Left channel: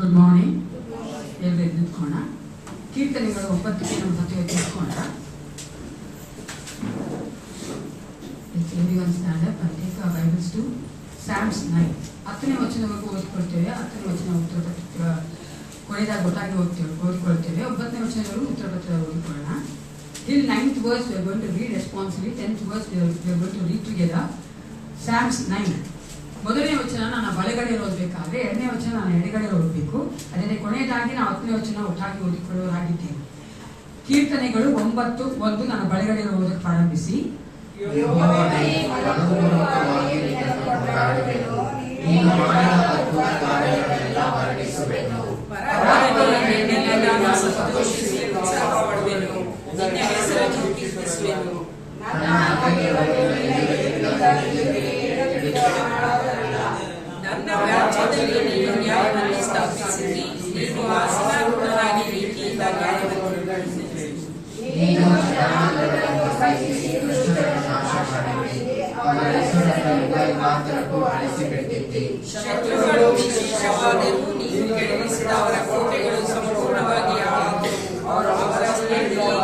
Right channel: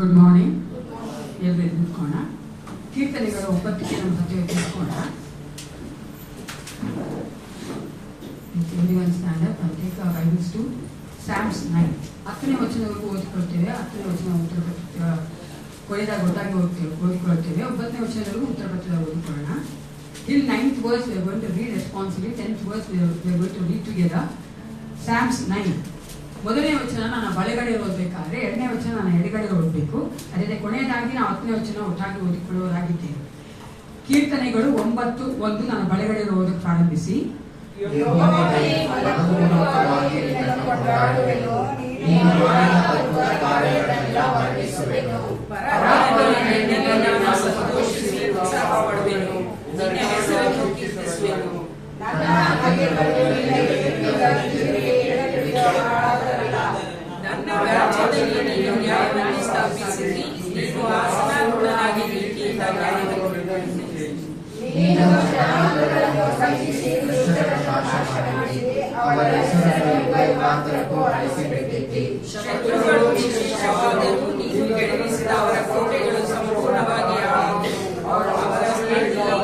Good morning. ಎಲ್ಲರೂ ನಿಂತ್ಕೋಣ. ಕೀರ್ತನೆಗಳು 9ಕ್ಕೆ ನಮ್ಮ ಜೊತೆ ನಿಂತ್ಕೋಣ. ಬೈಬಲ್ಸ್ ಟು ಸ್ಯಾಮ್ಸ್ 9 10ನೇ ವಚನವರೆಗೂ ಓದ್ಕೊಳ್ತೇವೆ. 10ನೇ ವಚನ ಉತ್ತರ ಪತ್ರ ಕೊನೆದಾಗ ಗೊತ್ತಾಗಿ ಓದ್ಕೊಳ್ತೇವೆ. 9ನೇ ವಚನವರೆಗೂ ಉತ್ತರ ಪತ್ರ ಓದ್ಕೊಳ್ಳೋಣ. Till 9th verse we are going to read responsibly. 10th verse we are going to read together. Psalms 9. ಮೊದಲನೇ ವಚನ ನಾನು ಬಲಗಡೆ ಓದಬೇಕಾದ್ರೆ, ಎರಡನೇ ವಚನ ನಾನು ಎಡಗಡೆ ಓದಬೇಕು. ಅದೇ ಕೊನೆಯದಾಗಿ ನಾವು 10ನೇ ವಚನ ಒಟ್ಟಾಗಿ ಓದಿಕೊಳ್ಳುವರಾಗಿದ್ದೇವೆ. ಕೀರ್ತನೆಗಳು 9:1 ನಾನು ಬಲಗಡೆ ಓದಕ್ಕೆ ಪ್ರಾರಂಭಿಸಿ. ನನ್ನ ರಾಜ್ಯದಲ್ಲಿ ನೀನು ನ್ಯಾಯವನ್ನು ಸ್ಥಾಪಿಸಿರಿ, ನೀನು ಆಸನಾರೂಢನಾಗಿ ನೀತಿಯಿಂದ ನ್ಯಾಯವನ್ನು ನಡೆಸಿರಿ. ಶತ್ರುಗಳು ನಿಶ್ಚಯವಾದರೂ ನೀನು ಕೆಡವಿಸಿದ ಅವರ ಕೋಟೆಗಳು ಸಂಪೂರ್ಣವಾಗಿ ಅವರ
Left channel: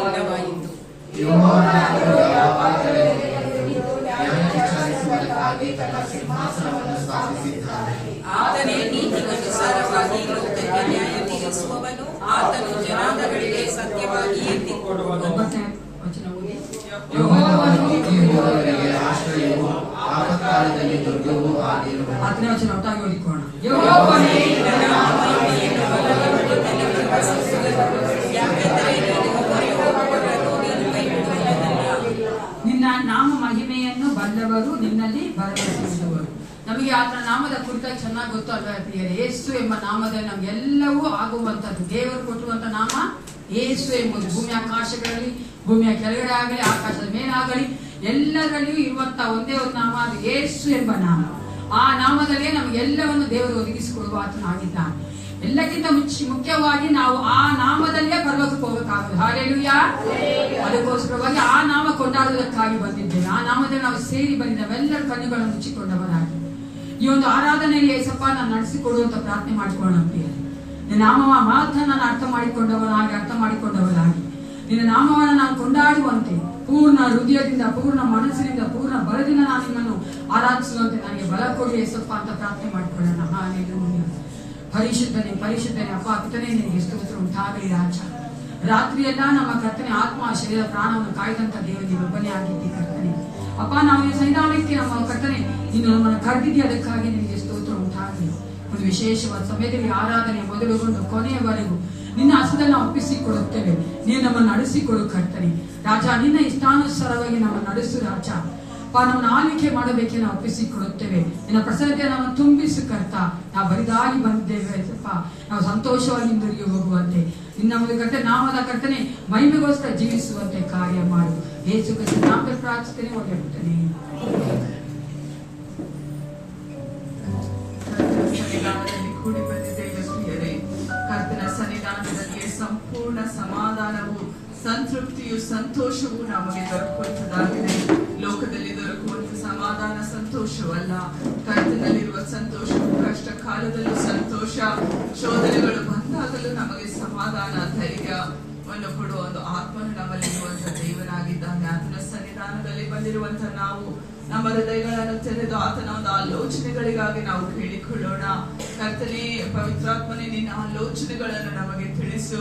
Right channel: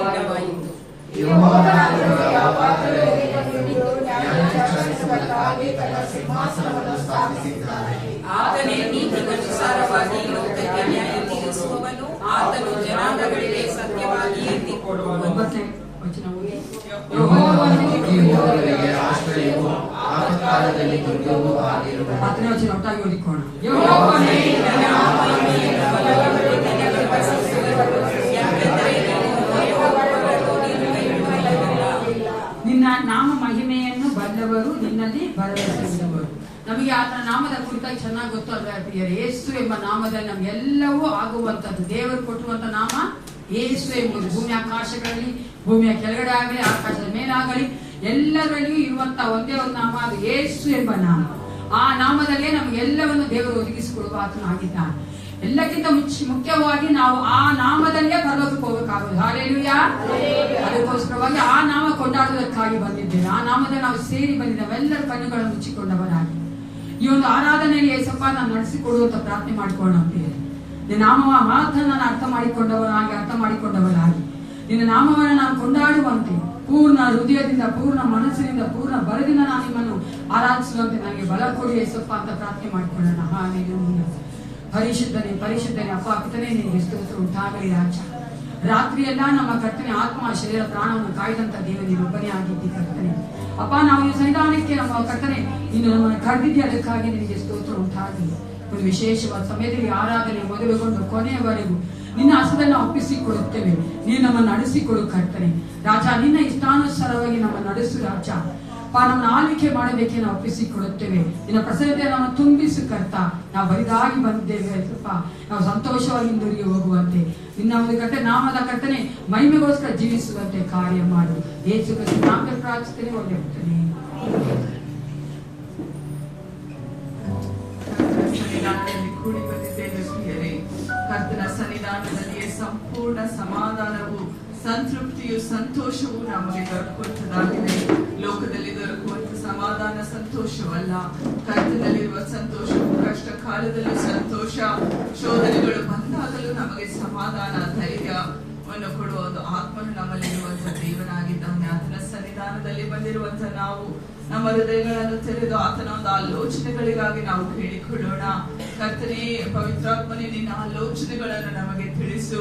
ಇಲ್ಲವಾಯಿತು. ಆತನೇ ನೀತಿಗನುಸಾರವಾಗಿ ಲೋಕಕ್ಕೆ ನ್ಯಾಯ ತೀರಿಸುವವನು, ಆತನು ಜನಾಂಗಗಳಿಗೆ ಸತ್ಯವಾಗಿಯೇ ತೀರ್ಪುಕೊಡುವನು. ನಿನ್ನ ನಾಮ ಮಹಿಮೆಯನ್ನು ಬಲ್ಲವರು, ನಿನ್ನಲ್ಲಿ ಭರವಸೆಯಿಡುವರು. ನಮಗೆ ಆತನ ನಾಮದ ಕುರಿತಾಗಿ ಚೆನ್ನಾಗಿ ಗೊತ್ತು ಅಲ್ವಾ ಪ್ರಿಯರೇ? ಯೇಸು ಎಂಬ ನಾಮದಲ್ಲಿ ನಮ್ಗೆಲ್ಲವೂ ಆಗುವಂತದ್ದು. ದೇವರು ಕೊಟ್ಟಿರುವಂತ ನಾಮ ಯೇಸು ಎಂಬುದು. ಭೂಮಿ ಆಕಾಶಗಳಲ್ಲಿ, ಭೂಮಿಯ ಕೆಳಗಡೆ ಆಗಲಿ, ಆಕಾಶದ ಮೇಲಾಗಲಿ, ಎಲ್ಲರಲ್ಲಿಯೂ ಇರುವಂತಹ ಒಂದೇ ಒಂದು ನಾಮ, ಅದು ಯೇಸು ಎಂಬ ನಾಮ. ಆ ನಾಮದಲ್ಲೇ ನಮಗೆಲ್ಲವನ್ನು ದೇವರು ಒದಗಿಸಿಕೊಡುವ ಆತನಾಗಿದ್ದಾನೆ. ಎಲ್ಲಕ್ಕಿಂತ ಮುಖ್ಯವಾಗಿ ನಾವು ಆ ನಾಮದಲ್ಲೇ ಪರಲೋಕಕ್ಕೆ ಹೋಗಬೇಕಾಗುವುದು. ಹಾಲೆಲೂಯಾ. ಅದಕ್ಕೋಸ್ಕರವಾಗಿ ಆ ನಾಮ ಕೊಂಡಾಡುವುದಕ್ಕಾಗಿ ಬಂದಿದ್ದೇವೆ. ಆ ನಾಮದಲ್ಲಿ ನಾವು ಸೇರಿ ಬಂದಿದ್ದೇವೆ. ಎಲ್ಲರ ಕಣ್ಣುಗಳನ್ನು ಮುಚ್ಚಿಕೊಂಡವರಾಗಿ ಈ ಒಂದು ಆರಾಧನೆಯಲ್ಲಿ ಏಸಪ್ಪ ನಾನು ನಡೆಸಿಕೊಡುವಂತ ಪ್ರಾರ್ಥನೆ ಮಾಡಿಕೊಳ್ಳೋಣ. ನಿನ್ನ ನಾಮವ ಮಾತ್ರ ನಾನು ಅರ್ಥ ಮಾಡಿಕೊಂಡವರಾಗಿ ನಿನ್ನ ನಾಮವನ್ನು ನಾನು ಕೊಂಡಾಡುವಂತೆ ಪೂರ್ಣ ಹೃದಯದಿಂದ, ಪೂರ್ಣ ಮನಸ್ಸಿನಿಂದ, ಪೂರ್ಣ ಬಲದಿಂದ ನಾನು ನಿಮ್ಮನ್ನು ಆರಾಧಿಸುವಂತೆ ನನಗೆ ಬಲ ಕೊಡಿ ಏಸಪ್ಪ ಅಂತ ಪ್ರಾರ್ಥನೆ ಮಾಡಿಕೊಳ್ಳೋಣ. ಹಾಲೆಲೂಯಾ. ಪರಿಶುದ್ಧನೇ ಅಪ್ಪ ಪಿತನೇ, ನಿನಗೆ ಸ್ತೋತ್ರ ಉಂಟಾಗಲಿ ರಾಜ. ರಾತ್ರಿಯೆಲ್ಲ ನಮ್ಮ ಕರ್ತನೆ ಆತ್ಮ ಶರೀರ ಪ್ರಾಣವನ್ನು ಕಾಯ್ದಂತ ದೇವರಿಗೆ ಒಬ್ಬನೇ ಆಗಿದ್ದಿ ಕರ್ತನೆ. ಅಪ್ಪ ನಾವು ಈ ಸಂವಿಧಾನಕ್ಕೆ ನಮ್ಮ ಕರ್ತನೆ ಇನ್ನು ನಮ್ಮನ್ನು ಕರೆದಿದ್ದೆ, ಅದಕ್ಕಾಗಿ ನಿನಗೆ ಸ್ತೋತ್ರ ಉಂಟಾಗಲಿ. ಒಂದು ವಿಶೇಷವಾದ ಸಮಯದಲ್ಲಿ ಆರಾಧನೆ ಮೊದಲುಗೊಂಡು ಕೊನೆಯವರೆಗೂ ನಿನ್ನ ಹಸ್ತದಲ್ಲಿ ನಾವು ಒಪ್ಪಿಸಿಕೊಡುತ್ತೇವೆ. ನೀನು ನಮ್ಮನ್ನು ನಡೆಸಿಕೊಡು ಕರ್ತನೆ ರಾಜ. ನಿನ್ನ ಇಷ್ಟಾನುಸಾರವಾಗಿ ನಮ್ಮ ನಡೆಸು ರಾಜ. ನಮ್ಮನ್ನು ಆಳ್ವಿಕೆ ಮಾಡಬೇಕೆ ನಾವು ಒಪ್ಪಿಸಿಕೊಡುತ್ತೇವೆ. ನಿನ್ನ ಪ್ರಸನ್ನತೆ ನಮ್ಮ ತುಂಬಿಸು ಕರ್ತ. ನಾವು ಬರಿದಾಗಿ ಬಂದಿದ್ದೇವೆ ಸ್ವಲ್ಪ ನಾವು ಸಂತೋಷವಾಗಿ ಹಿಂದಿರುಗಿ ಹೋಗುವಂತೆ, ನಿನ್ನ ಒಂದು ಕರ್ತನೆ ನಾಮದ ಕರ್ತನೆ ಮಹಿಮೆಗೋಸ್ಕರ ಜೀವಿಸುವಂತೆ ಕಾರ್ಯ ಮಾಡು. ಯೇಸು ಕ್ರಿಸ್ತನ ನಾಮದಲ್ಲಿ ಪ್ರಾರ್ಥಿಸುತ್ತೇನೆ. ಒಳ್ಳೆಯ ಬಿಡ್ತೇನೆ. ಕೂಡಿ ಬಂದಿದ್ದೇವೆ ಪ್ರಿಯರೇ. ಕರ್ತನ ಸನ್ನಿಧಾನದಲ್ಲಿ ಸಂಪೂರ್ಣ ಸಮಾಧಾನವು, ಸಂತೃಪ್ತಿಯು, ಸಂತೋಷವು ನಮಗೆ ದೊರಕುವಂತದಾಗಿದೆ. ಲೋಕದಲ್ಲಿ ದೊರಕುವಂತ ಸಮಾಧಾನ ಸಂತೋಷವಲ್ಲ. ಕರ್ತನಲ್ಲಿರುವ ಸಂತೋಷವು ಕಷ್ಟ ಕಾಲದಲ್ಲೂ ಸಂತೋಷ, ಶೋಧನೆಗಳು ಬಂದಾಗಲೂ ನಮಗೆ ಸಮಾಧಾನ, ಧೈರ್ಯವನ್ನು ಕೊಡುವ ಒಂದು ಆತ್ಮನು ನಮ್ಮಲ್ಲಿರುವಂತಹ ದೇವನಾಗಿದ್ದಾನೆ. ಆತನ ಸನ್ನಿಧಾನದಲ್ಲಿ ಬಂದಿರುವಂತ ನಾವು ನಮ್ಮ ಹೃದಯಗಳನ್ನು ತೆರೆದು ಆತನ ಒಂದು ಆಲೋಚನೆಗಳಿಗಾಗಿ ನಾವು ಕೇಳಿಕೊಳ್ಳೋಣ. ಕರ್ತನೇ, ಪವಿತ್ರಾತ್ಮನೇ, ನಿನ್ನ ಆಲೋಚನೆಗಳನ್ನು ನಮಗೆ ತಿಳಿಸು.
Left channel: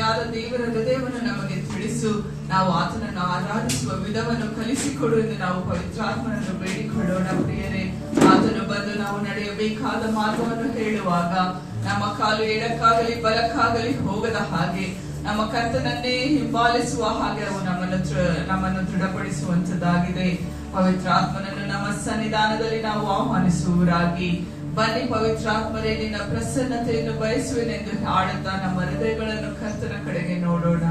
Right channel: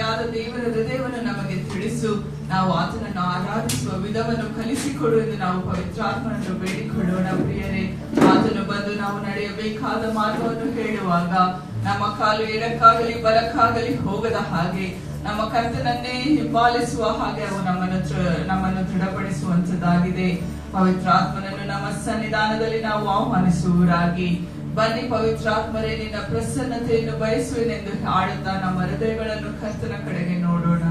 ಯಾರ ದೇವರ ಹೃದಯವನ್ನು ನಮಗೆ ತಿಳಿಸು. ನಾವು ಆತನನ್ನು ಆರಾಧಿಸುವ ವಿಧವನ್ನು ಕಲಿಸಿಕೊಡು ಎಂದು ನಾವು ಪವಿತ್ರಾತ್ಮನನ್ನು ಬೇಡಿಕೊಳ್ಳೋಣ ಪ್ರಿಯರೇ. ಆತನು ಬಂದು ನಾವು ನಡೆಯಬೇಕಾದ ಮಾರ್ಗವನ್ನು ಹೇಳುವಾಗ ನಮ್ಮ ಕಾಲು ಎಡಕ್ಕಾಗಲಿ ಬಲಕ್ಕಾಗಲಿ ಹೋಗದ ಹಾಗೆ, ನಮ್ಮ ಕರ್ತನನ್ನೇ ಹಿಂಬಾಲಿಸುವ ಹಾಗೆ ಅವು ನಮ್ಮನ್ನು ದೃಢಪಡಿಸುವಂತದ್ದಾಗಿದೆ. ಪವಿತ್ರಾತ್ಮನನ್ನು ನಮ್ಮ ಸನ್ನಿಧಾನದಲ್ಲಿ ನಾವು ಆಹ್ವಾನಿಸುವರಾಗಿ ಬನ್ನಿ ಪವಿತ್ರಾತ್ಮರೇ, ನಿನ್ನ ಪ್ರಸನ್ನತೆಯನ್ನು ಬಯಸುವೆನೆಂದು ಹಾಡುತ್ತಾ ನಮ್ಮ ಹೃದಯಗಳನ್ನು ಕರ್ತನ ಕಡೆಗೆ ನೋಡೋಣ.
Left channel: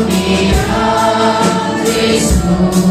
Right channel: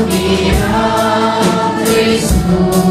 Hallelujah, Cristo.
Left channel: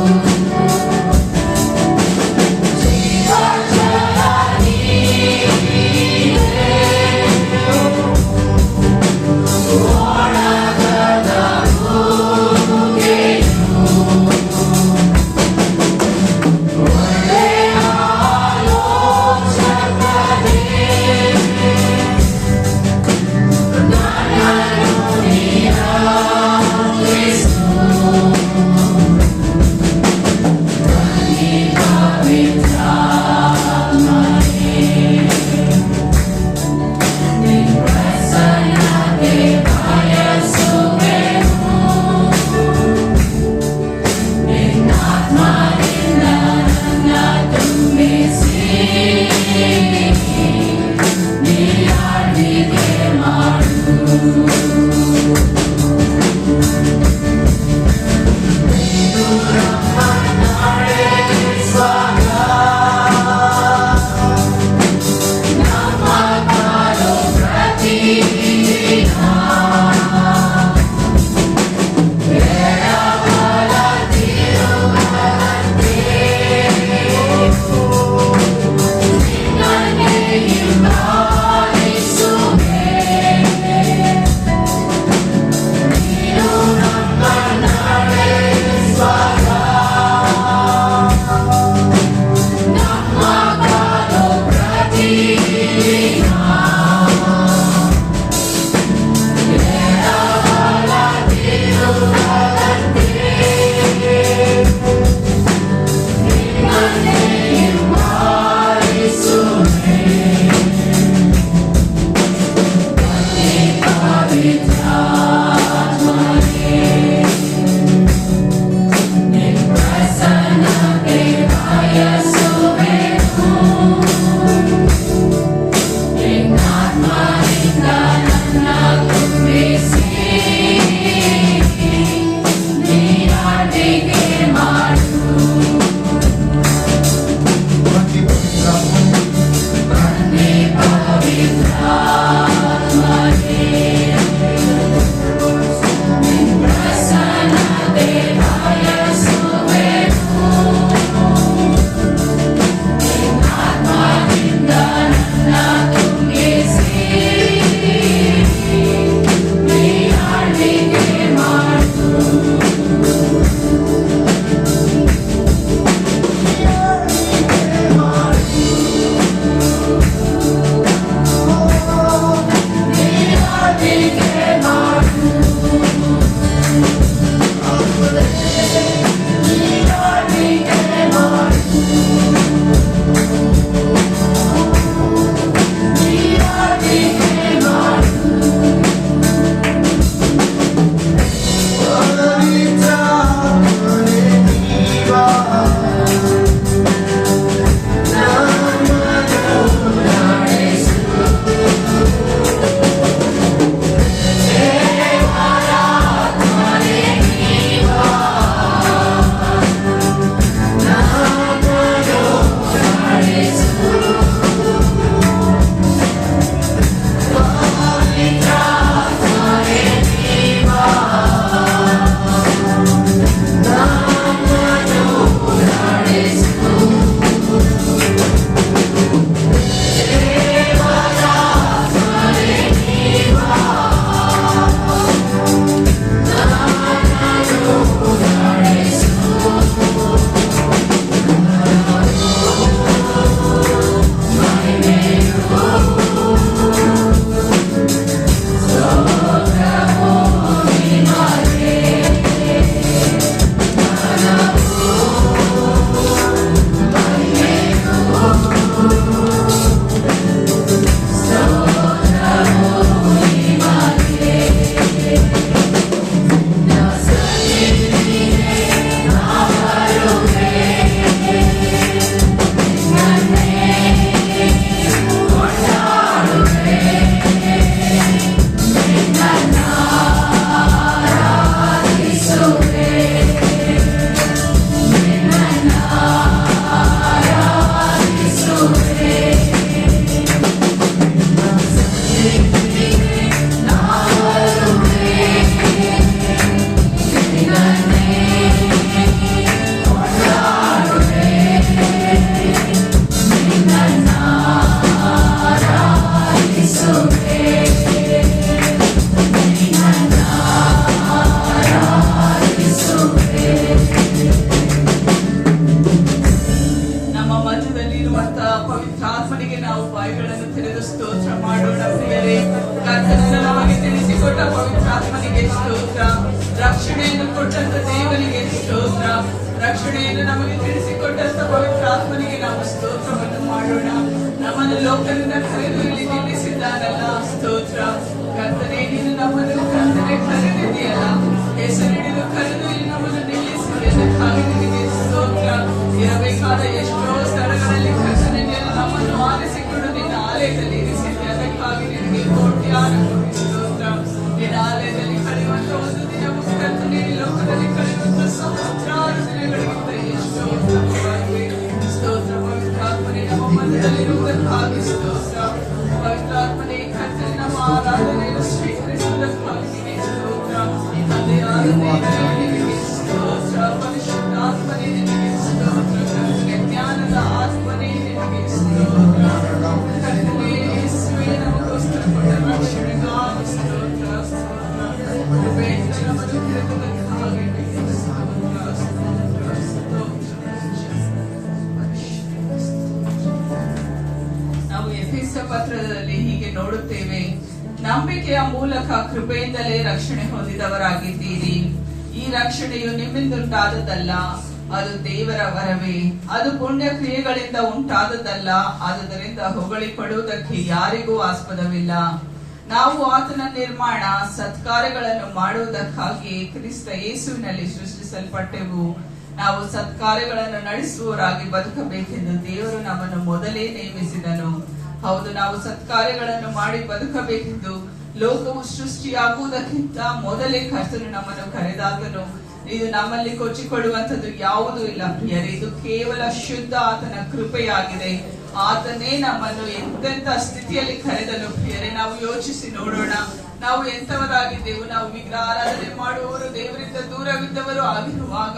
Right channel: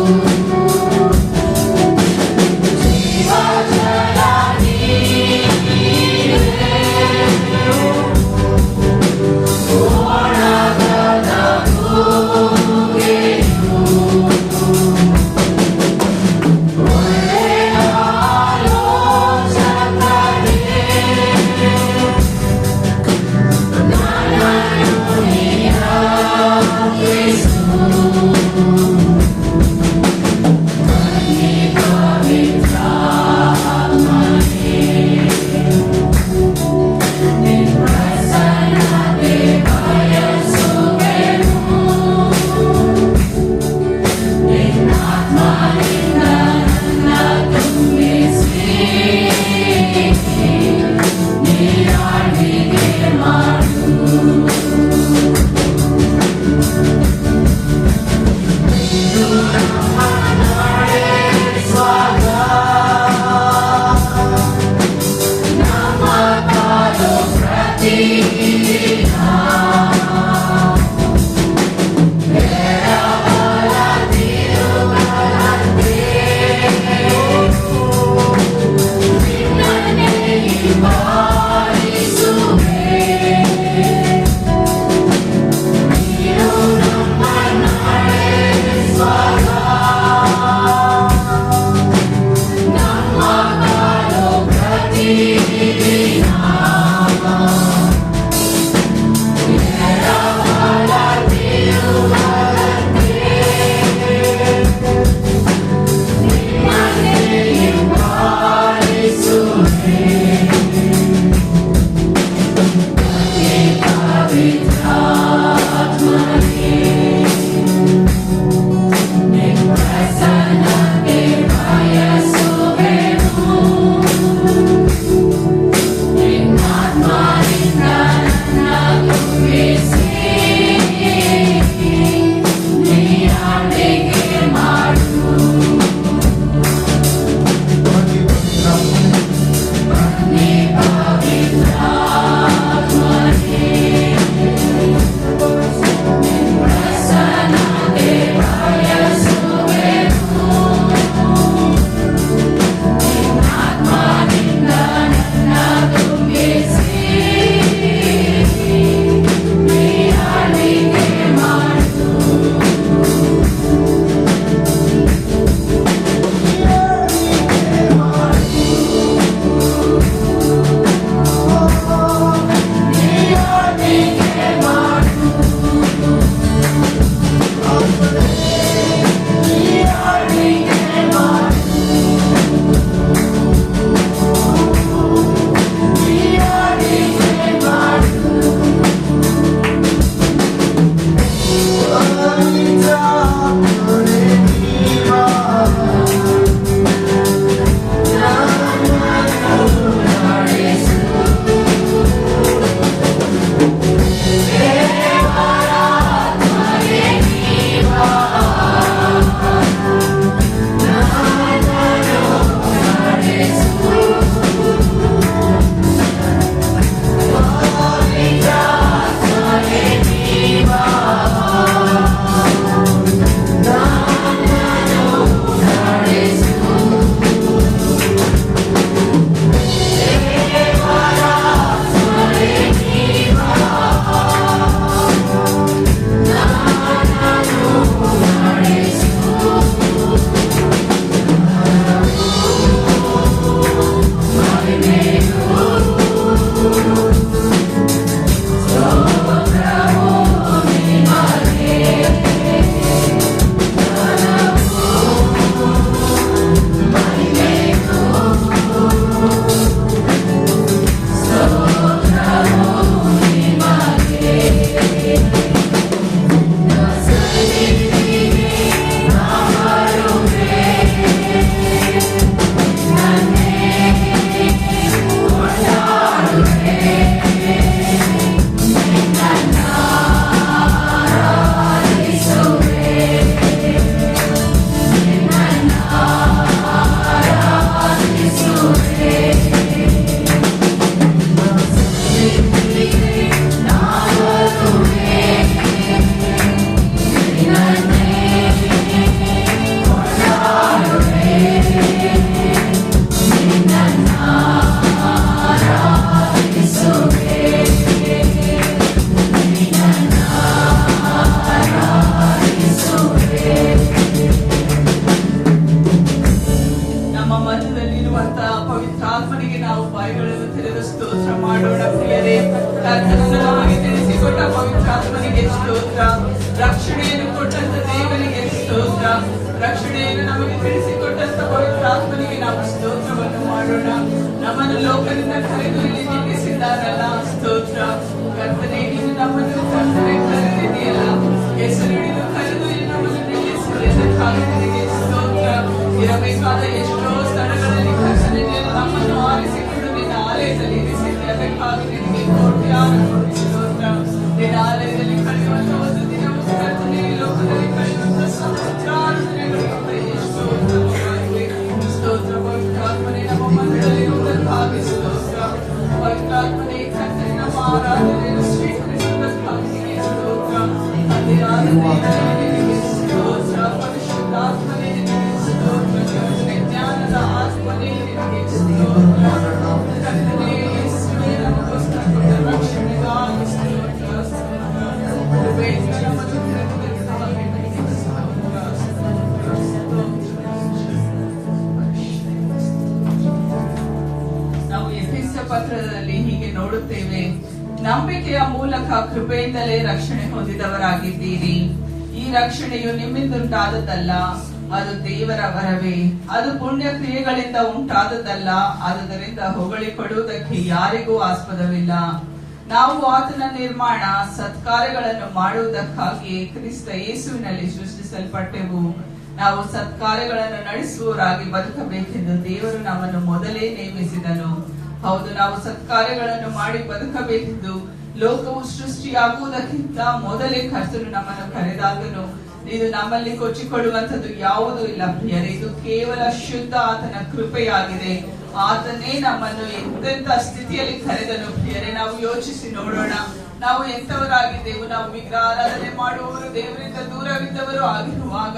ಕೊಟ್ಟಂತ ದೇವರಿಗೆ ಸ್ತೋತ್ರ. ರಕ್ಷಣೆಯನ್ನು ನಮಗೆ ತಿಳಿಸಿಕೊಟ್ಟಂತ ಪವಿತ್ರಾತ್ಮನಿಗೆ ನಾವು ಸ್ತೋತ್ರವನ್ನು ಮಾಡೋಣ. ನಮ್ಮನ್ನು ಲೋಕದಿಂದ ಕರೆದು ಇಲ್ಲಿ ನಿಲ್ಲಿಸಿದ್ದಾರಲ್ಲ, ಸ್ತೋತ್ರ. ಕರ್ತನೇ, ನೀನು ನಮ್ಮನ್ನು ಕರ್ತನೆ ಕರೆದಿದೆಯಲ್ಲ, ಹೆಸರಿಡಿದು ಕರೆದು ಇಲ್ಲಿ ನಮ್ಮನ್ನು ನಿಲ್ಲಿಸಿದ್ದಕ್ಕಾಗಿ ನಿನಗೆ ಸ್ತೋತ್ರ. ಇರಬೇಕಾದ ಎಷ್ಟೋ ಸ್ಥಳಗಳಲ್ಲಿ ಕರ್ತನೆ ನಮ್ಮನ್ನು ಆರಿಸಿಕೊಂಡು ನಿನ್ನ ಆಲಯದಲ್ಲಿ ಇರಿಸಿದ್ದೆ, ಅದಕ್ಕಾಗಿ ನಿನಗೆ ಕೋಟಿ ಸ್ತೋತ್ರ. ನಿನ್ನ ಆಲಯದಲ್ಲಿ ಕಳೆಯುವಂತ ಒಂದು ದಿನವು ಕರ್ತನೆ ಲೋಕದಲ್ಲಿ ಕಳೆಯುವಂತ ಸಹಸ್ರಾರು ದಿನಗಳಿಗಿಂತ ಎಷ್ಟೋ ಉತ್ತಮವಾಗಿವೆ. ಸ್ತೋತ್ರ. ಪವಿತ್ರಾತ್ಮನೇ, ನಮ್ಮ ಮನದಲ್ಲಿರುವುದಕ್ಕಾಗಿ ಸ್ತೋತ್ರ. ಪವಿತ್ರಾತ್ಮನೇ, ಕರ್ತನೆ ನಮ್ಮ ಆರಾಧನೆಯನ್ನು ಸ್ವೀಕರಿಸುವುದಕ್ಕಾಗಿ ನಿನಗೆ ಸ್ತೋತ್ರ. ತಂದೆಯಾದ ದೇವರೇ ನಿನಗೆ ಸ್ತೋತ್ರ. ಪರಿಶುದ್ಧಾತ್ಮನೇ ನಿನಗೆ ಸ್ತೋತ್ರ. ಕರ್ತನೆ, ಜ್ಞಾನದ ಆತ್ಮನೇ ನಿನಗೆ ಸ್ತೋತ್ರ. ಕರ್ತನೆ, ಯೇಸುವೇ ನಮಗೋಸ್ಕರ ಕೊಟ್ಟ ರಕ್ಷಣೆಗಾಗಿ ಸ್ತೋತ್ರ. ಕೃಪೆಯಿಂದ ನಮ್ಮನ್ನು ಕರೆದುಕೊಂಡಕ್ಕಾಗಿ ನಿನಗೆ ಸ್ತೋತ್ರ. ನಾವು ಎಫೆಸ ಪತ್ರದಲ್ಲಿ ಹೀಗೆ ನೋಡುತ್ತೇವೆ, ನಂಬಿಕೆಯ ಮೂಲಕ ಕೃಪೆಯಿಂದಲೇ ರಕ್ಷಣೆ ಹೊಂದಿದವರಾಗಿದ್ದೀರಿ. ಈ ರಕ್ಷಣೆಯು ನಿಮ್ಮಿಂದುಂಟಾದದ್ದಲ್ಲ, ಅದು ದೇವರ ವರವೇ. ಅದು ಪುಣ್ಯ ಕ್ರಿಯೆಗಳಿಂದ ಉಂಟಾದದ್ದಲ್ಲ, ಆದುದರಿಂದ ಹೊಗಳಿಕೊಳ್ಳುವುದಕ್ಕೆ ಯಾರಿಗೂ ಆಸ್ಪದವಿಲ್ಲ. ನಾವು ಆತನ ನಿರ್ಮಾಣ ಸತ್ಕಾರ್ಯಗಳನ್ನು ಮಾಡುವುದಕ್ಕಾಗಿ ಕ್ರಿಸ್ತ ಯೇಸುವಿನಲ್ಲಿ ಸೃಷ್ಟಿಸಲ್ಪಟ್ಟೆವು. ನಾವು ಸತ್ಕಾರ್ಯಗಳನ್ನು ನಡೆಸುವವರಾಗಿ ಬದುಕಬೇಕೆಂದು ದೇವರು ನಮ್ಮನ್ನು ಮೊದಲೇ ನೇಮಿಸಿದನು. ಹೌದು, ನಾವು ಸತ್ಕಾರ್ಯಗಳನ್ನು ಮಾಡಿ ಬದುಕಬೇಕೆಂದು ಲೋಕವು ಸೃಷ್ಟಿಯಾಗುವುದಕ್ಕಿಂತ ಮೊದಲೇ ಕರ್ತನು ನಮ್ಮನ್ನು ಕರೆದಾಗನು. ಇದು ನಮ್ಮಲ್ಲಿ ಕೊಚ್ಚಿಕೊಳ್ಳುವಂಥದ್ದು ಯಾವುದೂ ಇಲ್ಲ ಪ್ರಿಯರೇ. ಇದು ಕೇವಲ ಶುದ್ಧ ಆತನ ಕೃಪೆಯಾಗಿದೆ. ಆತನೇ ನಮ್ಮನ್ನು ಎಂತೆಂಥ ಸ್ಥಿತಿಯಲ್ಲಿ ಕರೆದನು ಪ್ರಿಯರೇ. ನಾವು ಯೋಚಿಸಿ ನೋಡೋಣ, ನಾವು ಎಂತವರಾಗಿದ್ದೆವು. ನಾವು ವಿಗ್ರಹಾರಾಧನೆ ಮಾಡುವವರು, ದೇವರಿಂದ ದೂರವಿದ್ದವರು ಆಗಿರುವಾಗ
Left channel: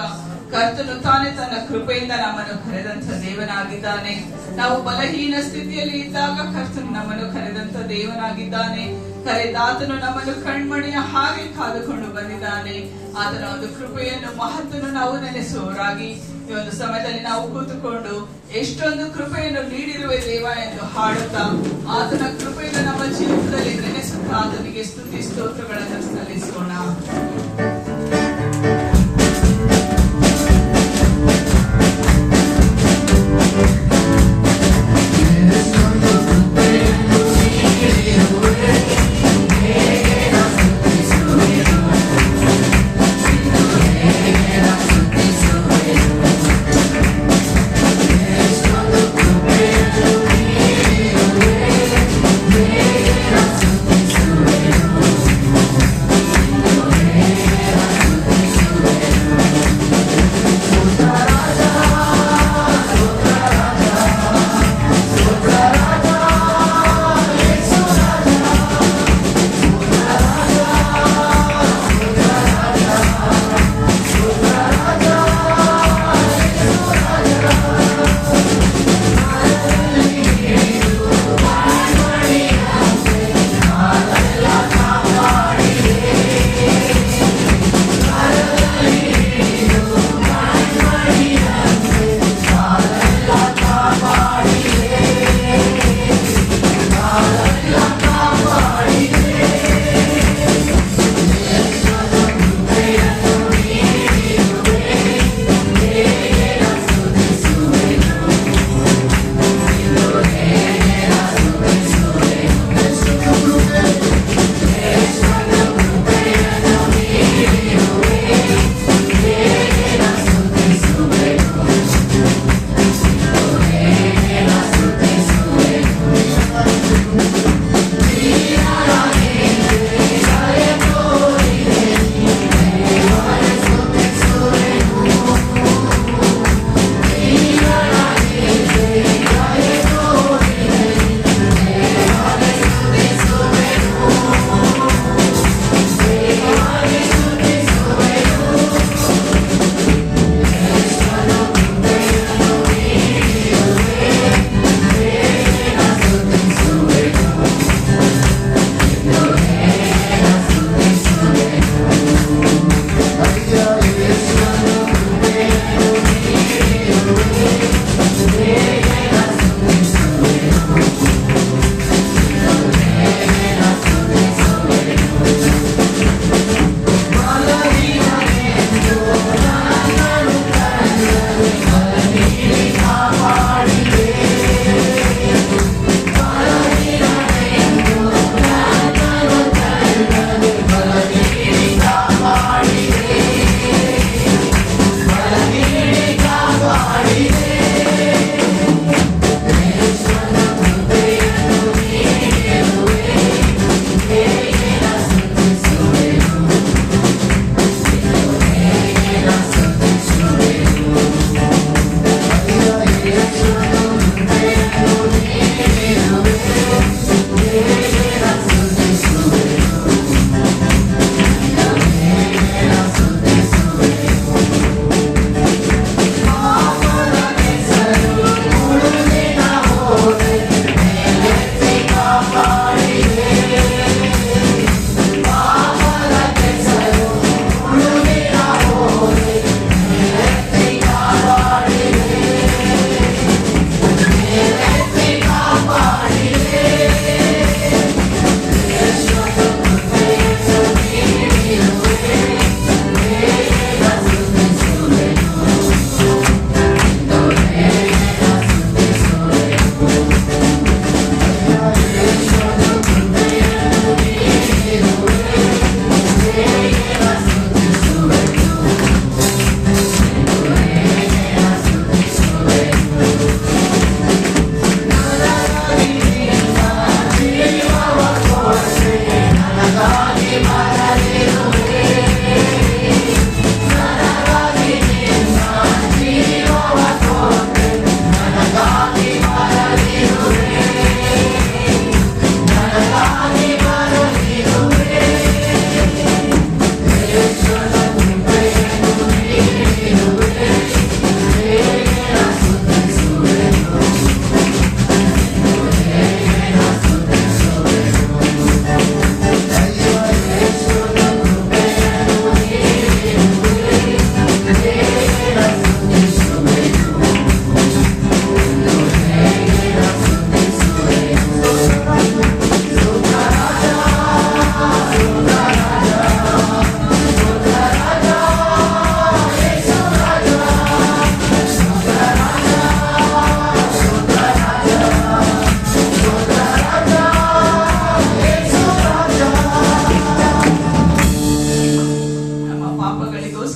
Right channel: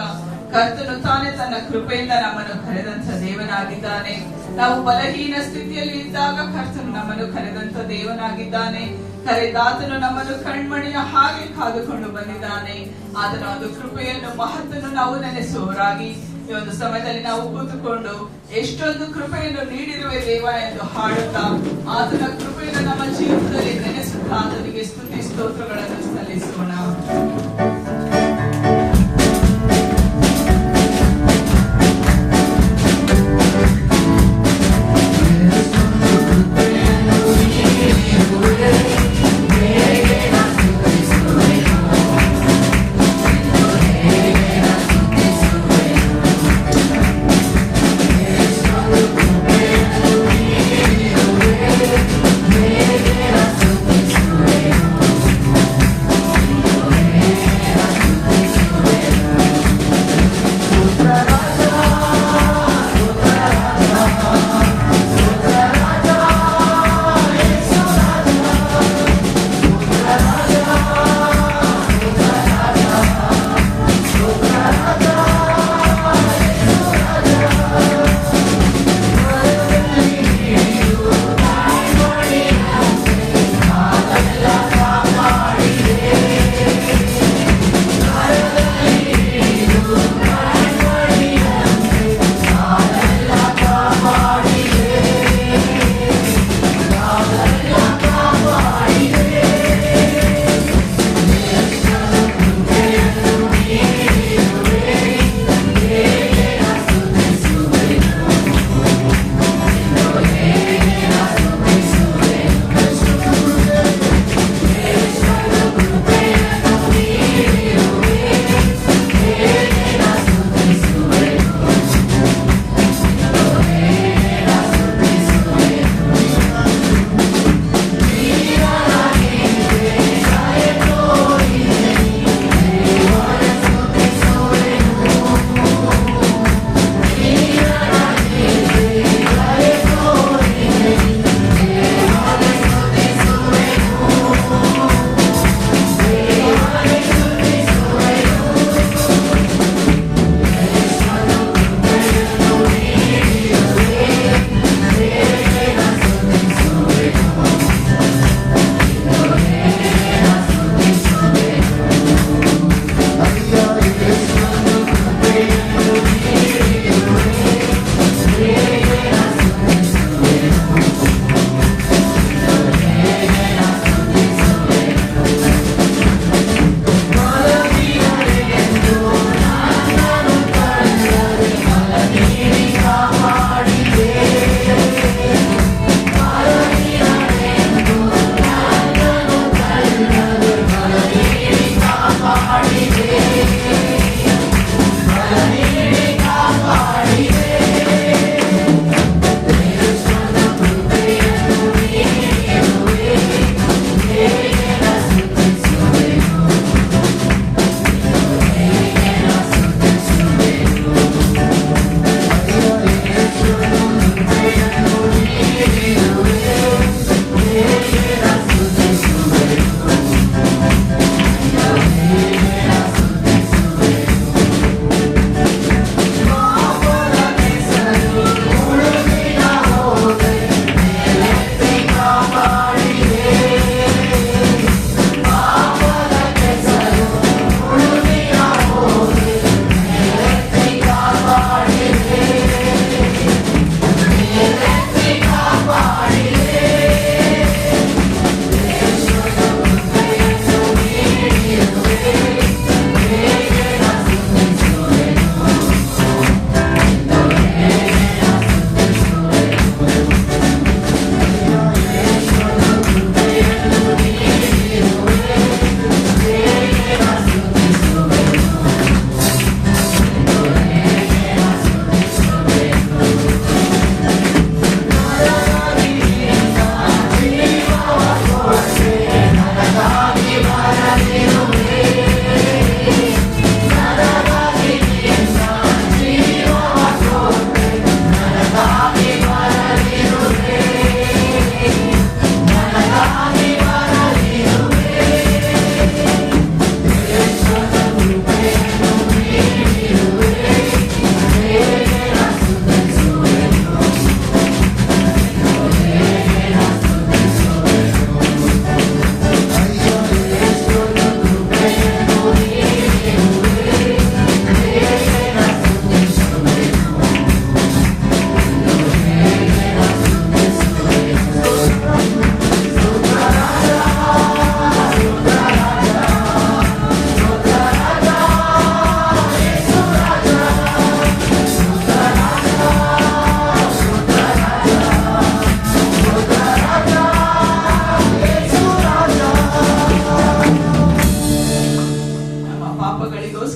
ಕರ್ತನು ತಾನೇ ತನ್ನ ಕೃಪೆಯಿಂದ ನಮ್ಮನ್ನು ಕರೆದಂತ ದೇವನಾಗಿದ್ದಾನೆ. ನಾವು ಬಲಹೀನ ಸ್ಥಿತಿಯಲ್ಲಿ ಇದ್ದಾಗ ಕರ್ತನು ನಮ್ಮನ್ನು ಕರೆದಂತ ದೇವನಾಗಿದ್ದಾನೆ. ಕರೆದಾತನು ನಮ್ಮನ್ನು ಕಣ್ಮಣಿಯ ಹಾಗೆ ಕಾದುಕೊಂಡು ಬಂದಿದ್ದಾನೆ. ಆತನ ಒಂದು ಕೃಪೆಯನ್ನು ಮಹತ್ತನ್ನು ನಾವು ನೆನೆಸುವವರಾಗಿ ಈ ಒಂದು ಸಮಯದಲ್ಲಿ ನಾವು ಕೂತುಕೊಂಡು ಎಷ್ಟೊಂದು ಕೃಪೆಯನ್ನು ನೀಡಿರುವೆ ದೇವ ಎಂದು ಹಾಡುತ್ತಾ ಆತನ ಕೃಪೆಯನ್ನು ನಮ್ಮ ಜೀವನದಲ್ಲಿ ನೆನೆಸುತ್ತಾ ಆತನಿಗೆ ಸ್ತುತಿ ಸ್ತೋತ್ರಗಳನ್ನು ಸಲ್ಲಿಸೋಣ. Yeah.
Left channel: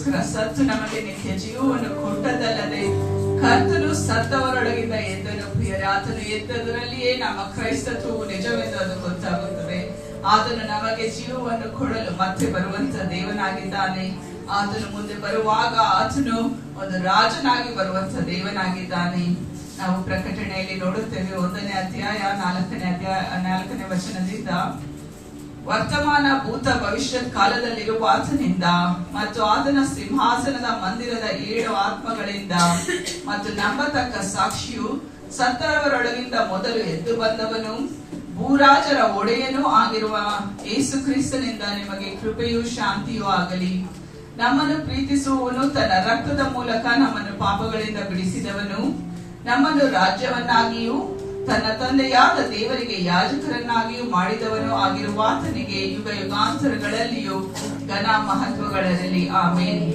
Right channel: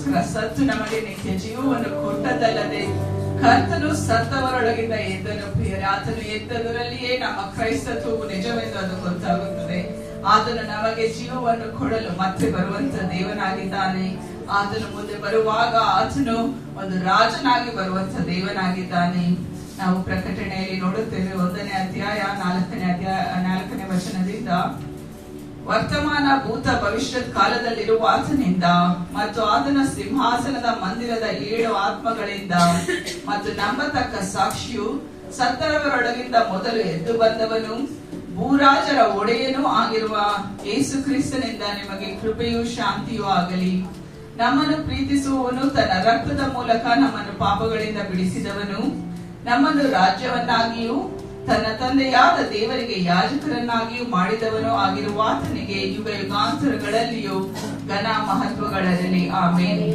ನಮಗೋಸ್ಕರ ಸತ್ತು ನಮಗೆ ನಿತ್ಯ ಜೀವವನ್ನು ಕೊಟ್ಟದಲ್ಲದೆ ಕರ್ತನು ಸತ್ತವರೊಳಗಿಂದ ಎದ್ದನು ಪ್ರಿಯರೇ. ಆತನು ಎದ್ದದರಲ್ಲಿಯೇ ನಮ್ಮ ಕ್ರೈಸ್ತತ್ವವು ನಿಜವೆಂದು ಅದು ಗೊತ್ತಾಗುತ್ತದೆ. ಆತನು ನಮಗೆ ಜೀವವನ್ನು ಕೊಡಲು ಮತ್ತೆ ಬರುವಂತ ದೇವನಾಗಿದ್ದಾನೆ. ಆತನು ಮುಂದೆ ಬರುವಾಗ ಆತನು ಒಂದು ರಾಜನಾಗಿ ಬರುವಂತ ದೇವನಾಗಿದ್ದಾನೆ. ನಾವು ಪ್ರಕಟಣೆಯಲ್ಲಿ ನೋಡುತ್ತೇವೆ 1ನೇ ಅಧ್ಯಾಯ 4ನೇ ವಚನದಿಂದ, ವರ್ತಮಾನ ಭೂತ ಭವಿಷ್ಯತ್ ಕಾಲದಲ್ಲಿರುವ ಆತನಿಂದ ಮತ್ತು ಆತನ ಸಿಂಹಾಸನದ ಮಂದಿರದ 7 ಆತ್ಮಗಳಿಂದ ಮತ್ತು ನಂಬತಕ್ಕ ಸಾಕ್ಷಿಯು ಸತ್ತವರೊಳಗಿಂದ ಮೊದಲು ಎದ್ದು ಬಂದವನು ಭೂರಾಜರ ಒಡೆಯನೂ ಆಗಿರುವ ಯೇಸು ಕ್ರಿಸ್ತನಿಂದ ನಿಮಗೆ ಕೃಪೆಯೂ ಶಾಂತಿಯೂ ಆಗಲಿ. ನಮ್ಮನ್ನು ಪ್ರೀತಿಸುವವನು ತನ್ನ ರಕ್ತದ ಮೂಲಕ ನಮ್ಮನ್ನು ಪಾಪಗಳಿಂದ ಬಿಡಿಸಿದವನು, ನಮ್ಮನ್ನು ರಾಜ್ಯವನ್ನಾಗಿಯೂ ತನ್ನ ತಂದೆಯಾದ ದೇವರಿಗೆ ಯಾಜಕರನ್ನಾಗಿಯೂ ಮಾಡಿದವನು ಆಗಿರುವ ಆತನಿಗೆ ಯುಗ ಯುಗಾಂತರಗಳಲ್ಲಿಯೂ ಘನ ಮಹತ್ವಗಳಿರಲಿ. ಆಮೇಲೆ.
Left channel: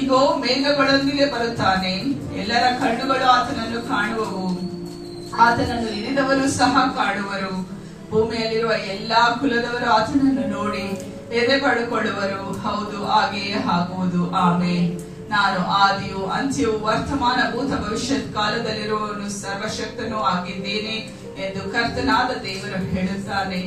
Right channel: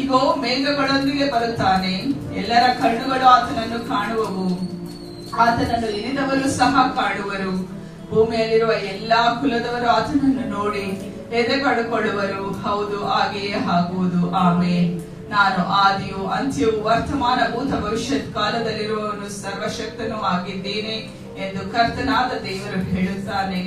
ಈಗೋ ಮೇಘಗಳೊಂದಿಗೆ ಬರುತ್ತಾನೆ, ಎಲ್ಲರ ಕಣ್ಣುಗಳು ಆತನನ್ನು ಕಾಣುವವು, ಆತನನ್ನು ಇರಿದವರು ಸಹ ಕಾಣುವರು. ಭೂಮಿಯಲ್ಲಿರುವ ಎಲ್ಲಾ ಕುಲದವರು ಆತನನ್ನು ನೋಡಿ ಎದೆ ಪಡೆದುಕೊಳ್ಳುವರು. ಹೌದು, ಹಾಗೆಯೇ ಆಗುವುದು. ಆಮೇಲೆ. ನಾನು ಆದಿಯು ಅಂತ್ಯವು ವರ್ತಮಾನ ಭೂತ ಭವಿಷ್ಯತ್ ಕಾಲದಲ್ಲಿರುವವನು ಸರ್ವಶಕ್ತನೂ ಆಗಿದ್ದೇನೆ ಎಂದು ಕರ್ತನಾದ ದೇವರು ಹೇಳುತ್ತಾನೆ.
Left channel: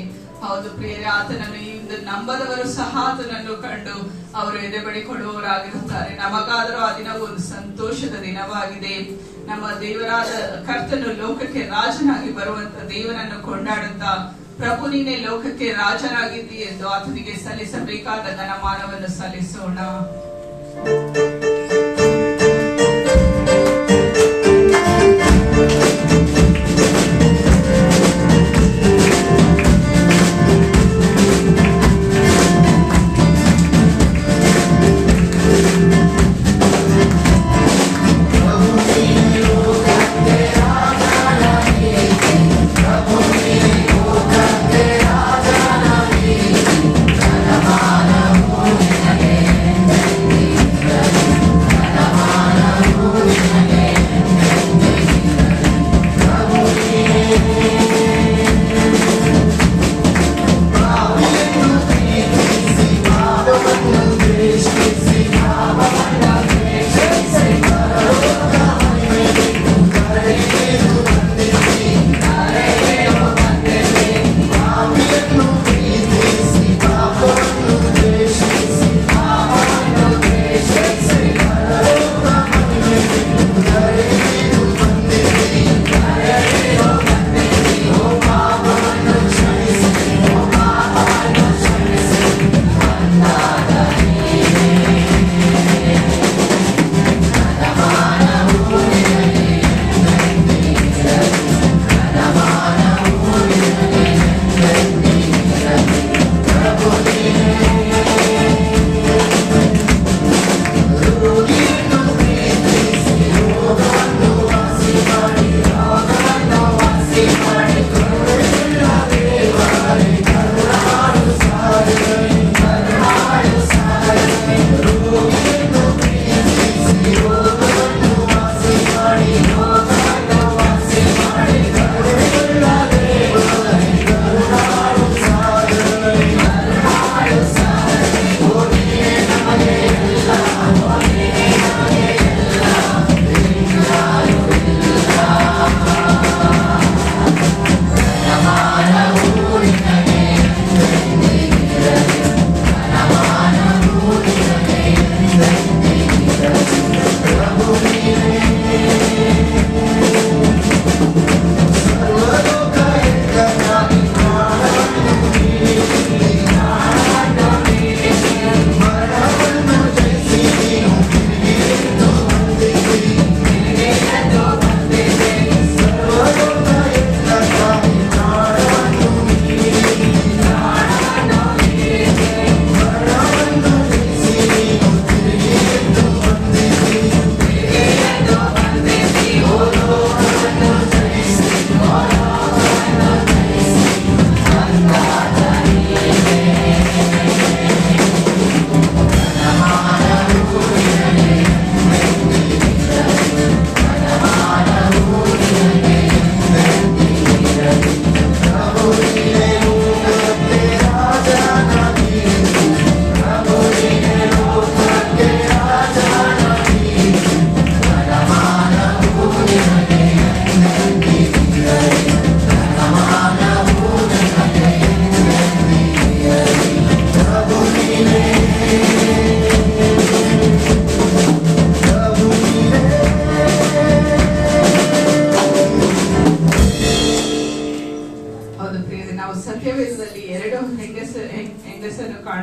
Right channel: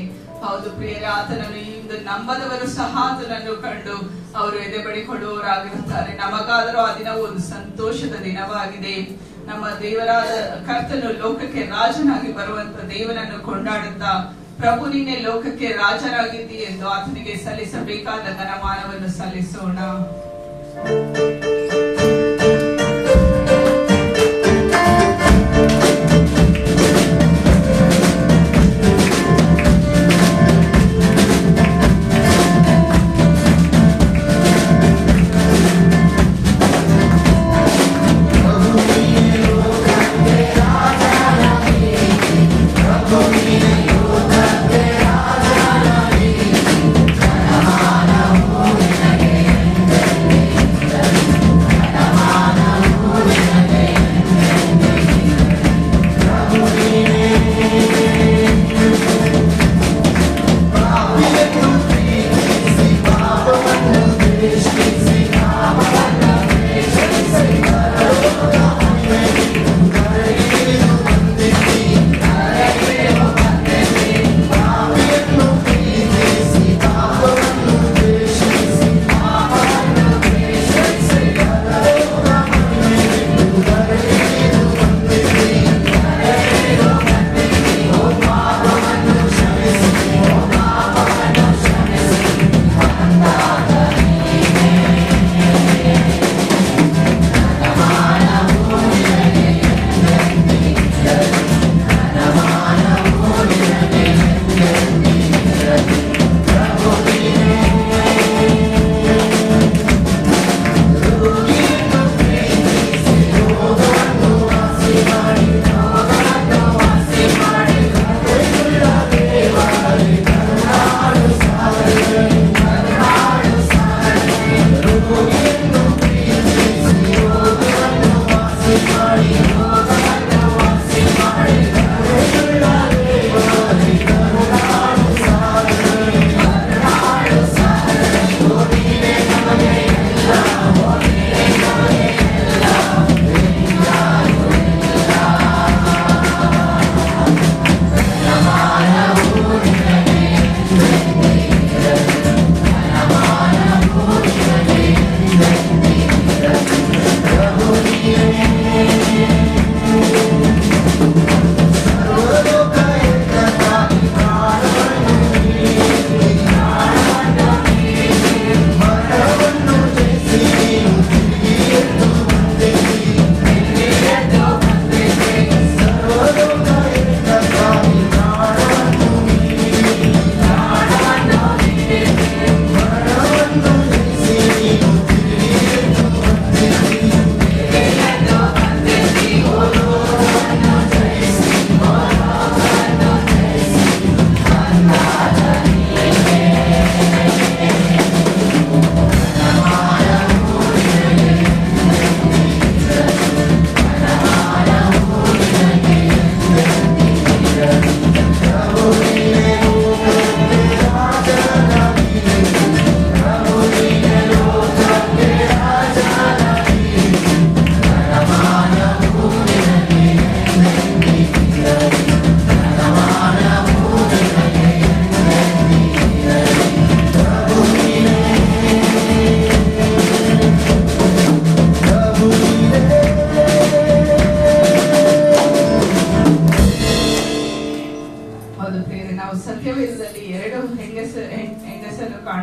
ಹೌದು ಪ್ರಿಯರೇ, ಆತನನ್ನು ಇಂದು ನಂಬದವರು ಸಹ ಆತನನ್ನು ಕಂಡು ಅವರು ಎದೆ ಬಡಿಕೊಳ್ಳುವವರಾಗಿರುತ್ತಾರೆ. ನಮಗಾದರೂ ಆ ದಿನವು ಒಂದು ಸಂತೋಷದ ದಿನವಾಗಿದೆ. ನಮ್ಮ ದೇವರಾದ ಕರ್ತನು ಲೋಕಕ್ಕೆ ರಾಜನಾಗಿ ಬರುವಂತ ದೇವನನ್ನು ಕೊಂಡಾಡುತ್ತಾ, ಪ್ರಭು ನೀನೇ ಲೋಕಕ್ಕೆ ರಾಜನಾಗಿದ್ದಿ ಎಂದು ಆತನಿಗೆ ಸಲ್ಲಿಸಬೇಕಾದ ಘನಮಾನವನ್ನು ಸಲ್ಲಿಸೋಣ.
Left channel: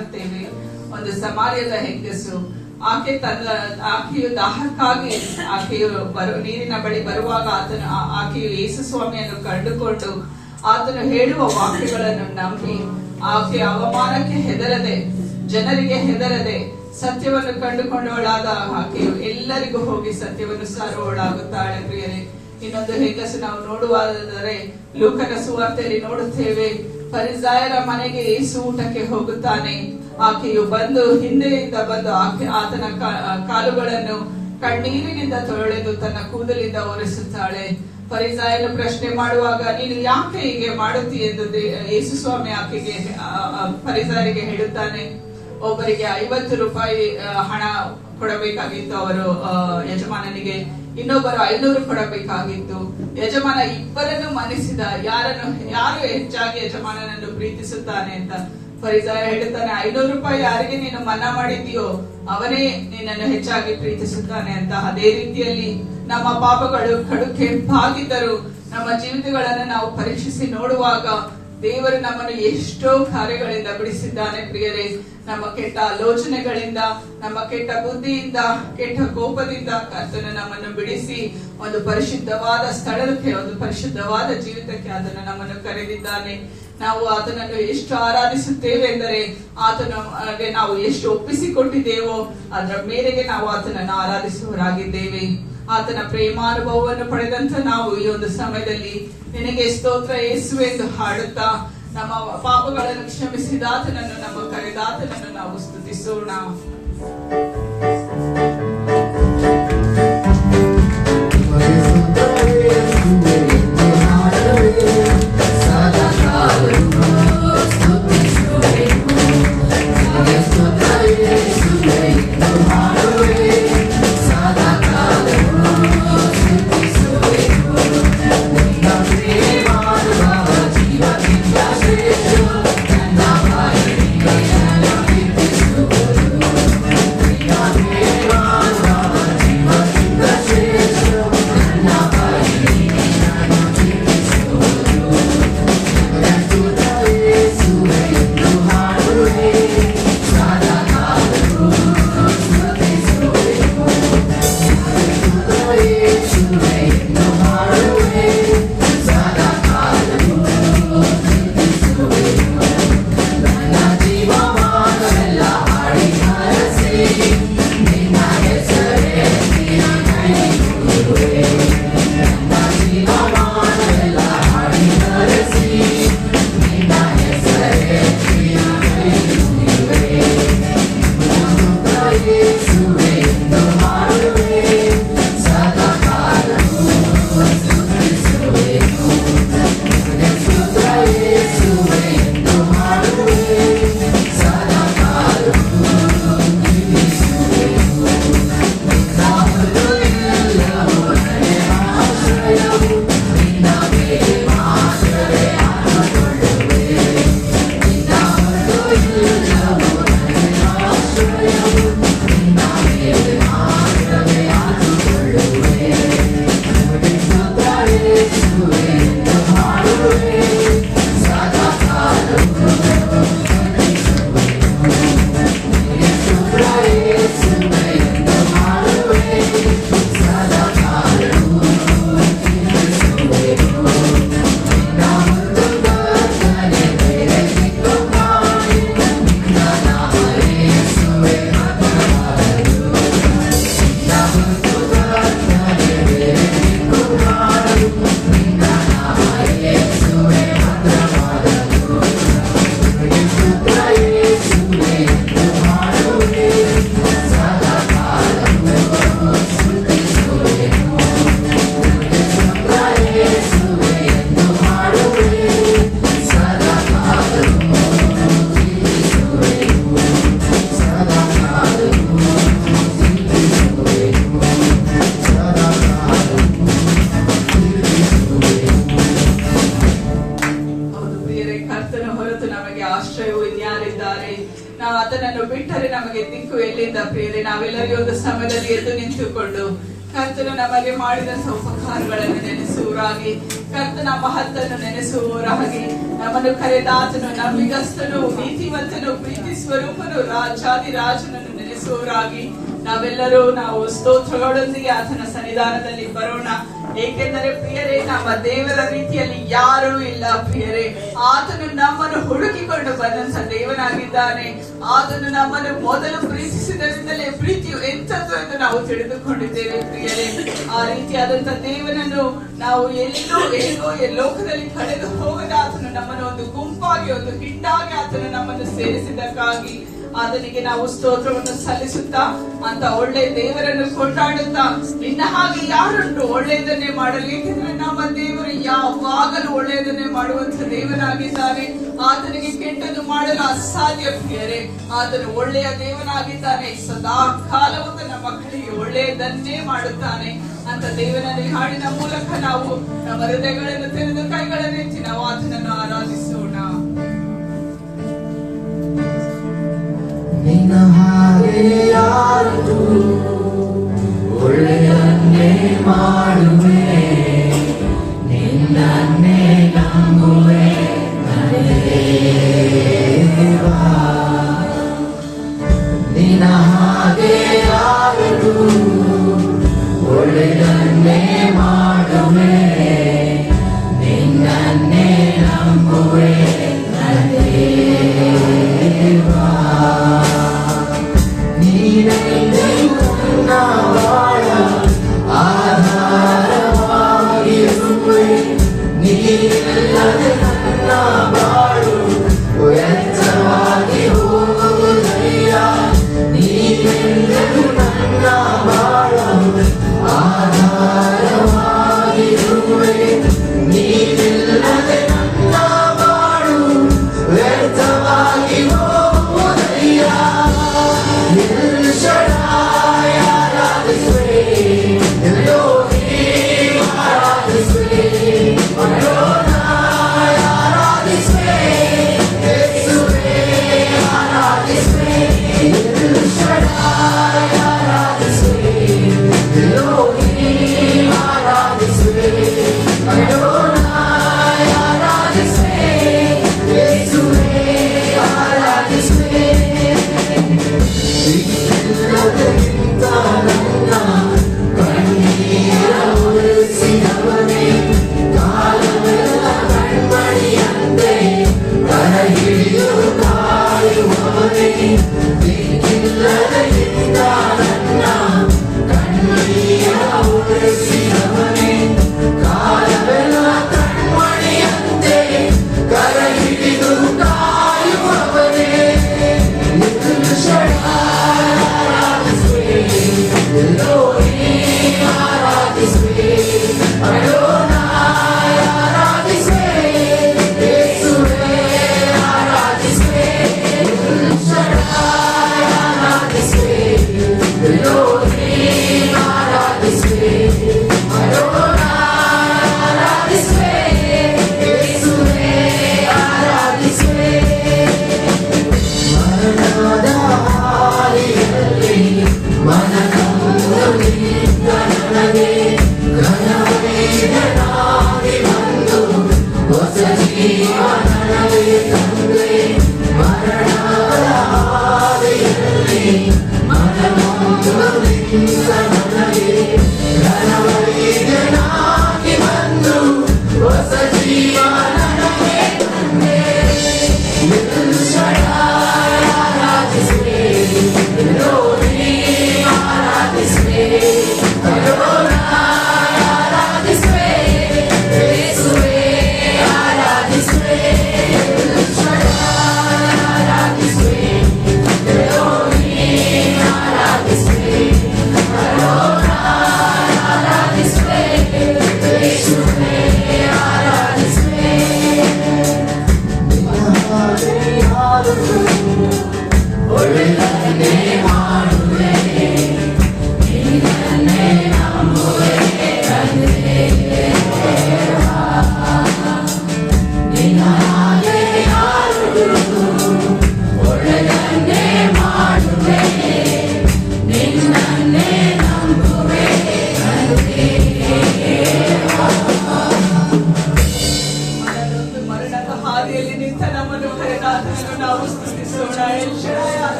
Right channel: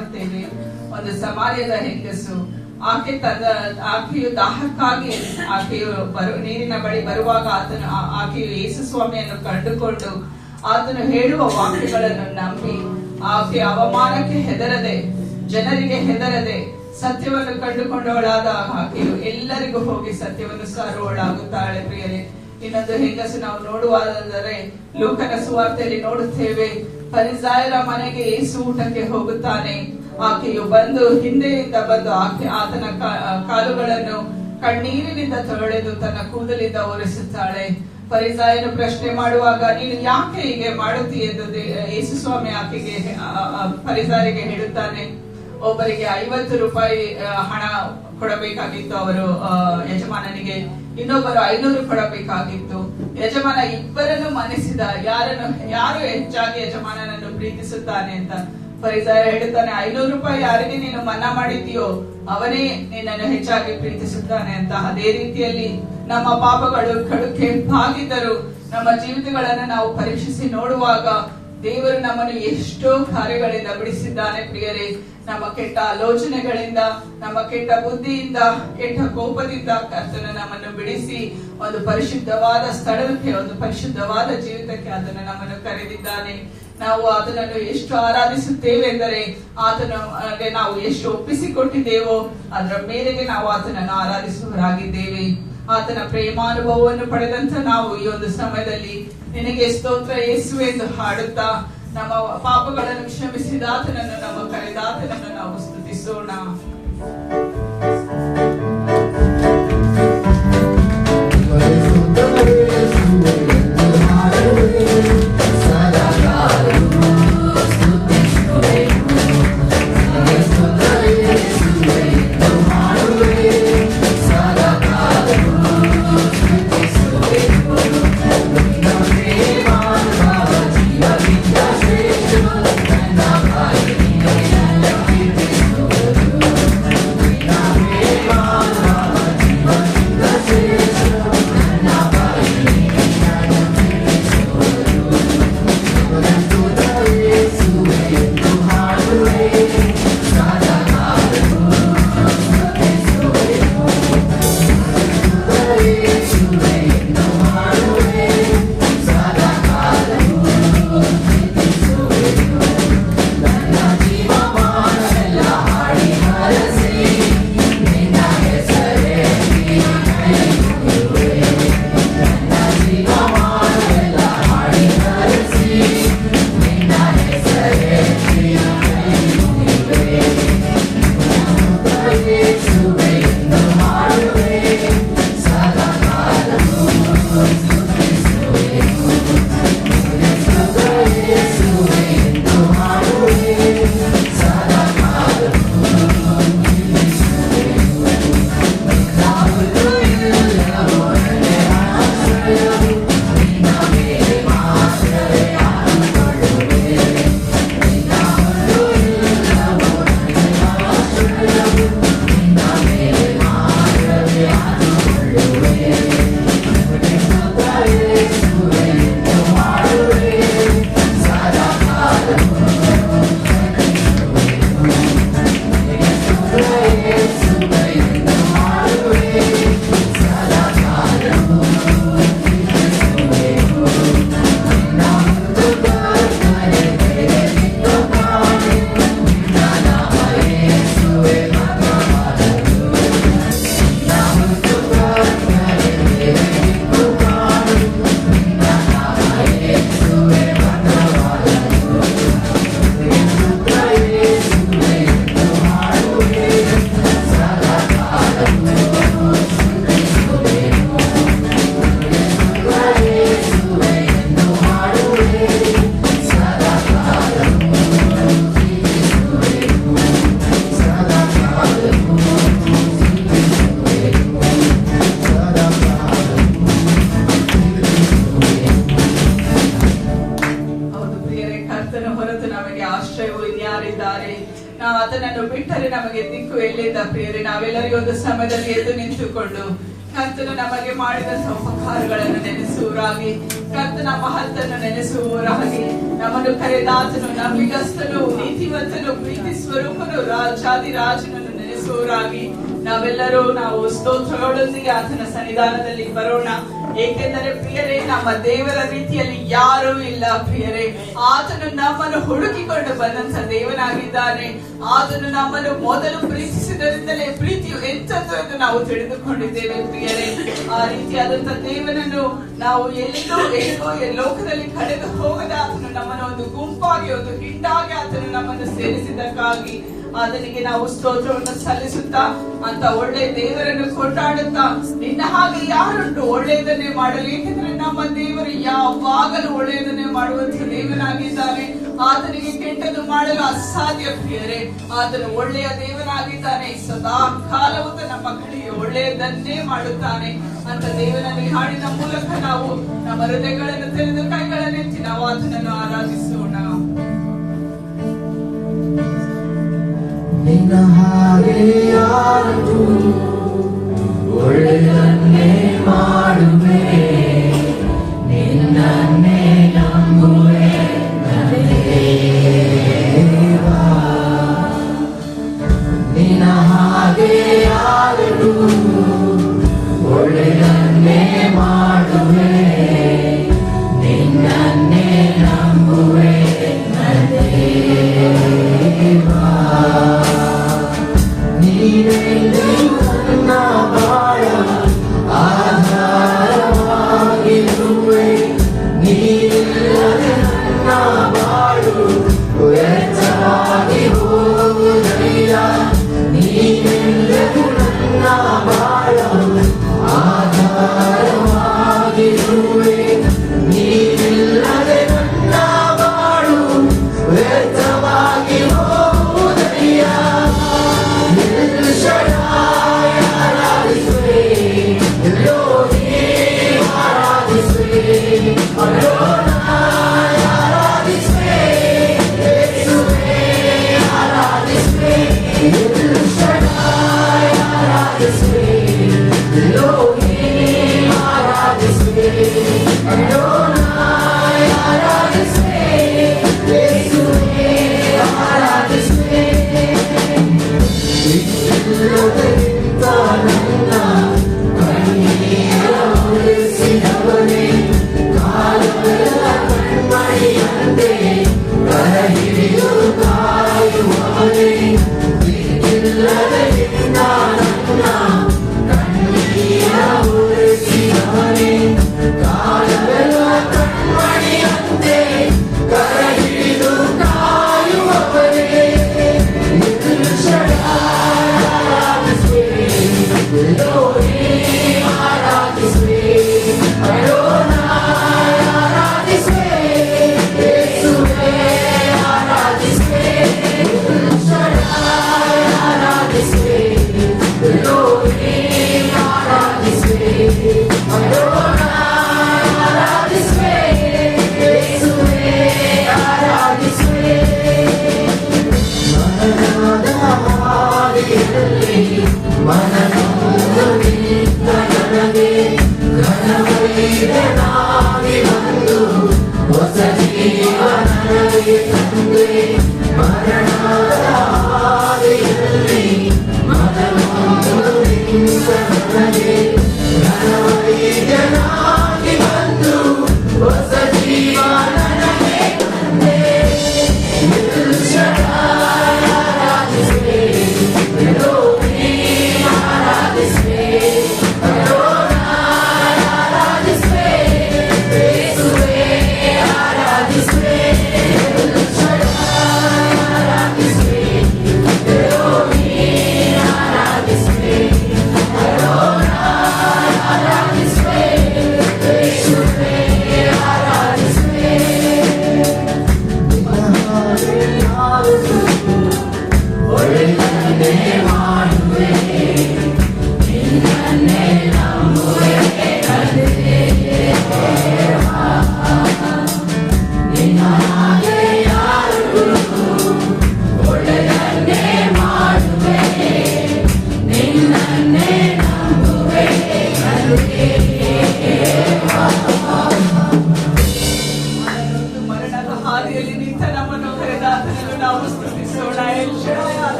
ಕಾಣುತ್ತೇವೆ. ಒಂದು ಸಮಾರ್ಯದ ಹೆಂಗಸು, ಆಕೆಯು ದಾಹಕ್ಕಾಗಿ ನೀರಿನ ಬಳಿ ಬರುವಾಗ ಆಕೆಯು ಯೇಸು ಸ್ವಾಮಿಯನ್ನು ಕಂಡುಕೊಂಡು ಆತನು ಹೇಳುವ ವಾಕ್ಯಗಳನ್ನು ನಂಬಿ ಆಕೆ ಅವಮಾನಕ್ಕೆ ಹೆದರದೆ, ಜನರಿಗೆ ಹೆದರದೆ ಸತ್ಯವನ್ನು ಕಂಡುಕೊಂಡವಳಾದ ಆಕೆಯು ಎಲ್ಲರಿಗೂ ಹೋಗಿ ಸತ್ಯವನ್ನು ಸಾರುವವಳಾಗುತ್ತಾಳೆ. ಪ್ರಿಯರೇ, ಇನ್ನೊಂದು ಹೆಂಗಸು ನಾವು ನೋಡುವುದಾದರೆ ಲೂಕನ ಸುವಾರ್ತೆಯಲ್ಲಿ ನೋಡುತ್ತೇವೆ. ಫರಿಸಾಯರ ಮನೆಗೆ ಯೇಸು ಊಟಕ್ಕೆ ಹೋಗುತ್ತಾನೆ. ಆಕೆಯು ಹಿಂದೆಯಿಂದ ಬಂದು ಆತನ ಕಾಲುಗಳನ್ನು ಕಣ್ಣೀರಿನಿಂದ ತೊಳೆದು ತನ್ನ ಕೂದಲಿಂದ ಒರೆಸುತ್ತಾಳೆ. ಫರಿಸಾಯನು ಪ್ರಶ್ನೆ ಮಾಡುವಾಗ, ನೀನು ಯಾಕೆ ಹೀಗೆ ಮಾಡುತ್ತೀ ಎಂದು ಯೇಸು ಸ್ವಾಮಿ ಆಕೆಗೆ ಫರಿಸಾಯರಿಗೆ ಹೇಳುತ್ತಾನೆ. ಒಬ್ಬರಿಗೆ 50 ರೂಪಾಯಿ ಹಣ ಕೊಡಬೇಕಾಗಿತ್ತು ಅವರು ಯಜಮಾನನಿಗೆ, ಇನ್ನೊಬ್ಬರು 500 ಕೊಡಬೇಕಾಗಿತ್ತು. ಯಜಮಾನ ಇಬ್ಬರನ್ನು ಮನಸ್ಸಿದ, ಯಾರು ಹೆಚ್ಚಾಗಿ ಯಜಮಾನನನ್ನು ಪ್ರೀತಿಸುತ್ತಾನೆ ಅಂತ. ಫರಿಸಾಯ ಹೇಳುತ್ತಾನೆ, 500 ರೂಪಾಯಿ ಯಾರಿಗೆ ನೀನು ಮನ್ನಾ ಮಾಡಿದ್ದೀಯೋ ಅವನೇ ನಿನ್ನನ್ನು ಹೆಚ್ಚಾಗಿ ಪ್ರೀತಿಸುತ್ತಾನೆ ಅಂತ. ಅದೇ ರೀತಿಯಲ್ಲಿ ನಮ್ಮ ಪಾಪಗಳು ಕಡು ಕೆಂಪಾಗಿದ್ದರೂ ನಮ್ಮ ಜೀವಿತಗಳನ್ನು ನಾವು ಪರೀಕ್ಷಿಸಿ ನೋಡುವಾಗ ದೇವರು ನಮ್ಮನ್ನು ಎಷ್ಟೋ ಕಾರ್ಯಗಳಿಂದ ಬಿಡಿಸಿದ್ದಾನೆ. ಪ್ರಿಯರೇ, ನಮ್ಮ ಕೆಟ್ಟ ಆಲೋಚನೆಗಳಿಂದ, ನಮ್ಮ ಕೆಟ್ಟ ಬುದ್ಧಿಯಿಂದ, ಕೆಟ್ಟ ಕೋಪದಿಂದ ಕರ್ತನು ನಮ್ಮನ್ನು ಬಿಡಿಸಿ ಒಂದು ಪರಿಶುದ್ಧವಾದ ಸ್ಥಳಕ್ಕೆ, ಒಂದು ಪರಿಶುದ್ಧವಾದ ಜೀವಿತಕ್ಕೆ ಆತನು ನಮ್ಮನ್ನು ಕರೆದಿದ್ದಾನೆ. ನಾವು ಆತನನ್ನು ಎಷ್ಟು ಆರಾಧಿಸುತ್ತೇವೆ ಎಂದರೆ ಆತನಿಗೆ ನಾವು ಎಷ್ಟು ಒಪ್ಪಿಸಿಕೊಟ್ಟಿದ್ದೇವೋ ಅದರ ಮೇರೆಗೆ ನಾವು ಆತನನ್ನು ಆರಾಧಿಸುವವರಾಗಿದ್ದೇವೆ. ಆತನ ಪ್ರೇಮಾನುಭವವನ್ನು ಪಡೆದಂತ ನಾವು ಈ ಒಂದು ಸಮಯದಲ್ಲಿ ನಿನಗೆ ಸ್ತೋತ್ರ ಯೇಸುವೆ ಎಂದು ಹಾಡುತ್ತಾ ನಮ್ಮ ಪಾಪಗಳನ್ನು ಕ್ಷಮಿಸಿದ ಆತನನ್ನು, ನಮ್ಮ ಕರೆದ ಆತನನ್ನು ನಾವು ಸ್ತುತಿಸೋಣ. ನಾವೆಲ್ಲರೂ ಒಂದು ಸಮಯದಲ್ಲಿ ಎದ್ದು ನಿಂತುಕೊಂಡು ಕರ್ತನು ನಮಗೆ ಮಾಡಿದಂತಹ ಉಪಕಾರಗಳನ್ನು ನೆನೆಸುವರಾಗಿ, ಕರ್ತನ ಮಹತ್ತನ್ನು ನೆನೆಸುವವರಾಗಿ, ನಮ್ಮನ್ನು ಕರೆದಾತನು ನಂಬಿಗಸ್ತನು ನೀತಿವಂತನು ಪ್ರೀತಿ ಸ್ವರೂಪನು ರಾಜಾದಿರಾಜನನ್ನು ನೆನೆಸುವವರಾಗಿ ನಾವು ಸ್ತೋತ್ರಗಳೊಂದಿಗೆ ಆತನ ಸನ್ನಿಧಾನದಲ್ಲಿ ಬರೋಣ. ಏಕೆಂದರೆ ಪ್ರಿಯರೇ, ನಮ್ಮ ದೇವರ ರೀತಿಯಲ್ಲಿ ಯಾರೂ ಇಲ್ಲ ಪ್ರಿಯರೇ. ಆತನು ನಮ್ಮನ್ನು ಹುಡುಕಿಕೊಂಡು ಬಂದಂತ ದೇವನಾಗಿದ್ದಾನೆ. ಆತನು ನಮ್ಮನ್ನು ಮೊದಲು ಪ್ರೀತಿಸಿದರಿಂದಲೇ ಪ್ರೀತಿಯು ಎಂಥದ್ದು ಎಂದು ನಾವು ತಿಳಿದುಕೊಂಡಿದ್ದೇವೆ ಪ್ರಿಯರೇ. ಆ ರೀತಿಯಾದಂತ ದೇವನನ್ನು ನಾವು ಎಲ್ಲಿಗೋ ಲೋಕದಲ್ಲಿ ಕಳೆದು ಹೋಗದ ಆತನು ನಮ್ಮನ್ನು ಒಂದು ಗುಂಪಾಗಿ ಒಂದು ಹಿಂಡಾಗಿ ಆತನು ನಮ್ಮನ್ನು ಸೇರಿಸಿದ್ದಕ್ಕಾಗಿ ಆತನಿಗೆ ನಾವು ಸ್ತೋತ್ರವನ್ನು ಸಲ್ಲಿಸುತ್ತಾ ಅಂತ ಒಳ್ಳೆ ದೇವರನ್ನು ಕೊಂಡಾಡುತ್ತಾ, ನಿನ್ನ ಹಾಗೆ ಯಾರುಂಟು ಒಳ್ಳೆಯದನ್ನೇ ಮಾಡಲಿ, ಏಕೆಂದ್ರೆ ನಮ್ಮ ದೇವರು ಯಾವಾಗಲೂ ಒಳ್ಳೆಯದನ್ನೇ ಮಾಡುವಂತ ದೇವನಾಗಿದ್ದಾನೆ. ಆತನಿಗೆ ಕೆಟ್ಟದ್ದು ಮಾಡಲು ಅಸಾಧ್ಯ ಪ್ರಿಯರೇ. ಆತನು ಒಳ್ಳೆಯ ದೇವನಾಗಿದ್ದಾನೆ. ಸದಾ ಕಾಲವೂ ನಮ್ಮ ಕಡೆಗೆ ಒಳ್ಳೆಯದನ್ನೇ ಮಾಡುತ್ತಾನೆ ಅಂತ ದೇವನಲ್ಲಿ ಹಾಡಿನ ಮೂಲಕ ನಾವು ನಮ್ಮ ಹೃದಯಗಳನ್ನು ತೆರೆದು ಕೈಗಳನ್ನೆತ್ತಿ ನಾವು ಆತನನ್ನು ಆರಾಧಿಸೋಣ. ನಿನ್ನ ಹಾಗೆ ಯಾರು ಒಳ್ಳೆಯನ್ನೇ ಮಾಡುವೆ, ನಿನ್ನನ್ನೇ ನಂಬುವೆ ನನ್ನ ದೇವಾ. ನಿನ್ನ ಹಾಗೆ ಯಾರು ಒಳ್ಳೆಯನ್ನೇ ಮಾಡುವೆ, ನಿನ್ನನ್ನೇ ನಂಬುವೆ ನನ್ನ ದೇವಾ.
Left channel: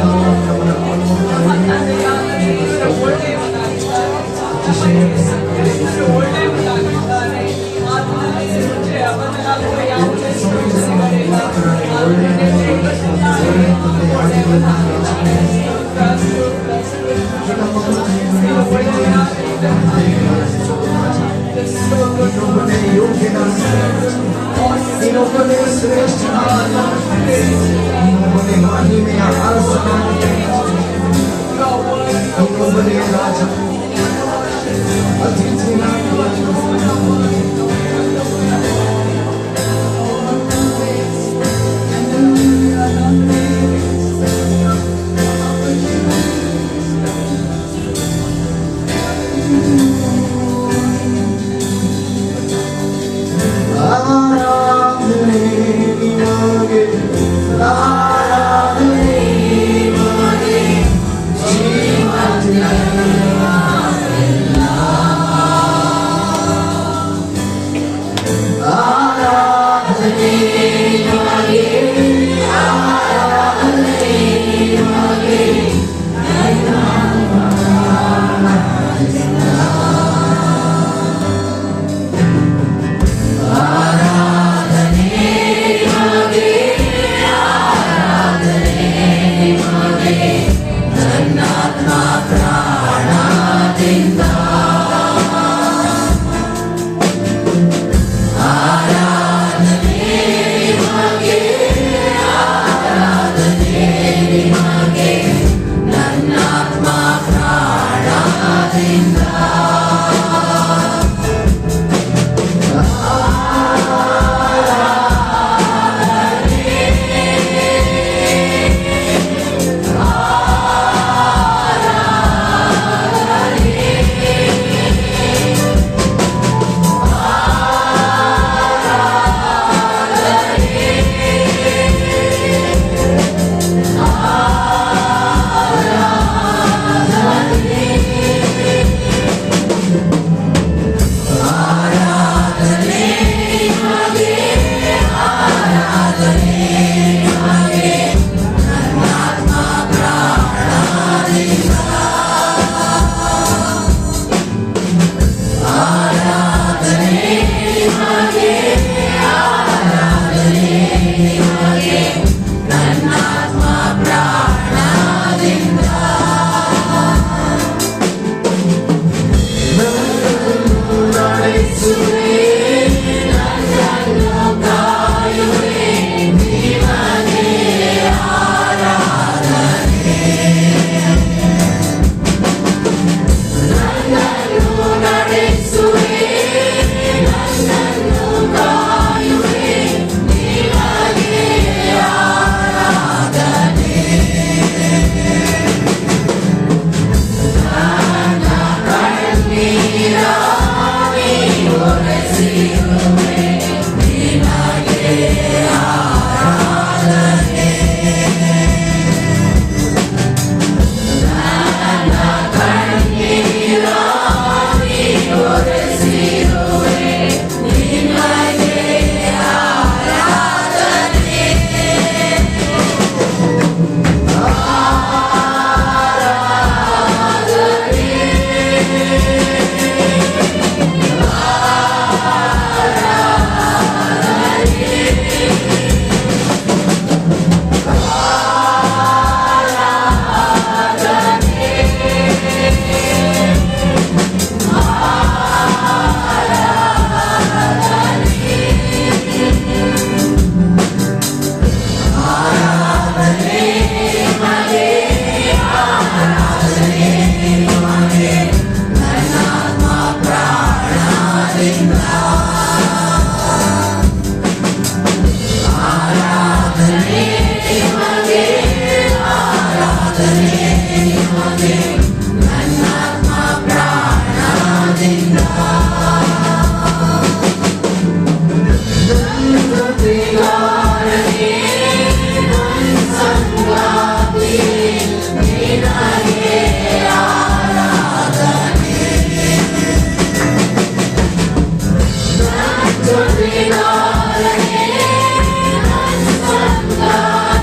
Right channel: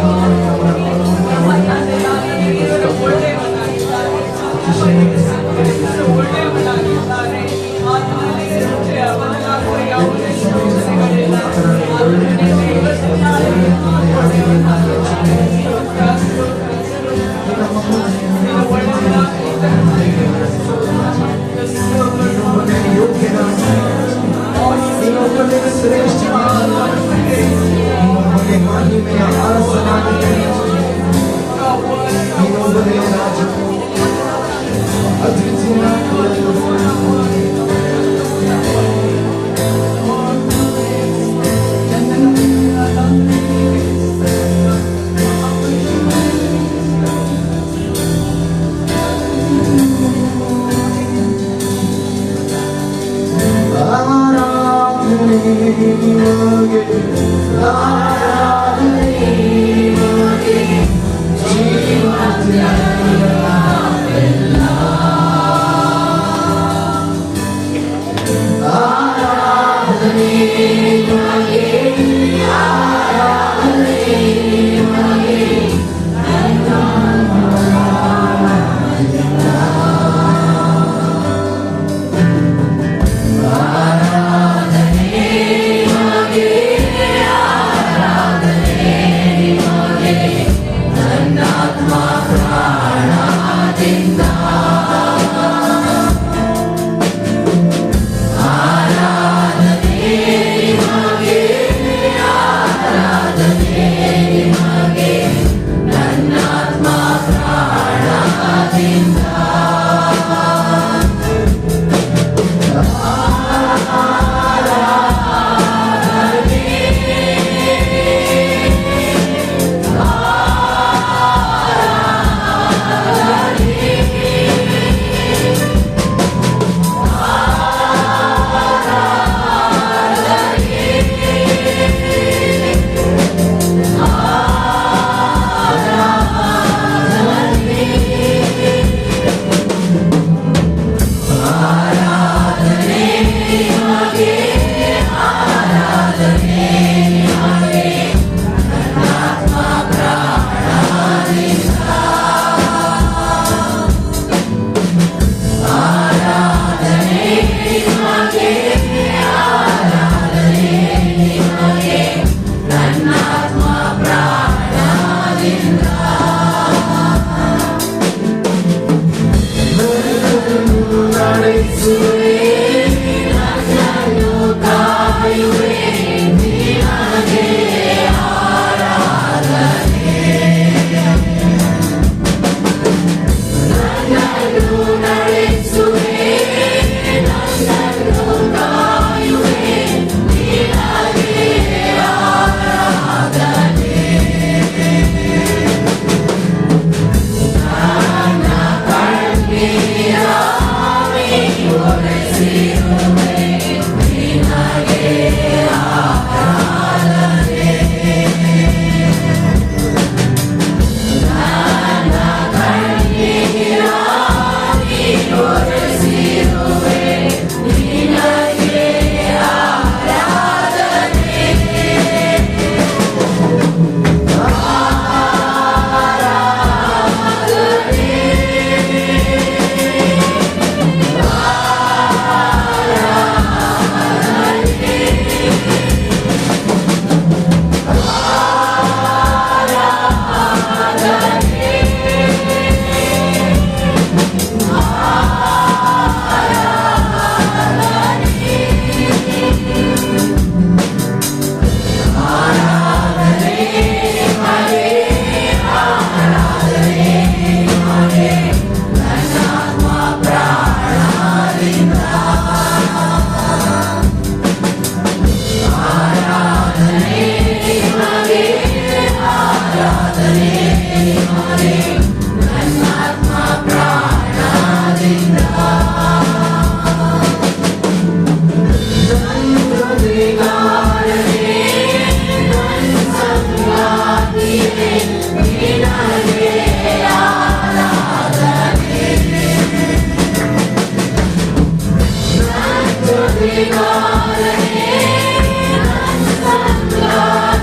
ನಮ್ಮ ತಂದೆಯಾದ ದೇವರು ಒಳ್ಳೆಯವನಾಗಿದ್ದಾನೆ. ದೇವರು ಒಳ್ಳೆಯವನಾಗಿದ್ದಾನೆ. ಆತನಲ್ಲಿ ನಿರೀಕ್ಷೆಯ ಬದಲಾಗುವ ಯಾವುದೇ ಸಮಸ್ಯೆಗಳಿಲ್ಲ. ಆತನಲ್ಲಿ ಜೀವವಿದ್ದಾರೆ. ಒಳ್ಳೆಯವನಾಗಿದ್ದಾನೆ. ನೀನು ಒಳ್ಳೆಯವನಾಗಿದ್ದಾನೆ. ಶ್ರೇಷ್ಠ ಮಹಿಮೆಯ ಅರಸನಾಗಿ ರಾಜರು ಅತಿಥಿಯಾಗಿ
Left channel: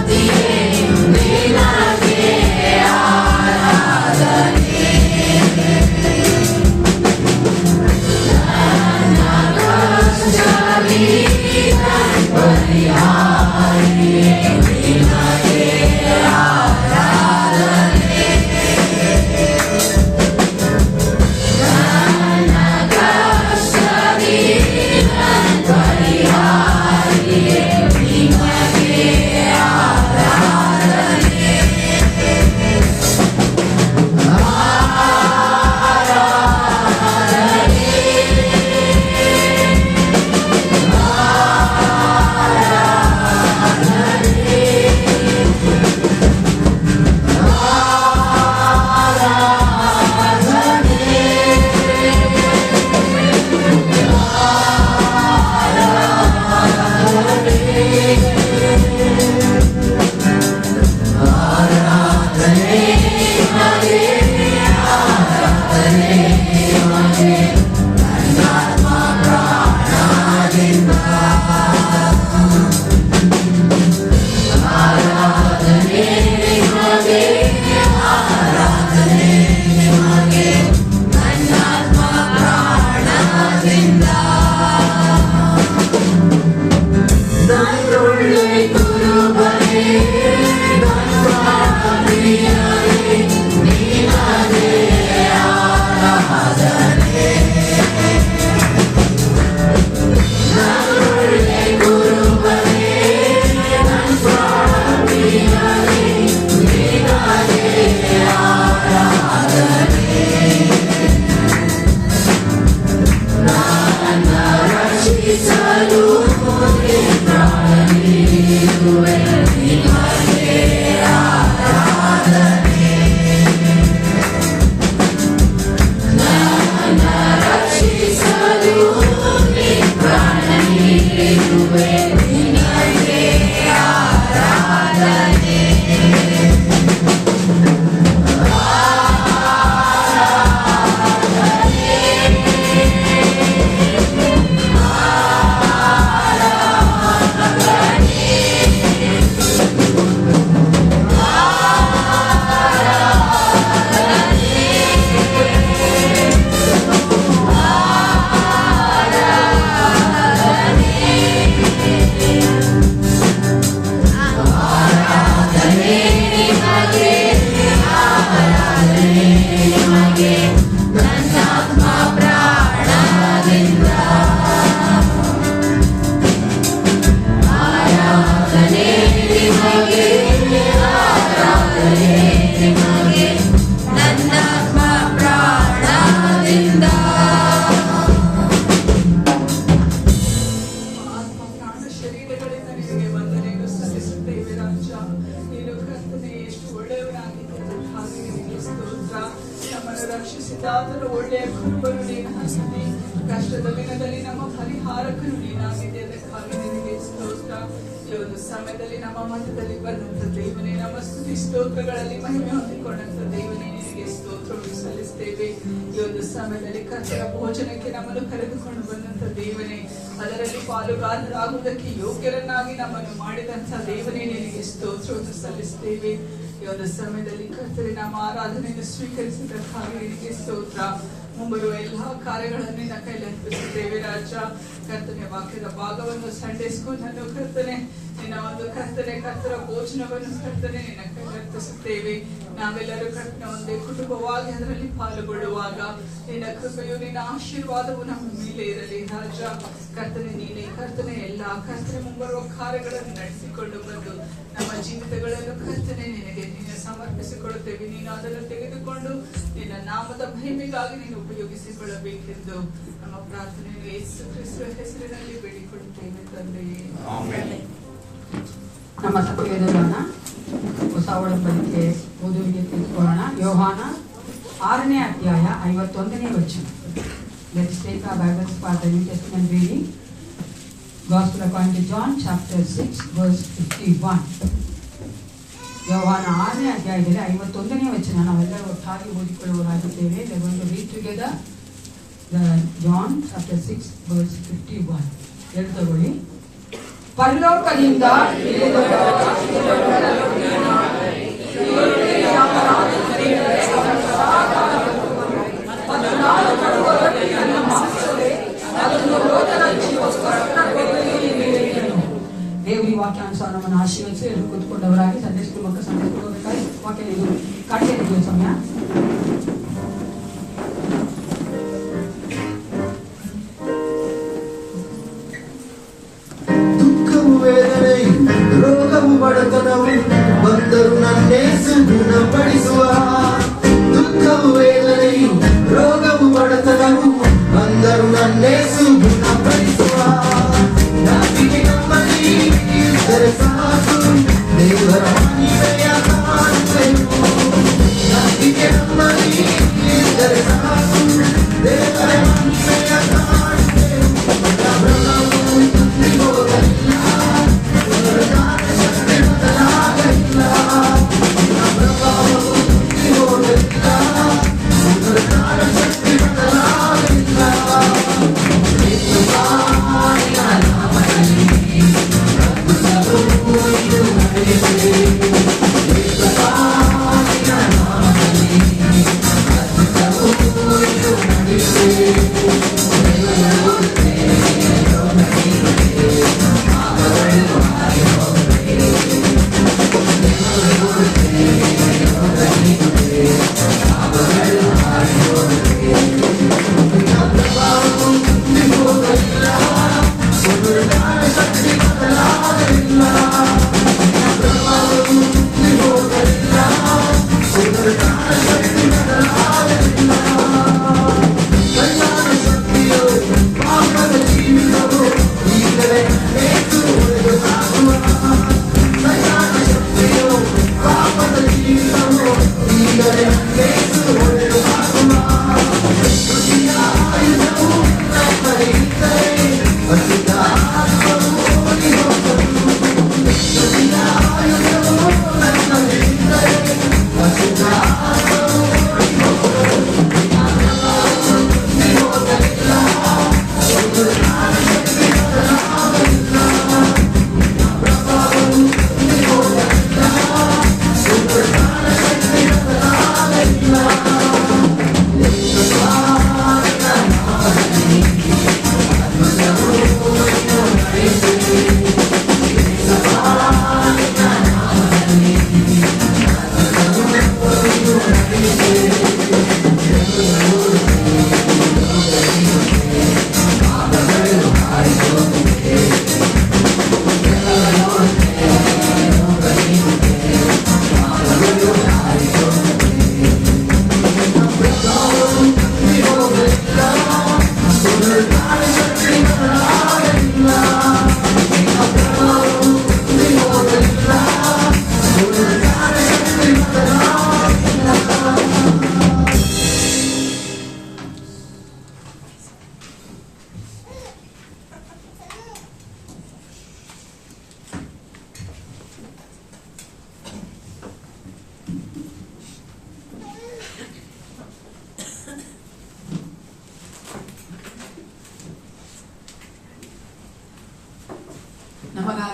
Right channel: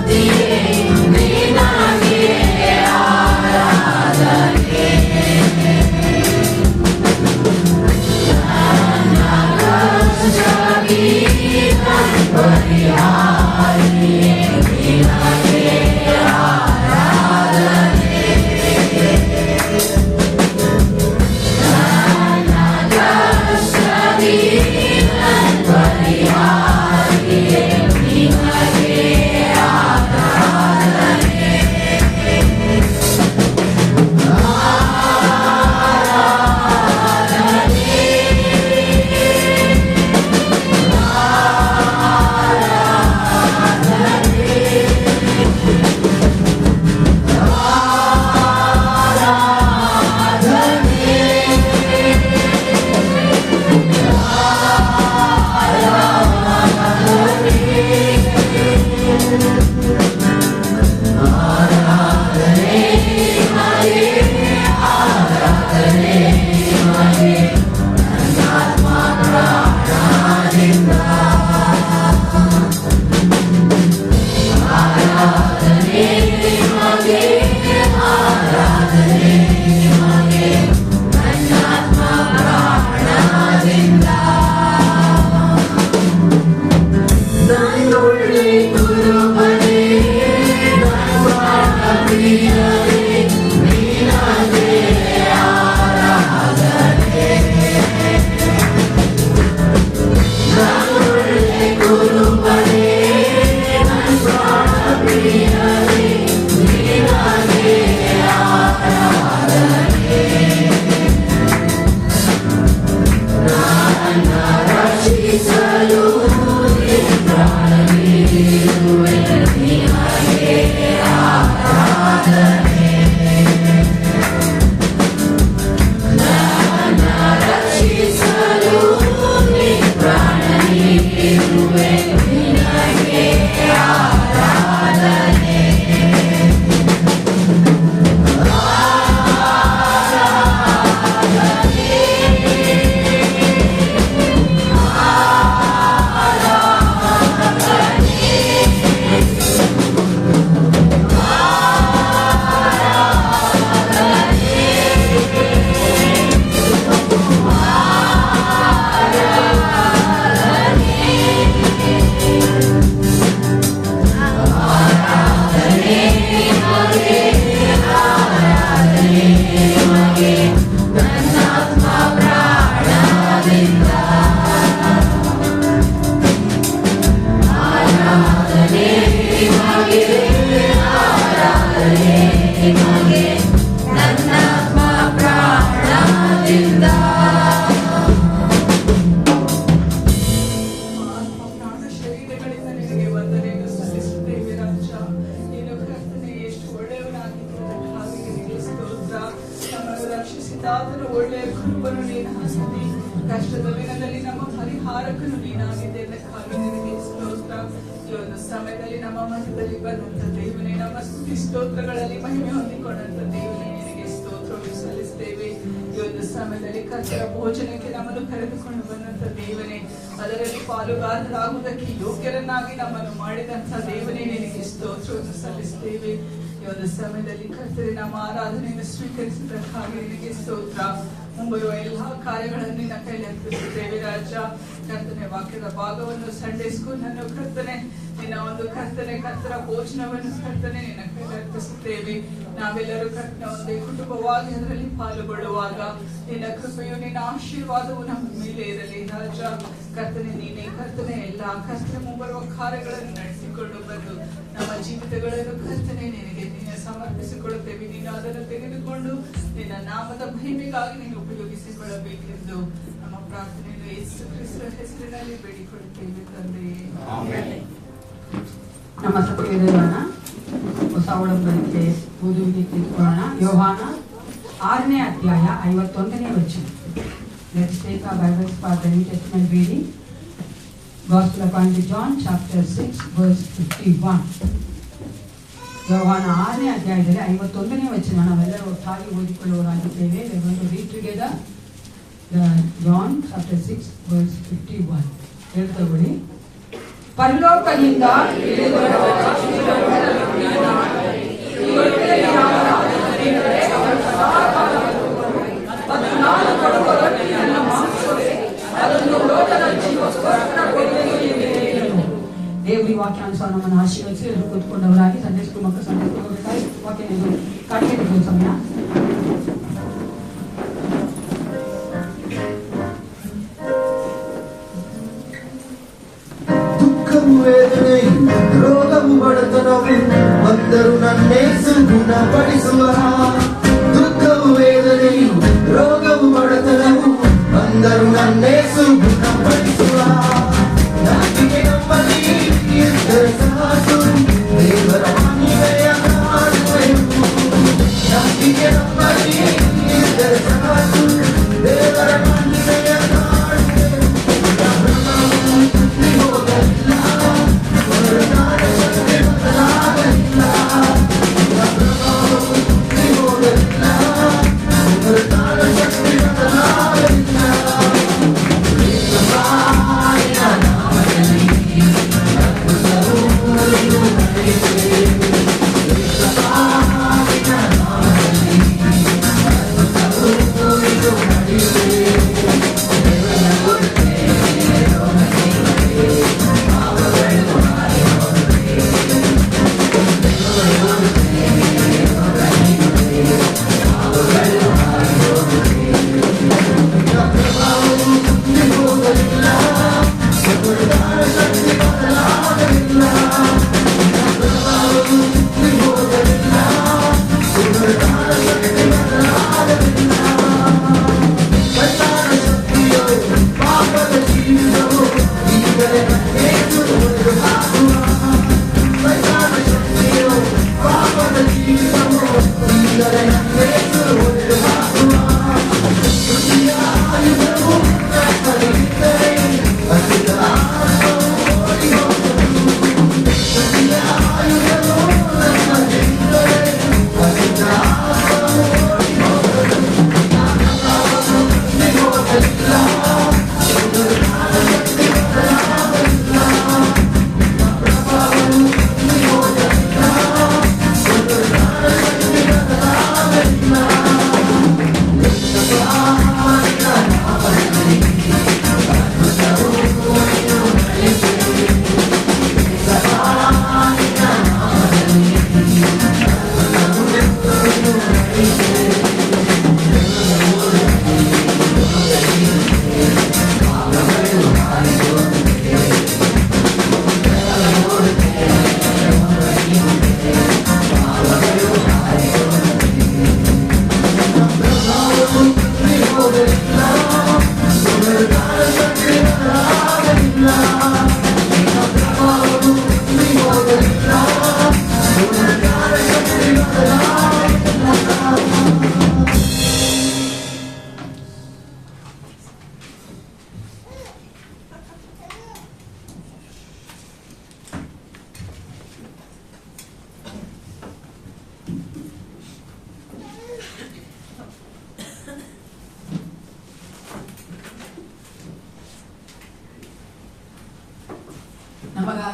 Yeah. ಒಳ್ಳೆಯ ಕುರುಬನು ನೀನಾಗಿದ್ದೆ, ಕಷ್ಟದ ದಿನದಲ್ಲಿ ನಮ್ಮ ಪರಿಹಾರಕನು ನೀನಾಗಿದೆ. ಅದಕ್ಕಾಗಿ ನಿನಗೆ ಸ್ತೋತ್ರ. ಈ ಒಂದು ಸಮಯದಲ್ಲಿ ನಮ್ಮ ಮಧ್ಯದಲ್ಲಿ ಬಂದಂತ ದೇವನೇ, ನಮ್ಮ ಸ್ತುತಿ ಸ್ತೋತ್ರಗಳಲ್ಲಿ ಮಹಿಮೆ ಹೊಂದಿಕೊಂಡಂತ ದೇವನೇ, ನಿನಗೆ ಸ್ತೋತ್ರವನ್ನು ಸಲ್ಲಿಸ್ತೇವೆ. ಈ ಒಂದು ಸಮಯದಲ್ಲಿ ಕರ್ತರ ಭೋಜನಕ್ಕೆ ನಮ್ಮನ್ನು ಕರೆದುಕೊಂಡು ಬಂದಂತ ದೇವನೇ, ಅದರಲ್ಲಿ ಪಾಲುಗಾರರಾಗುವುದಕ್ಕೆ ಯೋಗ್ಯರನ್ನಾಗಿ ನಮ್ಮನ್ನು ಮಾಡಿದಂತ ದೇವನೇ, ನಿನಗೆ ಸ್ತೋತ್ರವನ್ನು ಸಲ್ಲಿಸ್ತೇವೆ. ಈ ಒಂದು ಸಮಯದಲ್ಲಿ ಕರ್ತರೆ ನಮ್ಮ ಆರಾಧನೆಯನ್ನು ಸ್ವೀಕರಿಸಿದ್ದಕ್ಕಾಗಿ ನಿನಗೆ ಸ್ತೋತ್ರ. ಮುಂಬರುವ ಎಲ್ಲಾ ಕಾರ್ಯಗಳನ್ನು ನಿನ್ನ ಕೈಲಿ ಅರ್ಪಿಸುತ್ತೇವೆ ರಾಜ. ಕರ್ತನೆ ವಾಕ್ಯದ ಭಾಗವನ್ನು, ಸಂಡೇ ಸ್ಕೂಲ್ ಅನ್ನು ಕರ್ತನೆ, ನಿನ್ನ ಒಂದು ಕರ್ತರ ಭೋಜನವನ್ನು ಕರ್ತನೆ ನಿನ್ನ ಕೈಲಿ ಅರ್ಪಿಸುತ್ತೇವೆ. ನಾವೆಲ್ಲರೂ ಕರ್ತನ ಒಂದೇ ಕುಟುಂಬವಾಗಿ ಅದರಲ್ಲಿ ಪಾಲ್ಗೊಳ್ಳುವಾಗ ನಿನ್ನ ಕೃಪೆಯು, ನಿನ್ನ ಆಶೀರ್ವಾದವು ನಮ್ಮ ಮೇಲೆ ಇರಲಿ ರಾಜ. ಕರ್ತನೆ ನೀನೇ ಕರ್ತನೆ ಎಲ್ಲಾ ಕರ್ತನೆ ಮುಂಬರುವ ಕಾರ್ಯಗಳನ್ನು ನಡೆಸಿಕೊಂಡು ಬಂದು ನಮ್ಮ ಜೀವಿತಗಳನ್ನು ಕರ್ತನೆ ನಿನಗೆ ಸಮರ್ಪಿಸಿಕೊಳ್ಳುತ್ತೇವೆ. ನೀನು ಅದನ್ನು ತೆಗೆದುಕೊಂಡು ನಿನ್ನ ನಾಮದ ಮಹಿಮೆಗಾಗಿ ನೀನು ಉಪಯೋಗಿಸಿಕೊಳ್ಳಬೇಕೆಂದು ನಮ್ಮ ಪ್ರಾರ್ಥನೆಯನ್ನು ಯೇಸು ಕ್ರಿಸ್ತನ ಹೆಸರಿನಲ್ಲಿ ಬೇಡಿಕೊಳ್ಳುತ್ತೇವೆ ತಂದೆಯೇ. ನಮ್ಮ ಸಭೆಯೋಣ ಹೊಸ ಒಡಂಬಡಿಕೆ ಓದುವಿಕೆ ತಿಳ್ಕೊಳ್ಳೋಣ. ಯೋಹಾನ 6ನೇ ಅಧ್ಯಾಯ 51ನೇ ವಚನ. Let's take our Bibles for the New Testament reading. Gospel according to John chapter 6 verse 51. ಯೋಹಾನ 6ನೇ ಅಧ್ಯಾಯದಲ್ಲಿ 51ನೇ ವಚನ ನಾವೆಲ್ಲರೂ ಒಟ್ಟಾಗಿ ಓದಿಕೊಳ್ಳುವರಾಗಿದ್ದೇವೆ. We are going to read together John chapter 6 verse 51. ಹೇಳ್ತಗೊಳ್ಳಿ. ಪರಲೋಕದಿಂದ ದೇವರಿ ವಾಕ್ಯಾನುಸಾರವನ್ನು ಆಶೀರ್ವದಿಸಿ ಎಲ್ಲರೂ ಕೂತ್ಕೊಂಡವರಾಗಿ ಸಂಡೇ ಸ್ಕೂಲ್ ಮಕ್ಕಳು ಸಂಡೇ ಸ್ಕೂಲ್ ಹೋಗಬೇಕಾಗಿ ವಾಕ್ಯ ನೀವು ಕಟ್ಟಿದ್ದೀವಿ ಸಮಯ. ದುಃಖವು ವೇದನೆಯು ರೋಗವು ಬಡತನವು ಬಂದರು ನನ್ನೇಸು ಗುಣಪಡಿಸುವ. ದುಃಖವು ವೇದನೆಯು ರೋಗವು ಬಡತನವು ಬಂದರು ನನ್ನೇಸು ಗುಣಪಡಿಸುವ. ನಂಬಿಕೆ ನಮ್ಮಲ್ಲಿ ಇದ್ದರೆ ಸಾಕು, ದೇವರ ಮಹಿಮೆಯ ಕಾಣುವೆವು. ನಂಬಿಕೆ ನಮ್ಮಲ್ಲಿ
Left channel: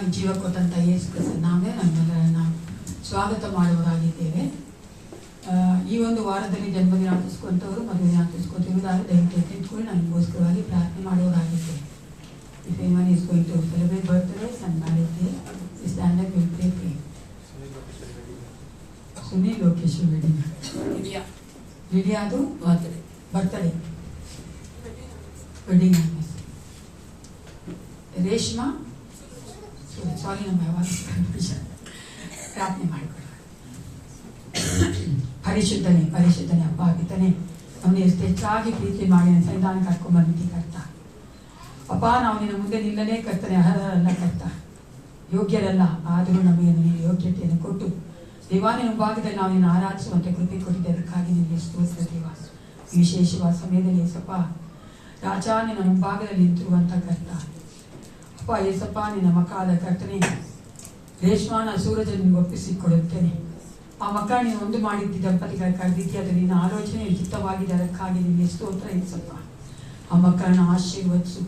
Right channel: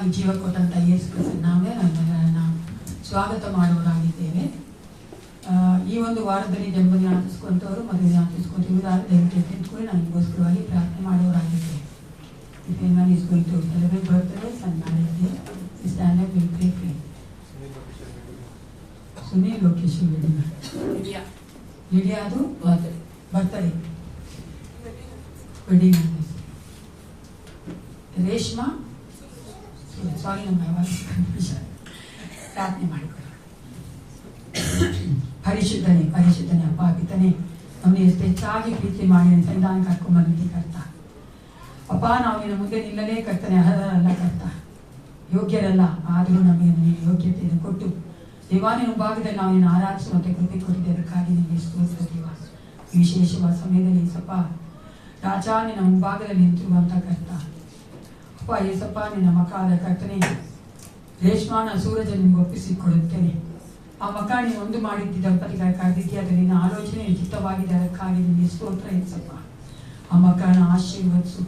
ನಮಗೆ ಜೀವ ಕೊಟ್ಟಂತ ಯೇಸು ಕ್ರಿಸ್ತನ ನಾಮದಲ್ಲಿ ನಮ್ಮೆಲ್ಲರನ್ನ ಸ್ವಾಗತ ಮಾಡುವರಾಗಿದ್ದೇವೆ. ಈ ಒಂದು ವಾರದಲ್ಲಿ ಜನ್ಮದಿನ ಆಚರಿಸುವಂಥವರು ಮದುವೆ ಆಚರಿಸ್ಕೊಂತಿರುವುದಾದ ದಯವಿಟ್ಟು ನಿಂತ್ಕೊಂಡು ನಮಗೋಸ್ಕರವಾಗಿ ಪ್ರಾರ್ಥನೆ ಮಾಡುವರಾಗಿದ್ದೇವೆ. If anyone is going to celebrate birthdays and marriage day, we stand up and pray. Sunil Lokesh wedding, ಲಿಡಿಯಾದು ಬರ್ತಡೇ ವೆಡ್ಡಿಂಗ್, ರೇಷ್ಮಾ ಸಾರಿ ನಮ್ಮ ಪ್ರಾರ್ಥನೆ ಮಾಡಿಕೊಳ್ಳ. ಪರಿಶುದ್ಧನೇ ಅಪ್ಪ ಪಿತನೇ, ನಮ್ಮನ್ನು ಎಷ್ಟು ಹೆಚ್ಚಾಗಿ ಪ್ರೀತಿ ಮಾಡಿ ಸಂವಿಧಾನ ಕರ್ಕೊಂಡ್ ಬಂದಿದ್ದಿ ಕರ್ತ. ಅಪ್ಪ ನಾವು ನಿನ್ನ ಮುಂದೆ ನಿಲ್ಲನೇ ಕರ್ತನೆ, ಅರ್ಹರಲ್ಲ ಕರ್ತ, ಯೋಗ್ಯರಲ್ಲ, ಆದರೂ ನಮಗೆ ನೀನು ಯೋಗ್ಯತೆಯನ್ನು ಕೊಟ್ಟು ದೇವಾನ ಭಾಗದಲ್ಲಿ ನಾವು ನಿನ್ನ ಆರಾಧಿಸುವಂತೆ ಕೃಪೆ ಕೊಟ್ಟಿದ್ದೆ. ಅದಕ್ಕಾಗಿ ನಿಮಗೆ ಸ್ತೋತ್ರ ದೇವ. ವಿಶೇಷವಾದ ಸಮಯದಲ್ಲಿ ಏಸಪ್ಪ ರಾಜ ನಿನ್ನ ಮುಂಭಾಗದಲ್ಲಿ ನಿಂತಿರುವಂತ ಕರ್ತ ಅಪ್ಪ ಏಸಪ್ಪ, ನಿನ್ನ ಮಕ್ಕಳಾದ ಕರ್ತನೆ ರೇಷ್ಮಾನ ಸೂರಜ ನಿಮ್ಗೆ ಒಪ್ಪಿಸಿಕೊಡುತ್ತೇನೆ. ಆ ಮಕ್ಕಳ ನೀನು ಒಂದು ಮಾಡಿದ್ದಿ ದಂಪತಿಗಳ ಕರೆದಿದ್ದಿ, ಅದು ನಿನ್ನ ಆಲೋಚನೆ ಉಚಿತವಾಗಿದೆ. ಅದಕ್ಕಾಗಿ ನಿಮಗೆ ಸ್ತೋತ್ರ ಏಸಪ್ಪ. ಆ ಮಕ್ಕಳನ್ನ ಆಶೀರ್ವದಿಸು.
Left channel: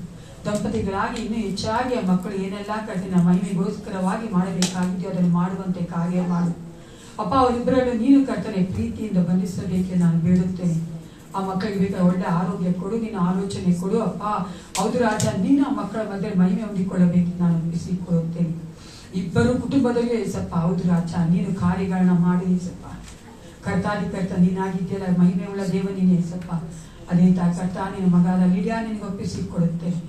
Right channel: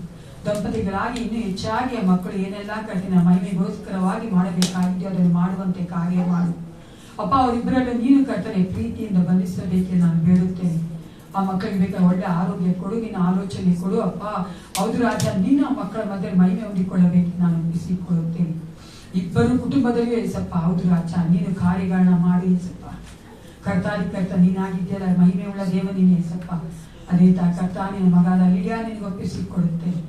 ದಂಪತಿಗಳಾಗಿ ಇನ್ನೂ ಹೆಚ್ಚಾಗಿ ಆ ಮಕ್ಕಳು ಏನೆಲ್ಲ ಕಠಿಣ ಮಹಿಮೆಗೋಸ್ಕರವಾಗಿ ಮಾಡಬೇಕಾಗಿದೆಯೋ ಅದನ್ನು ಮಾಡುವಂತೆ ಕಾರ್ಯ ಮಾಡು ಅಪ್ಪ. ಅವರಿಬ್ಬರನ್ನು ನೀನು ಕರ್ತನೆ ಪ್ರೀತಿಯಿಂದ ಬಂಧಿಸಬೇಕೆಂದು ನಾನು ಬೇಡುತ್ತೇನೆ. ಆ ಮಕ್ಕಳಿಗೆ ಬೇಕಾದ ಒಳ್ಳೆ ಆರೋಗ್ಯ ಕೊಡು, ನಿನ್ನ ಆಲೋಚನೆ ಕೊಡು ಅಪ್ಪ. ಹೌದು ರಾಜ, ನೀನು ಆ ಮಕ್ಕಳ ಮಧ್ಯೆ ಮಹಿಮೆ ಹೊಂದಿಕೊಳ್ಳಬೇಕೆಂದು ನಾನು ಮುಗಿಸಿಕೊಳ್ಳುತ್ತೇನೆ. ಇಬ್ಬರು ಕುಟುಂಬದಲ್ಲಿ ಏಸಪ್ಪ, ಹೌದು ರಾಜ, ನೀನು ಕಾರ್ಯಗಳನ್ನ ಮಾಡಿ ಏಸಪ್ಪ. ಕರ್ತಾದಿ ಕರ್ತ ನೀನಾಗಿದ್ದೀರ, ಮಹಿಮೆ ಉಳ್ಳ ದೇವ ನೀನು ಏಸಪ್ಪ. ಅದೇ ಕರ್ತ ನಿನ್ನ ಮಗಾದ ಲಿಡಿಯಾ ನಿನಗೆ ಒಪ್ಪಿಸಿಕೊಡುತ್ತೇನೆ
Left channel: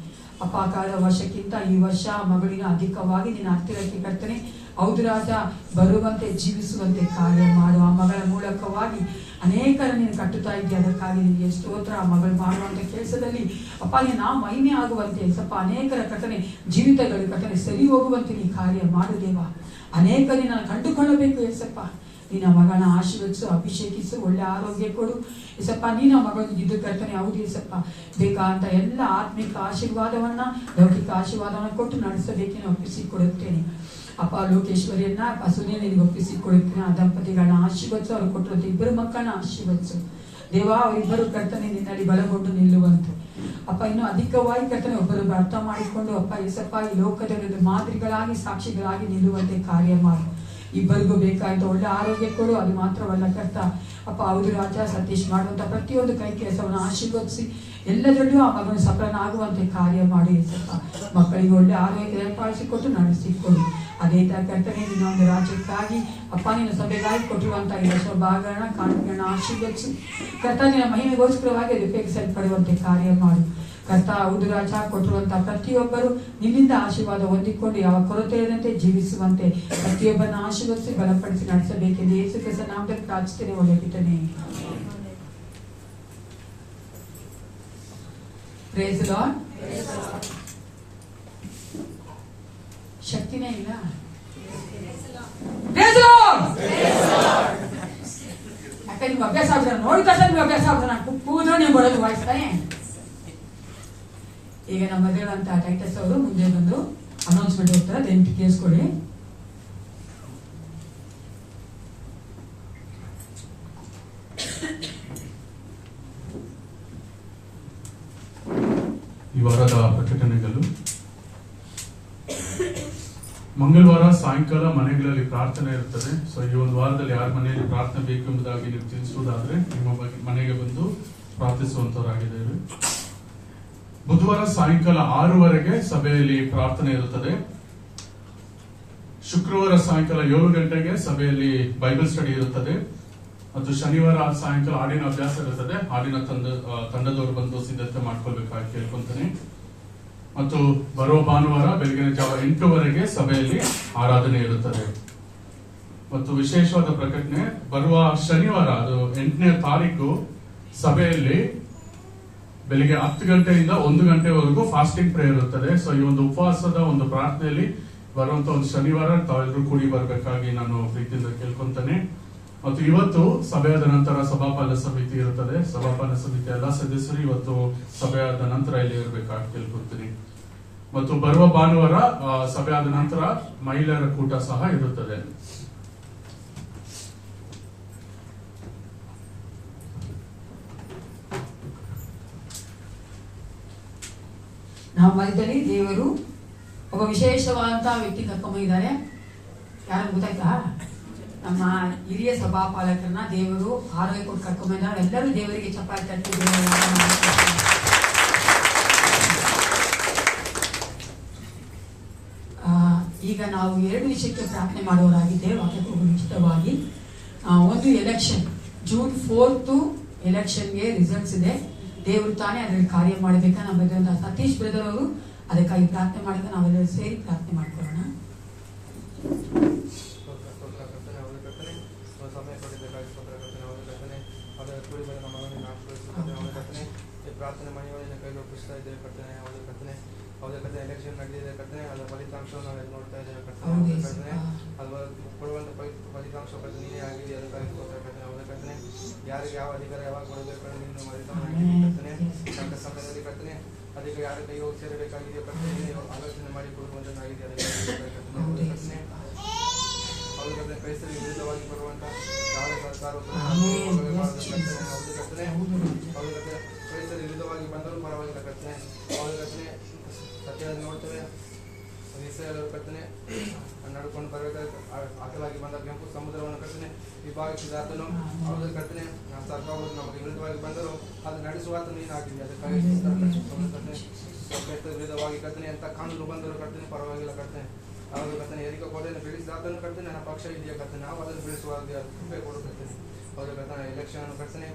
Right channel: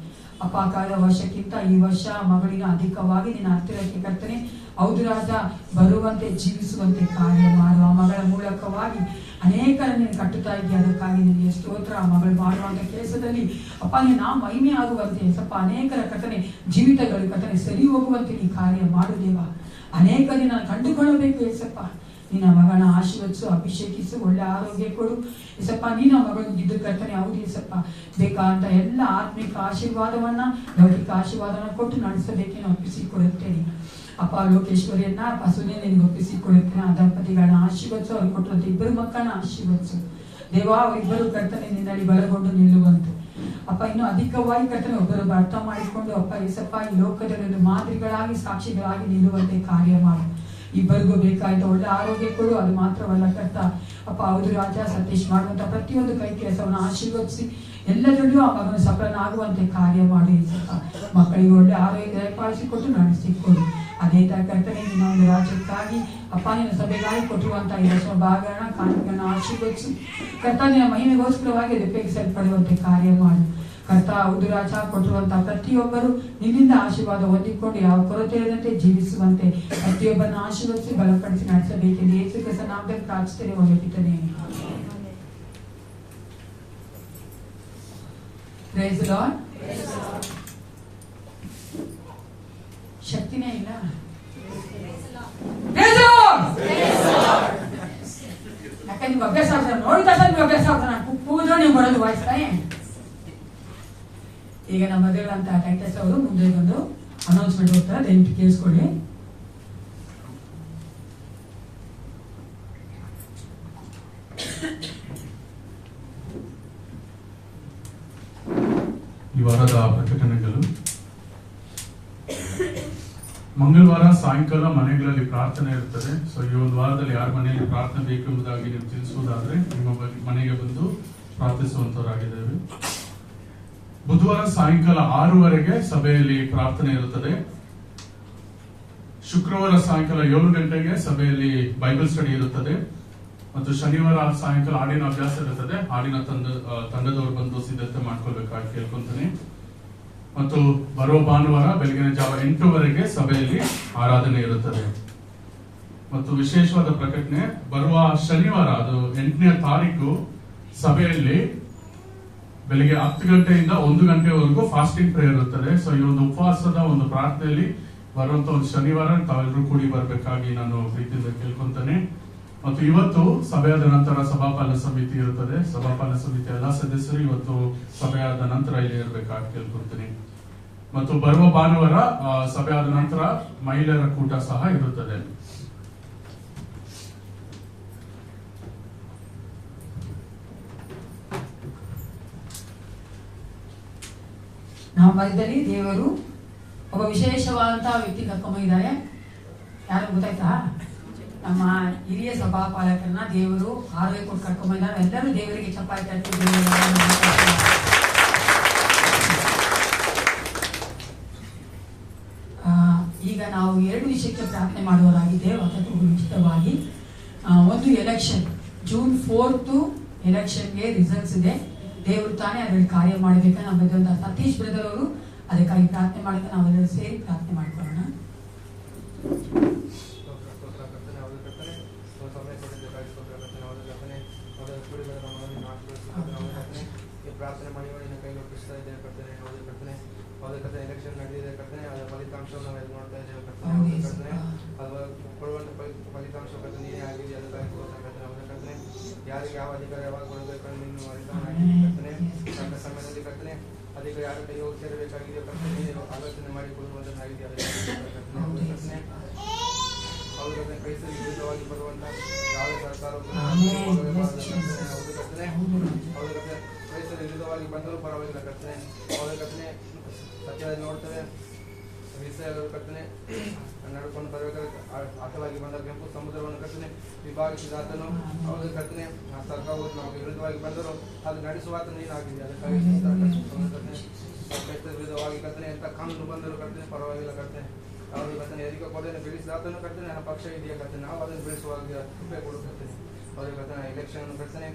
ಅಪ್ಪ. ಕಾಲ ವರ್ಷಕ್ಕಿಂತ ಈ ವರ್ಷ ಮಗಳಿನ ಅಧಿಕವಾಗಿ ನಿನ್ನ ಹತ್ತಿರಕ್ಕೆ ಕರ್ತನೆ ಹೌದು ರಾಜ ಬರುವಂತೆ ಜೀವಿಸುವಂತೆ ಕಾರ್ಯ ಮಾಡು. ಆ ಮಗಳ ಮೂಲಕವಾಗಿ ಅನೇಕರ ನೀನು ಕಟ್ಟುತ್ತಾ ಇದೆಯಾ, ಅದಕ್ಕಾಗಿ ನಿನಗೆ ಸ್ತೋತ್ರ. ಆ ಮಗಳು ಮಾಡುವಂತ ಕೆಲಸದಲ್ಲಿ ಅಪ್ಪ ನಾ ಮಹಿಮೆ ಆಗುವಂತೆ ಸ್ವಲ್ಪ ಅನೇಕರ ಕರ್ತನೆ ಜೀವಿತಗಳು ಕರ್ತನೆ ಸರಿ ಹೋಗುವಂತೆ ನೀ ಕಾರ್ಯ ಮಾಡು ದೇವ. ಅನೇಕರಿಗೆ ನಾನು ಕಂಡುಕೊಳ್ಳಬೇಕು ಏಸಪ್ಪ. ನಿನ್ನ ಮಗನ ಆಶೀರ್ವದಿಸು, ಅಭಿಷೇಕಿಸು, ಒಳ್ಳೆ ಆರೋಗ್ಯ ಕೊಡು ಏಸಪ್ಪ. ನೀನ ಮಗಳಿದ್ದು ಕರ್ತನೆ ಹೌದು ಏಸಪ್ಪ. ಬೇಕಾದಂತ ಎಲ್ಲ ಆತ್ಮಿಕ ಆಶೀರ್ವಾದವನ್ನ ಲೌಕಿಕ ಆಶೀರ್ವಾದವನ್ನ ಕೊಟ್ಟು ನಡೆಸಬೇಕೇನು ಒಪ್ಪಿಸಿಕೊಡುತ್ತೇನೆ ಅಪ್ಪ. ಲೋಕೇಶ್ವರಿಯನ್ನ ಸುನಿಯನಿಗೆ ಒಪ್ಪಿಸಿಕೊಡುತ್ತೇನೆ. ಆ ದಂಪತಿಗಳನ್ನ ಆಶೀರ್ವದಿಸು, ಅವ್ರು ಕೊಟ್ಟಿರುವಂತ ಇಬ್ಬರು ಮಕ್ಕಳನ್ನ ಆಶೀರ್ವದಿಸು ದೇವ. ಇಬ್ಬರು ಕರ್ತನೆ ನಿನ್ನಲ್ಲಿ ಬಲಗೊಂಡು ನಿಲ್ಲುವಂತೆ ಅಪ್ಪ. ಇನ್ನು ಅಧಿಕವಾಗಿ ಕರ್ತನೆ ಒಬ್ಬರು ಅರ್ಥ ಮಾಡಿಕೊಂಡು ಅಪ್ಪ ಏಸಪ್ಪ ಈ ಲೋಕದಲ್ಲಿ ಮಾದರಿಗಳಾಗಿ ಸಾಕ್ಷಿಗಳಾಗಿ ನಿಲ್ಲುವಂತೆ ಕಾರ್ಯ ಮಾಡು. ಇಬ್ಬರಿಗೂ ಬೇಕಾದ ಒಳ್ಳೆ ಆರೋಗ್ಯ ಕೊಡು. ಅದು ಮಾತ್ರವಲ್ಲ ಕರ್ತ ಅಪ್ಪ ಹೌದು ರಾಜ, ಸತೀಶ್ ಮಾಡುವಂತ ಪ್ರತಿಯೊಂದು ಕೈ ಕೆಲಸವನ್ನು ಆಶೀರ್ವದಿಸಿ ಎಲ್ಲದರಲ್ಲೂ ಆ ಮಗನ ಸಫಲನಾಗುವಂತೆ ಕಾರ್ಯ ಮಾಡಿ ಏಸಪ್ಪ. ಮಕ್ಕಳಿಗೆ ಒಳ್ಳೆ ಆರೋಗ್ಯ ದಯಪಾಲಿಸಿಕೊಟ್ಟು ನಡೆಸಿಕೊಡು. ಅದೇ ತರ ಕರ್ತನೆ ಒಂದು ರಾಜ್ಯಕ್ಕಾಗಿ ಅಪ್ಪ ನಿನ್ನ ಸಭೆಗಾಗಿ ಕೊಟ್ಟಿರುವಂತಹ ಈ ವರ್ಷ ಭಾಗಗಳನ್ನ ಕಾಣಿಕೆಗಳನ್ನ ಆಶೀರ್ವದಿಸಿ ಕರ್ತ ನಿನ್ನ ಮಹಿಮೆಗೋಸ್ಕರವಾಗಿ ಅದು ಉಪಯೋಗಿಸಲ್ಪಡುವಂತೆ ಕಾರ್ಯ ಮಾಡು ಕರ್ತ. ಹೌದು ರಾಜ, ಕೊಟ್ಟಿರುವಂತಹ ಪ್ರತಿಯೊಬ್ಬರು ನಿನ್ನಿಂದ ಆಶೀರ್ವಾದ ಹೊಂದಿಕೊಂಡು ಯಾವ ಕೊರತೆ ಇಲ್ಲದಂತೆ ಜೀವಿಸುವಂತೆ ಪ್ರತಿಯೊಬ್ಬರನ್ನ ಆಶೀರ್ವದಿಸಿ ಬಲಪಡಿಸಿ ನಡೆಸಬೇಕೆಂದು ಯೇಸು ಕ್ರಿಸ್ತನ ನಾಮದಲ್ಲಿ ಪ್ರಾರ್ಥಿಸುತ್ತೇನೆ. ಒಳ್ಳೆ ಪಿತನೇ, ಪ್ರೈಸ್ ದಿ ಲಾರ್ಡ್. ಶಕ್ತಿನೇ ಇಲ್ಲ. ಯಾಕಂದ್ರೆ ನೀವು ಅಭ್ಯಾಸ ಆಗ್ತಾರೆ, ನೋಡಿದ ತಕ್ಷಣ ನೀವು ಅಭ್ಯಾಸ ಆಗ್ತಾರೆ. ನಾನು ಕೂಗಿದ್ರೆ ನೀವು ಬರೋದು ವಾಯ್ಸ್ತಾನೆ. ಈಗ ನಮ್ಮ ಮದುವೆಂತ ಟೈಟಸ್ ಅವರು ಮುಂದೆ ಬಂದು ಅನೌನ್ಸ್ಮೆಂಟ್ ಹೋಗ್ತಾರೆ, ದಯವಿಟ್ಟು ಕೇಳಿಸ್ಕೊಳ್ಳಿ. ಈ ವಾರದ ಪ್ರಕಟಣೆಗಳು. ಮಂಗಳವಾರ ಸಾಯಂಕಾಲ ಮನೆಗಳಲ್ಲಿ ಪ್ರಾರ್ಥನೆ ಇರುತ್ತದೆ. ಸೊ ಈ ಒಂದು ವಾರದಲ್ಲಿ ಯಾರ ಮನೆಯಲ್ಲಿ ಪ್ರಾರ್ಥನೆ ಬೇಕು ಎಂಬುದಾಗಿ ನೀವು ತಿಳಿಸುವುದಾದ್ರೆ ನಿಮ್ಮ ಮನೆಗೆ ಬಂದು ಪ್ರಾರ್ಥಿಸುವಂತವರಾಗಿದ್ದೇವೆ. ಬುಧವಾರ ಸಾಯಂಕಾಲ 6:00 ಸಭೆಯಲ್ಲಿ ಪ್ರಾರ್ಥನೆ ಇರುತ್ತದೆ. ಶುಕ್ರವಾರ ಸಾಯಂಕಾಲ 7 ಗಂಟೆಗೆ ಸಭೆಯಲ್ಲಿ ಬೈಬಲ್ ಸ್ಟಡಿ ಇರುತ್ತದೆ. ಮತ್ತು ಶನಿವಾರ ಸಾಯಂಕಾಲ ಹಾಡಿನ ಅಭ್ಯಾಸ ಇರುತ್ತದೆ. ಹಾಡಿನ ತಂಡದವರು ಬಂದು ಸಿದ್ಧತೆ ಮಾಡ್ಕೊಳ್ಬೇಕಾಗಿ ಕೇಳ್ಕೊಂತಾನೆ. ಮತ್ತು ಬರುವ ಭಾನುವಾರ ಬೆಳಗಿನ ಜಾವ 8:00 ಸಭೆಯಲ್ಲಿ ಆರಾಧನೆ ಇರುತ್ತದೆ. ಮತ್ತು ವಿಶೇಷವಾದ ಪ್ರಕಟಣೆ, ಬರುವ ಶನಿವಾರ ಅದು 8ನೇ ತಾರೀಕು ಸಭೆಯಲ್ಲಿ ಬೆಳಿಗ್ಗೆ 10 ಗಂಟೆಯಿಂದ 1 ಗಂಟೆವರೆಗೂ ಫಾಸ್ಟಿಂಗ್ ಪ್ರೇಯರ್ ಇರುತ್ತದೆ. ಸೊ ಈ ಒಂದು ಉಪವಾಸದ ಒಂದು ಪ್ರಾರ್ಥನೆಯಲ್ಲಿ ಬರುವಂತ ಒಂದು ಶನಿವಾರ ತಾವೆಲ್ಲರೂ ಕೂಡಿ ಬರಬೇಕಾಗಿ ನಾನು ಪ್ರೀತಿಯಿಂದ ಕೇಳ್ಕೊಂತಾನೆ. ಮತ್ತು ಇವತ್ತು ಸಭೆಯಾದ ನಂತರ ಸಭಾಪಾಲನ ಸಮಿತಿ ಇರುತ್ತದೆ. ಸಭಾಪಾಲನ ಸಮಿತಿ ಎಲ್ಲ ಸದಸ್ಯರು ಇವತ್ತು ಸಭೆಯಾದ ನಂತರ ಇಲ್ಲಿ ಇರಬೇಕಾಗಿ ಕೇಳ್ಕೊತೀನಿ. ಮತ್ತು ಬರುವ ಭಾನುವಾರ ಸಭೆಯಾದ ನಂತರ ಮಹಿಳೆಯರ ಕೂಟ ಸಹ ಇರುತ್ತದೆ. ನಮ್ಮ ಮಧ್ಯದಲ್ಲಿ ದೇವರು ಒಬ್ಬ ವಿಶೇಷವಾದಂತಹ ವ್ಯಕ್ತಿ ಕರ್ಕೊಂಡ್ಬಂದಿದ್ದಾರೆ. ಯಾರು ಗೊತ್ತಾಯ್ತಾ? ನಮ್ಮ ಹಿರಿಯ ಸಭಾಪಾಲಕರನ್ನ ದೇವರು ಆರೋಗ್ಯ ಕೊಟ್ಟು ಕರ್ಕೊಂಡ್ಬಂದಿದ್ದಾರೆ. ಎಲ್ಲರೂ ದೇವರಿಗೆ ಚಪ್ಪಾಳೆ ತಟ್ಟಿದ್ರು. ಈಗ ನಾವು 2 ವಿಷಯಕ್ಕೆ ಪ್ರಾರ್ಥನೆ ಮಾಡುವವರಾಗಿದ್ದೇವೆ. ಅದಕ್ಕೆ ಮುಂಚಿತವಾಗಿ ಒಂದು ಎಲೆಕ್ಷನ್, ಜೂನ್ 4 ಎಲೆಕ್ಷನ್ಗೆ ರಿಸಲ್ಟ್ಸ್ ಇದೆ. ದೇವರು ತಾನೇ ಅದರಲ್ಲಿ ಕಾರ್ಯ ಮಾಡಬೇಕಾ ನಮ್ಮ ಒಂದು ಸತೀಶ್ ಬ್ರದರ್ ಅವರು ಅದಕ್ಕಾಗಿ ಪ್ರಾರ್ಥನೆ ಮಾಡಕ್ಕೆ ನಾವೆಲ್ಲರೂ ಸೇರಿ ಪ್ರಾರ್ಥನೆ ಮಾಡ್ಕೊಳ್ಳೋಣ. ಪ್ರಾರ್ಥನೆ ಮಾಡುವ ನಿನ್ನ ಕೈ ಒಪ್ಪಿಸ್ತಾ ಇದ್ದೇವೆ ಕರ್ತನೆ. ಹೌದು ಕರ್ತನೆ, ಹೌದು ಕರ್ತನೆ, ಎಲೆಕ್ಷನ್ ನಡೆದಿದೆ ಕರ್ತನೆ. ಅದರ ಫಲಿತಾಂಶವನ್ನು ನಾವೆಲ್ಲ ನೋಡ್ತಾ ಇದ್ದೇವೆ ಕರ್ತನೆ. ಅದು ಕೊಡುವಂತ ಫಲಿತಾಂಶ ಕರ್ತನೆ ನೀನೇ ಆಗಿದೆ. ಅದಕ್ಕಾಗಿ ಕರ್ತನೆ. ಹೌದು ಕರ್ತನೆ, ಯಾರಿಗೆ ಯಾವ ಅಧಿಕಾರ ಯಾವಾಗ ಕೊಡಬೇಕು ನಿನ್ನ ಕರ್ತನೆ. ಅಂತ ಸಮಯದಲ್ಲಿ ಕರ್ತನೆ ಅದಕ್ಕೆ ಯಾರ ಕೈ ಹೋಗಿ ಸೇರಬೇಕಾಗಿದೆ ಕರ್ತನೆ ಆಲೋಚನೆ ಮಾಡಿ ಕೊಡುವುದನ್ನಾಗಿದೆ. ಕರ್ತನೆ ಹೌದು ಕರ್ತನೆ, ಕ್ರೈಸ್ತರಿಗೆ ವಿರುದ್ಧವಾಗಿ ಬರುವಂತ ಯಾವ ಸರ್ಕಾರವು ಹೌದು ಕರ್ತನೆ, ಹೌದು ಕರ್ತನೆ, ಕ್ರೈಸ್ತರ ವಿರುದ್ಧವಾಗಿ ಬಂದರೂ ಪರವಾಗಿಲ್ಲ ಕರ್ತನೆ. ಹೌದು ಕರ್ತನೆ, ಸತ್ಯದಲ್ಲಿ ನೋಡ್ತೇವೆ ಇಸ್ರಾಯೇಲ್ ಅವರು ಕರ್ತನೆ ನಡ್ಕೊಂಡು ಬರಬೇಕಾದ್ರೆ ಅಕಲಾಗಿ ಬಂದ ಕೆಂಪು ಸಮುದ್ರವನ್ನು ಕರ್ತನೆ ವಿಭಾಗಿಸಿದಾತನು. ಹೌದು ಕರ್ತನೆ, ಸರ್ಕಾರವು ನಮಗೆ ವಿರುದ್ಧವಾಗಿ ಬಂದರೂ ಅದು ನಡೆಸುವಾತ ನೀನು ಹಾಕಿದೆ. ಅದಕ್ಕಾಗಿ ಕ್ರೈಸ್ತರ ವಿರುದ್ಧವಾಗಿ ಕರ್ತನೆ ಎಂತ ಕಾನೂನು ಬಂದರೂ ಕರ್ತನೆ ಪರವಾಗಿಲ್ಲ ಕರ್ತನೆ. ಹೌದು ಕರ್ತನೆ, ಎರಿಕೋ ಕೊಲೆಯನ್ನು ತಿಳಿಸಿದಾತನು ಕರ್ತನೆ ನನ್ನ ಪಕ್ಷ ಇದೆಯಾ ಕರ್ತನೆ, ನಾವು ಅದನ್ನು ಬೆಳೆಸುವಾಗ ಕೃಪೆ ಕೊಡುತ್ತೇವೆ. ಹೌದು ಕರ್ತನೆ, ಎಲೆಕ್ಷನ್ ಕರ್ತನೆ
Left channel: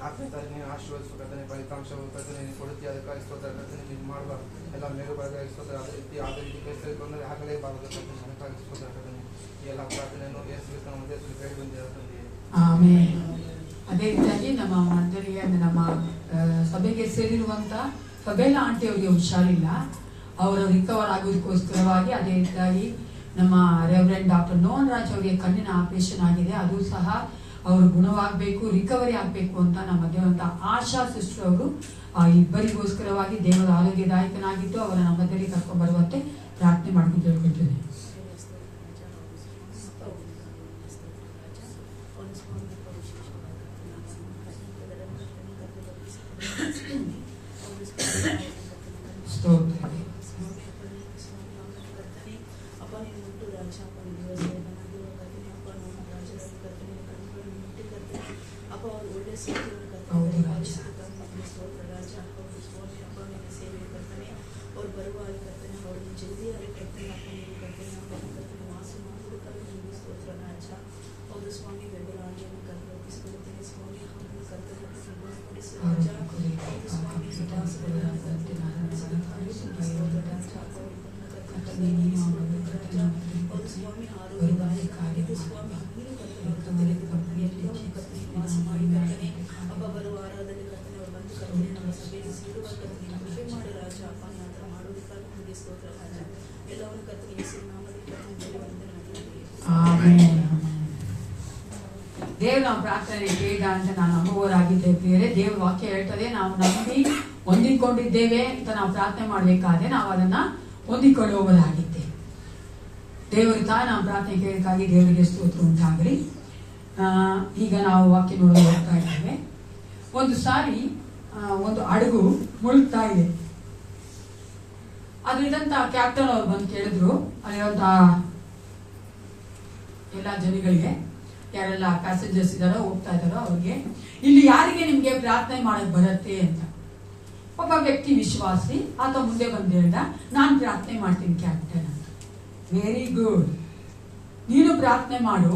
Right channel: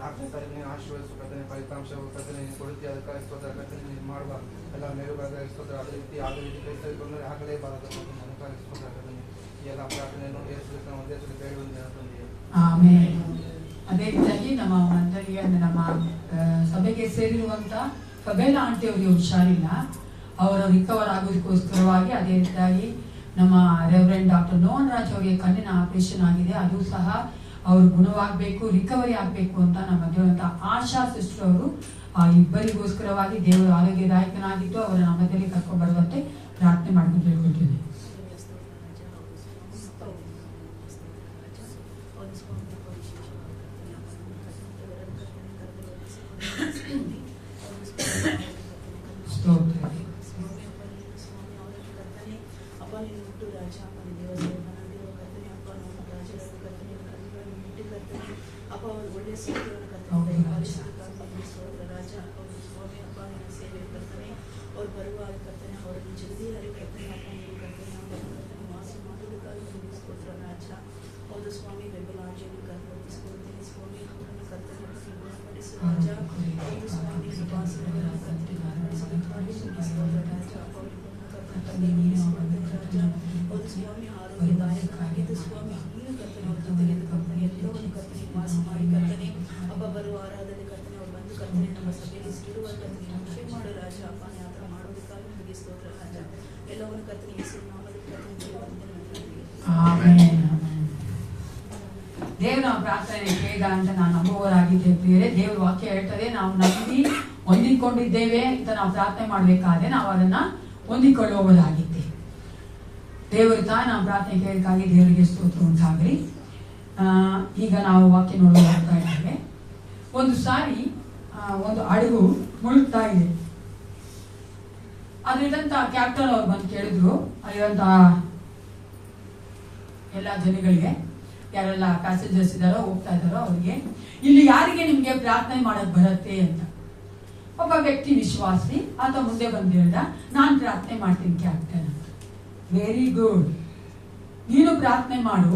4ನೇ ತಾರೀಕಿನ ಆಶೀರ್ವದಿಸುವ ಕರ್ತನೆ, ಫಲಿತಾಂಶವು ಕರ್ತನೆ ನೀನು ಕೊಡುತ್ತೀಯ. ಅದಕ್ಕಾಗಿ ಸ್ತೋತ್ರ ಕರ್ತನೆ, ನೀನು ಮಾಡುವ ಎಲ್ಲ ಮೇಲುಗಳಿಗಾಗಿ ಸ್ತೋತ್ರ. ಅದೇ ರೀತಿ ಕ್ರೈಸ್ತರಿಗೆ ಆಗಲೇಬಾರದು ಕರ್ತನೆ. ಅದಕ್ಕಾಗಿ ಸ್ತೋತ್ರ ಕರ್ತನೆ. ಈ ಎಲ್ಲ ಪ್ರಾರ್ಥನೆಯನ್ನು ಯೇಸುಕ್ರಿಸ್ತನ ಉದ್ದೇಶದಲ್ಲಿ ಕೈಗೊಂಡಿರುತ್ತದೆ. ಆಮೆನ್. ಅದೇ ರೀತಿಯಾಗಿ ನಮ್ಮ ಮಂಡಳಿಗೆ ಅಂದ್ರೆ ನಮ್ಮ ಸಭೆಗೆ ಸೇರಿರುವಂತ ಫಬೇಲಾ ಆಂಟಿ ಅವರಿಗೆ ಹುಷಾರಿಲ್ಲ, ಅವರು ರಿಕವರ್ ಆಗೋದಕ್ಕೋಸ್ಕರವಾಗಿ ಅದೇ ರೀತಿಯಾಗಿ ನಮ್ಮ ರೆವರೆಂಡ್ ಡಾಕ್ಟರ್ ನೋನ್ ರಾಜ್ ಅವರಿಗೆ ಕಣ್ಣಿನ ಆಪರೇಷನ್ ಆಗಿದೆ. ಅದು ಸಹ ಅವರು ಗುಣವಾಗಬೇಕು, ರಿಕವರಿ ಆಗಬೇಕು ಅಂತ ನಮ್ಮ ದೇವರಂತ ಆಶಾ ಸಿಸ್ಟರ್ ಅವರು ಇಬ್ಬರಿಗೋಸ್ಕರವಾಗಿ ದೇವರ ಆರೋಗ್ಯದಾಯಕನಾಗಿದ್ದು ಅವರ ನಮ್ಮ ಮಧ್ಯದಲ್ಲಿ ಕರ್ಕೊಂಡು ಬರುವಂತೆ ಪ್ರಾರ್ಥನೆ ಮಾಡ್ಕೊಂಡು ಹೇಳ್ಕೊಳ್ತೇನೆ. ದೇವ್ರ ನಾವು ಪ್ರಾರ್ಥನೆ ಬೇಗ ಅಂತ ನಾನು ನಂಬುವವರಾಗಿದ್ದೇವೆ. ದೇವ್ರ ವಾಕ್ಯ ಹೇಳ್ತದೆ, ನಾವು ನಂಬಿ ಹೊಂದಿಕೊಂಡಿದ್ದೇವೆ ಅಂತ ನಾವು ಪ್ರಾರ್ಥನೆ ಮಾಡ್ಬೇಕಾದ್ರೆ ನಾವು ಅದನ್ನ ಹೊಂದಿಕೊಳ್ಳುವವರಾಗಿದ್ದೇವೆ. ದೇವರು ತಾಯಿ ನಾವು ಪ್ರಾರ್ಥನೆ ಕೇಳಕ್ಕಾಗಿ ದೇವರಿಗೆ ಸ್ತೋತ್ರ ಉಂಟಾಗಲಿ. ಈಗ ನಾವು ವಾಕ್ಯ ನೋಡಲು ಹೋಗ್ತಾ ಇದ್ದೇವೆ. ಒಂದು ಸಾರಿ ಒಂದು ಹಡಗು ಮುಳುಗ್ತಾ ಇದೆ. ಅದರಿಂದ ಕ್ಯಾಪ್ಟನ್ ಅವ್ರು ಬಂದು ಕೇಳಿದ್ರು, ಅಲ್ಲಿರುವಂತ ಎಲ್ಲ ಜನಗಳಿಗೆ, ಯಾರೆಲ್ಲ ಪ್ಯಾಸೆಂಜರ್ಸ್ ಇದಾರೋ ಹೋಗ್ತಾ ಇದಾರೋ ಅವ್ರಿಗೆ, ಇಲ್ಲಿ ಯಾರಿಗೆ ನಿಮ್ಗೆ ಪ್ರಾರ್ಥನೆ ಮಾಡಕ್ ಬರುತ್ತೆ ಅಂತ. ಒಬ್ಬ ವ್ಯಕ್ತಿ ವಿಶ್ವಾಸಿ ಆತ ಮುಂದೆ ಬಂದು ಹೇಳ್ದ, ನಾನ್ ಪ್ರಾರ್ಥನೆ ಮಾಡ್ತೀನಿ ಕ್ಯಾಪ್ಟನ್ ಅಂತ. ವೆರಿ ಗುಡ್, ನೀನು ಪ್ರಾರ್ಥನೆ ಮಾಡು.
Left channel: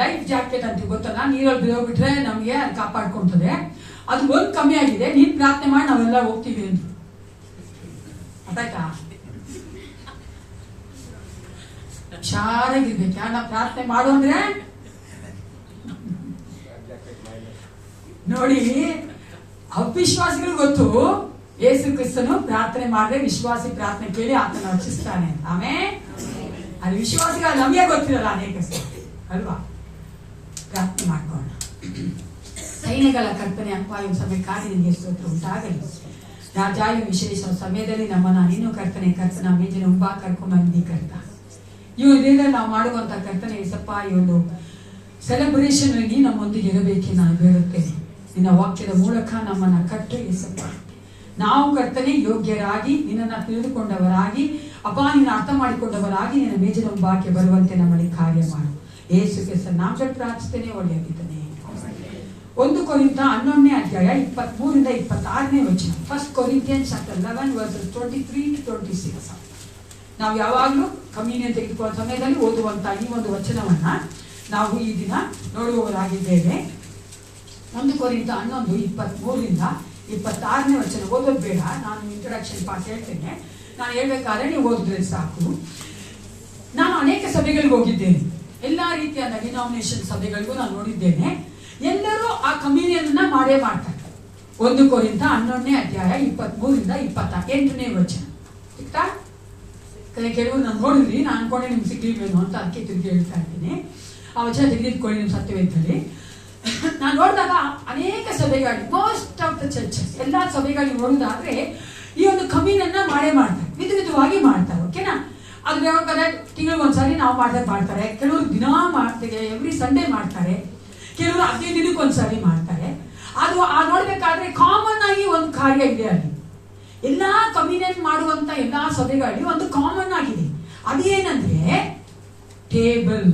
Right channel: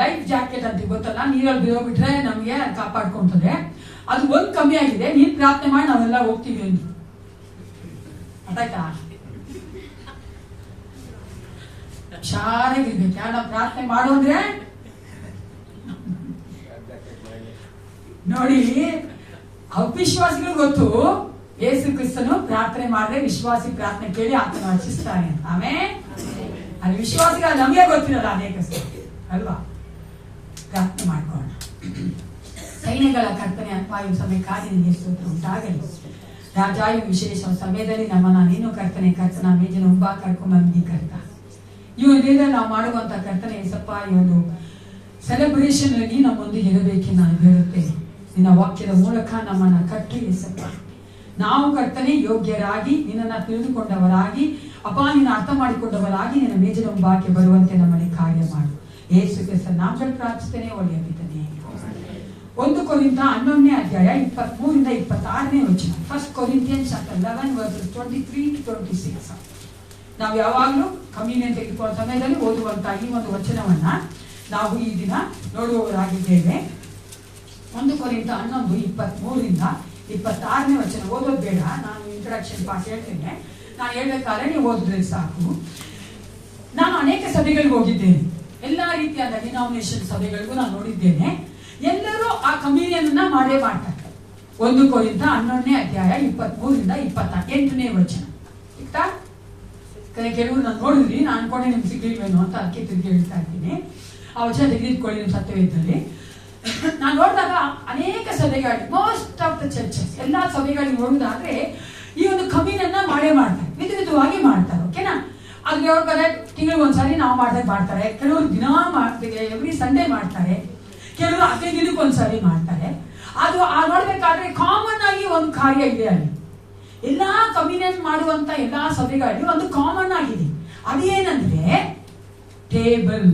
ಲೈಫ್ ಜಾಕೆಟ್ ಅಂತ ಗೊತ್ತಲ್ಲ, ನೀರಲ್ಲಿ ಬಿದ್ದೋಗ್ಬಿಟ್ರೆ ನಮ್ಗೆ ಕಾಪಾಡ್ಕೊಂತದೆ, ಅದು ಒಂದ್ ಕಮ್ಮಿ ಆಗಿದೆ, ನೀನ್ ಪ್ರಾರ್ಥನೆ ಮಾಡಿ ನಾವೆಲ್ಲ ಹೋಗ್ತೀವಿ ಅಂತ. ಅದಾಯ್ತಾ? ಹುಷಾರಾಗಿರ್ಬೇಕು. ಯಾರ ಪ್ರಾರ್ಥನೆ ಮಾಡು ಅಂದ್ರೆ ನೋಡಿ, ಅವಿಶ್ವಾಸಿಗಳು ಗೊತ್ತು ಯೇಸು ಕ್ರಿಸ್ತನು ಪ್ರಾರ್ಥನೆ ಮಾಡಿದ್ರೆ ವಿಶ್ವಾಸಿ ಪ್ರಾರ್ಥನೆ ಕೇಳಿ ಆತನ ರಕ್ಷಿಸ್ತಾನೆ. ಆಮೇಲೆ ಅದು ವಿಶ್ವಾಸಿಗಳ ನಮಗೆ ಗೊತ್ತಿರಲ್ಲ ಅನೇಕ ಅಲ್ವಾ. ಪ್ರಾರ್ಥನೆ ಮಾಡ್ಕೊಳ್ಳೋಣ. ಸೈನ್ಯಗಳ ಕರ್ತನೆ ಅನ್ಪಾಯ ಸಮಯಕ್ಕಾಗಿ ನಿಮಗೆ ಸ್ತೋತ್ರ ಉಂಟಾಗಲಿ. ರಾಜಾಯು ವಿಶೇಷ ಸಮಯದಲ್ಲಿ ನಮ್ಮನ್ನ ನೀನು ಕರ್ತನೆ ಕರ್ತನ ಮೇಜಿನ ಮುಂಬಾ ಕರ್ಕೊಂಡ್ ಬಂದಿ ಕರ್ತ. ಇದರಿಂದ ನಾವು ಮಾಡುವಂತ ಕರ್ತನೆ ಏಸಪ್ಪ, ಈ ಒಂದು ಸೆಲೆಬ್ರೇಷನ್ ಆಗಿ ನಮ್ಮೊಂದಿಗೆ ಇರಬೇಕೆ ನಾನು ಬೇಡುತ್ತೇನೆ. ನಿನ್ನ ವಾಕ್ಯದ ಮೂಲಕ ನಮ್ಮನ್ನ ಕಟ್ಟು ಏಸಪ್ಪ. ನಾವು ಕರ್ತನೆ ಯೋಗ್ಯರಾಗಿ ನಿನ್ನನ್ನು ತಿಳಿದುಕೊಂಡವರಾಗಿ ಅಪ್ಪ ನಿನ್ನ ಅರ್ಥ ಮಾಡಿಕೊಂಡವರಾಗಿ ನಿನ್ನ ಮೇಜಿನ ಮುಂಭಾಗಕ್ಕೆ ಬರುವಂತೆ ನಮ್ಮಲ್ಲಿ ಕಾರ್ಯ ಮಾಡು. ಯೇಸು ಕ್ರಿಸ್ತನ ನಾಮದಲ್ಲಿ ಪ್ರಾರ್ಥಿಸ್ತೇನೆ, ಒಳ್ಳೆಯ ಪಿತನೇ. 1 ಕೊರಿಂಥ 11ನೇ ಅಧ್ಯಾಯ 23ರಿಂದ 26ನೇ ವಚನ. 1 Corinthians 11 verses 23 to 26. ನಾವು ಯಾವಾಗಲೂ ಕಮ್ಯುನಿಯನ್ ತೆಗೆದುಕೊಳ್ಳುವ ಸಮಯದಲ್ಲಿ ಓದುವಂತ ಈ ಒಂದು ವಚನವನ್ನ ನಾವು ಈ ದಿನ ನೋಡುವವರಾಗಿದ್ದೇವೆ. 1 ಕೊರಿಂಥ 11 23ರಿಂದ 26ನೇ ವಚನ. ಓದೋದು ಬೇಡ, ನಾನು ಇಂಟ್ರಡಕ್ಷನ್ ಪಾಠ ಹೇಳ್ತೇನೆ. ನಾನು ಹೇಳ್ಬೇಕಾದ್ರೆ ನೀವು ಓದಿದ್ರೆ ಸಾಕು. ನಾನು ಅನೇಕ ಸಭೆಗಳಿಗೆ ಹೋಗಿದ್ದೇನೆ, ಎಲ್ಲಾ ರೀತಿಯಾದ ಡಿನಾಮಿನೇಷನ್ ಸಭೆಗಳಿಗೂ ನಾನು ನೋಡಿದ್ದೇನೆ. ಎಲ್ಲರೂ ಆ ಕಮ್ಯುನಿಯನ್ ಮಾಡೇ ಮಾಡ್ತಾರೆ. 1 ಕೊರಿಂಥ 11ನೇ ಅಧ್ಯಾಯ 23ರಿಂದ 28ನೇ ವಚನ. ಸಿಗ್ತಾ? ಕೆಲವರು ನಾನು ನೋಡಿದ್ರಿ, ನಾನು ಅನ್ಕೊಂಡೆ ನಿಮ್ಗೆ ಸಿಗ್ಲಿಲ್ವೇನೋ ಅಂತ ಅದಕ್ಕೆ ತಿರುಗಿ ಹೇಳ್ತಾ ಇದ್ದೀನಿ. ಆ ವಚನ ತೆಗೆದುಕೊಳ್ಳಿ ನಿಮ್ಮ ಸತ್ಯವೇದದಲ್ಲಿ. ನಾನು ನೋಡಿದಾಗ ಅನೇಕ ಸಭೆಗಳಿಗೆ, ಮೋಸ್ಟ್ ಆಫ್ ದ ಚರ್ಚಸ್, ಎಲ್ಲಾ ಸಭೆಗಳಿಗೆ ನೋಡುವುದಾದ್ರೆ ಈ ಒಂದು ಕಮ್ಯುನಿಯನ್ನ ಮಾಡೇ ಮಾಡ್ತಾರೆ, ವಿಧವಾಗಿ ಮಾಡ್ತಾರೆ. ಓಕೆನಾ? ಅದು ಯಾವಾಗ ತಿಂಗಳಿಗೆ ಒಂದ್ಸಾರಿ ನಾವು ಮಾಡ್ತಾರೆ, ಕೆಲವರು ದಿನ ಮಾಡ್ತಾರೆ, ಎವ್ರಿ ಸಂಡೇ ಮಾಡ್ತಾರೆ, ಕೆಲವರು 15 ದಿನಕ್ಕೆ ಒಂದ್ಸಾರಿ ಮಾಡ್ತಾರೆ. ಅದು ಆ ನೋಡ್ಬೇಕಾದ್ರೆ ಕಾಮನ್ ಆಗಿ ಒಂದು ಕಾರ್ಯ ಇದೆ ಅಲ್ಲಿ. ಎಲ್ಲಾ ಕಮ್ಯುನಿಯನ್ ಮಾಡುವಂತ ಎಲ್ಲಾ ಸಭೆಗಳಲ್ಲಿ ಒಂದು ಕಾಮನ್ ಆಗಿದೆ. ಅದೇನಂದ್ರೆ ಟೇಬಲ್,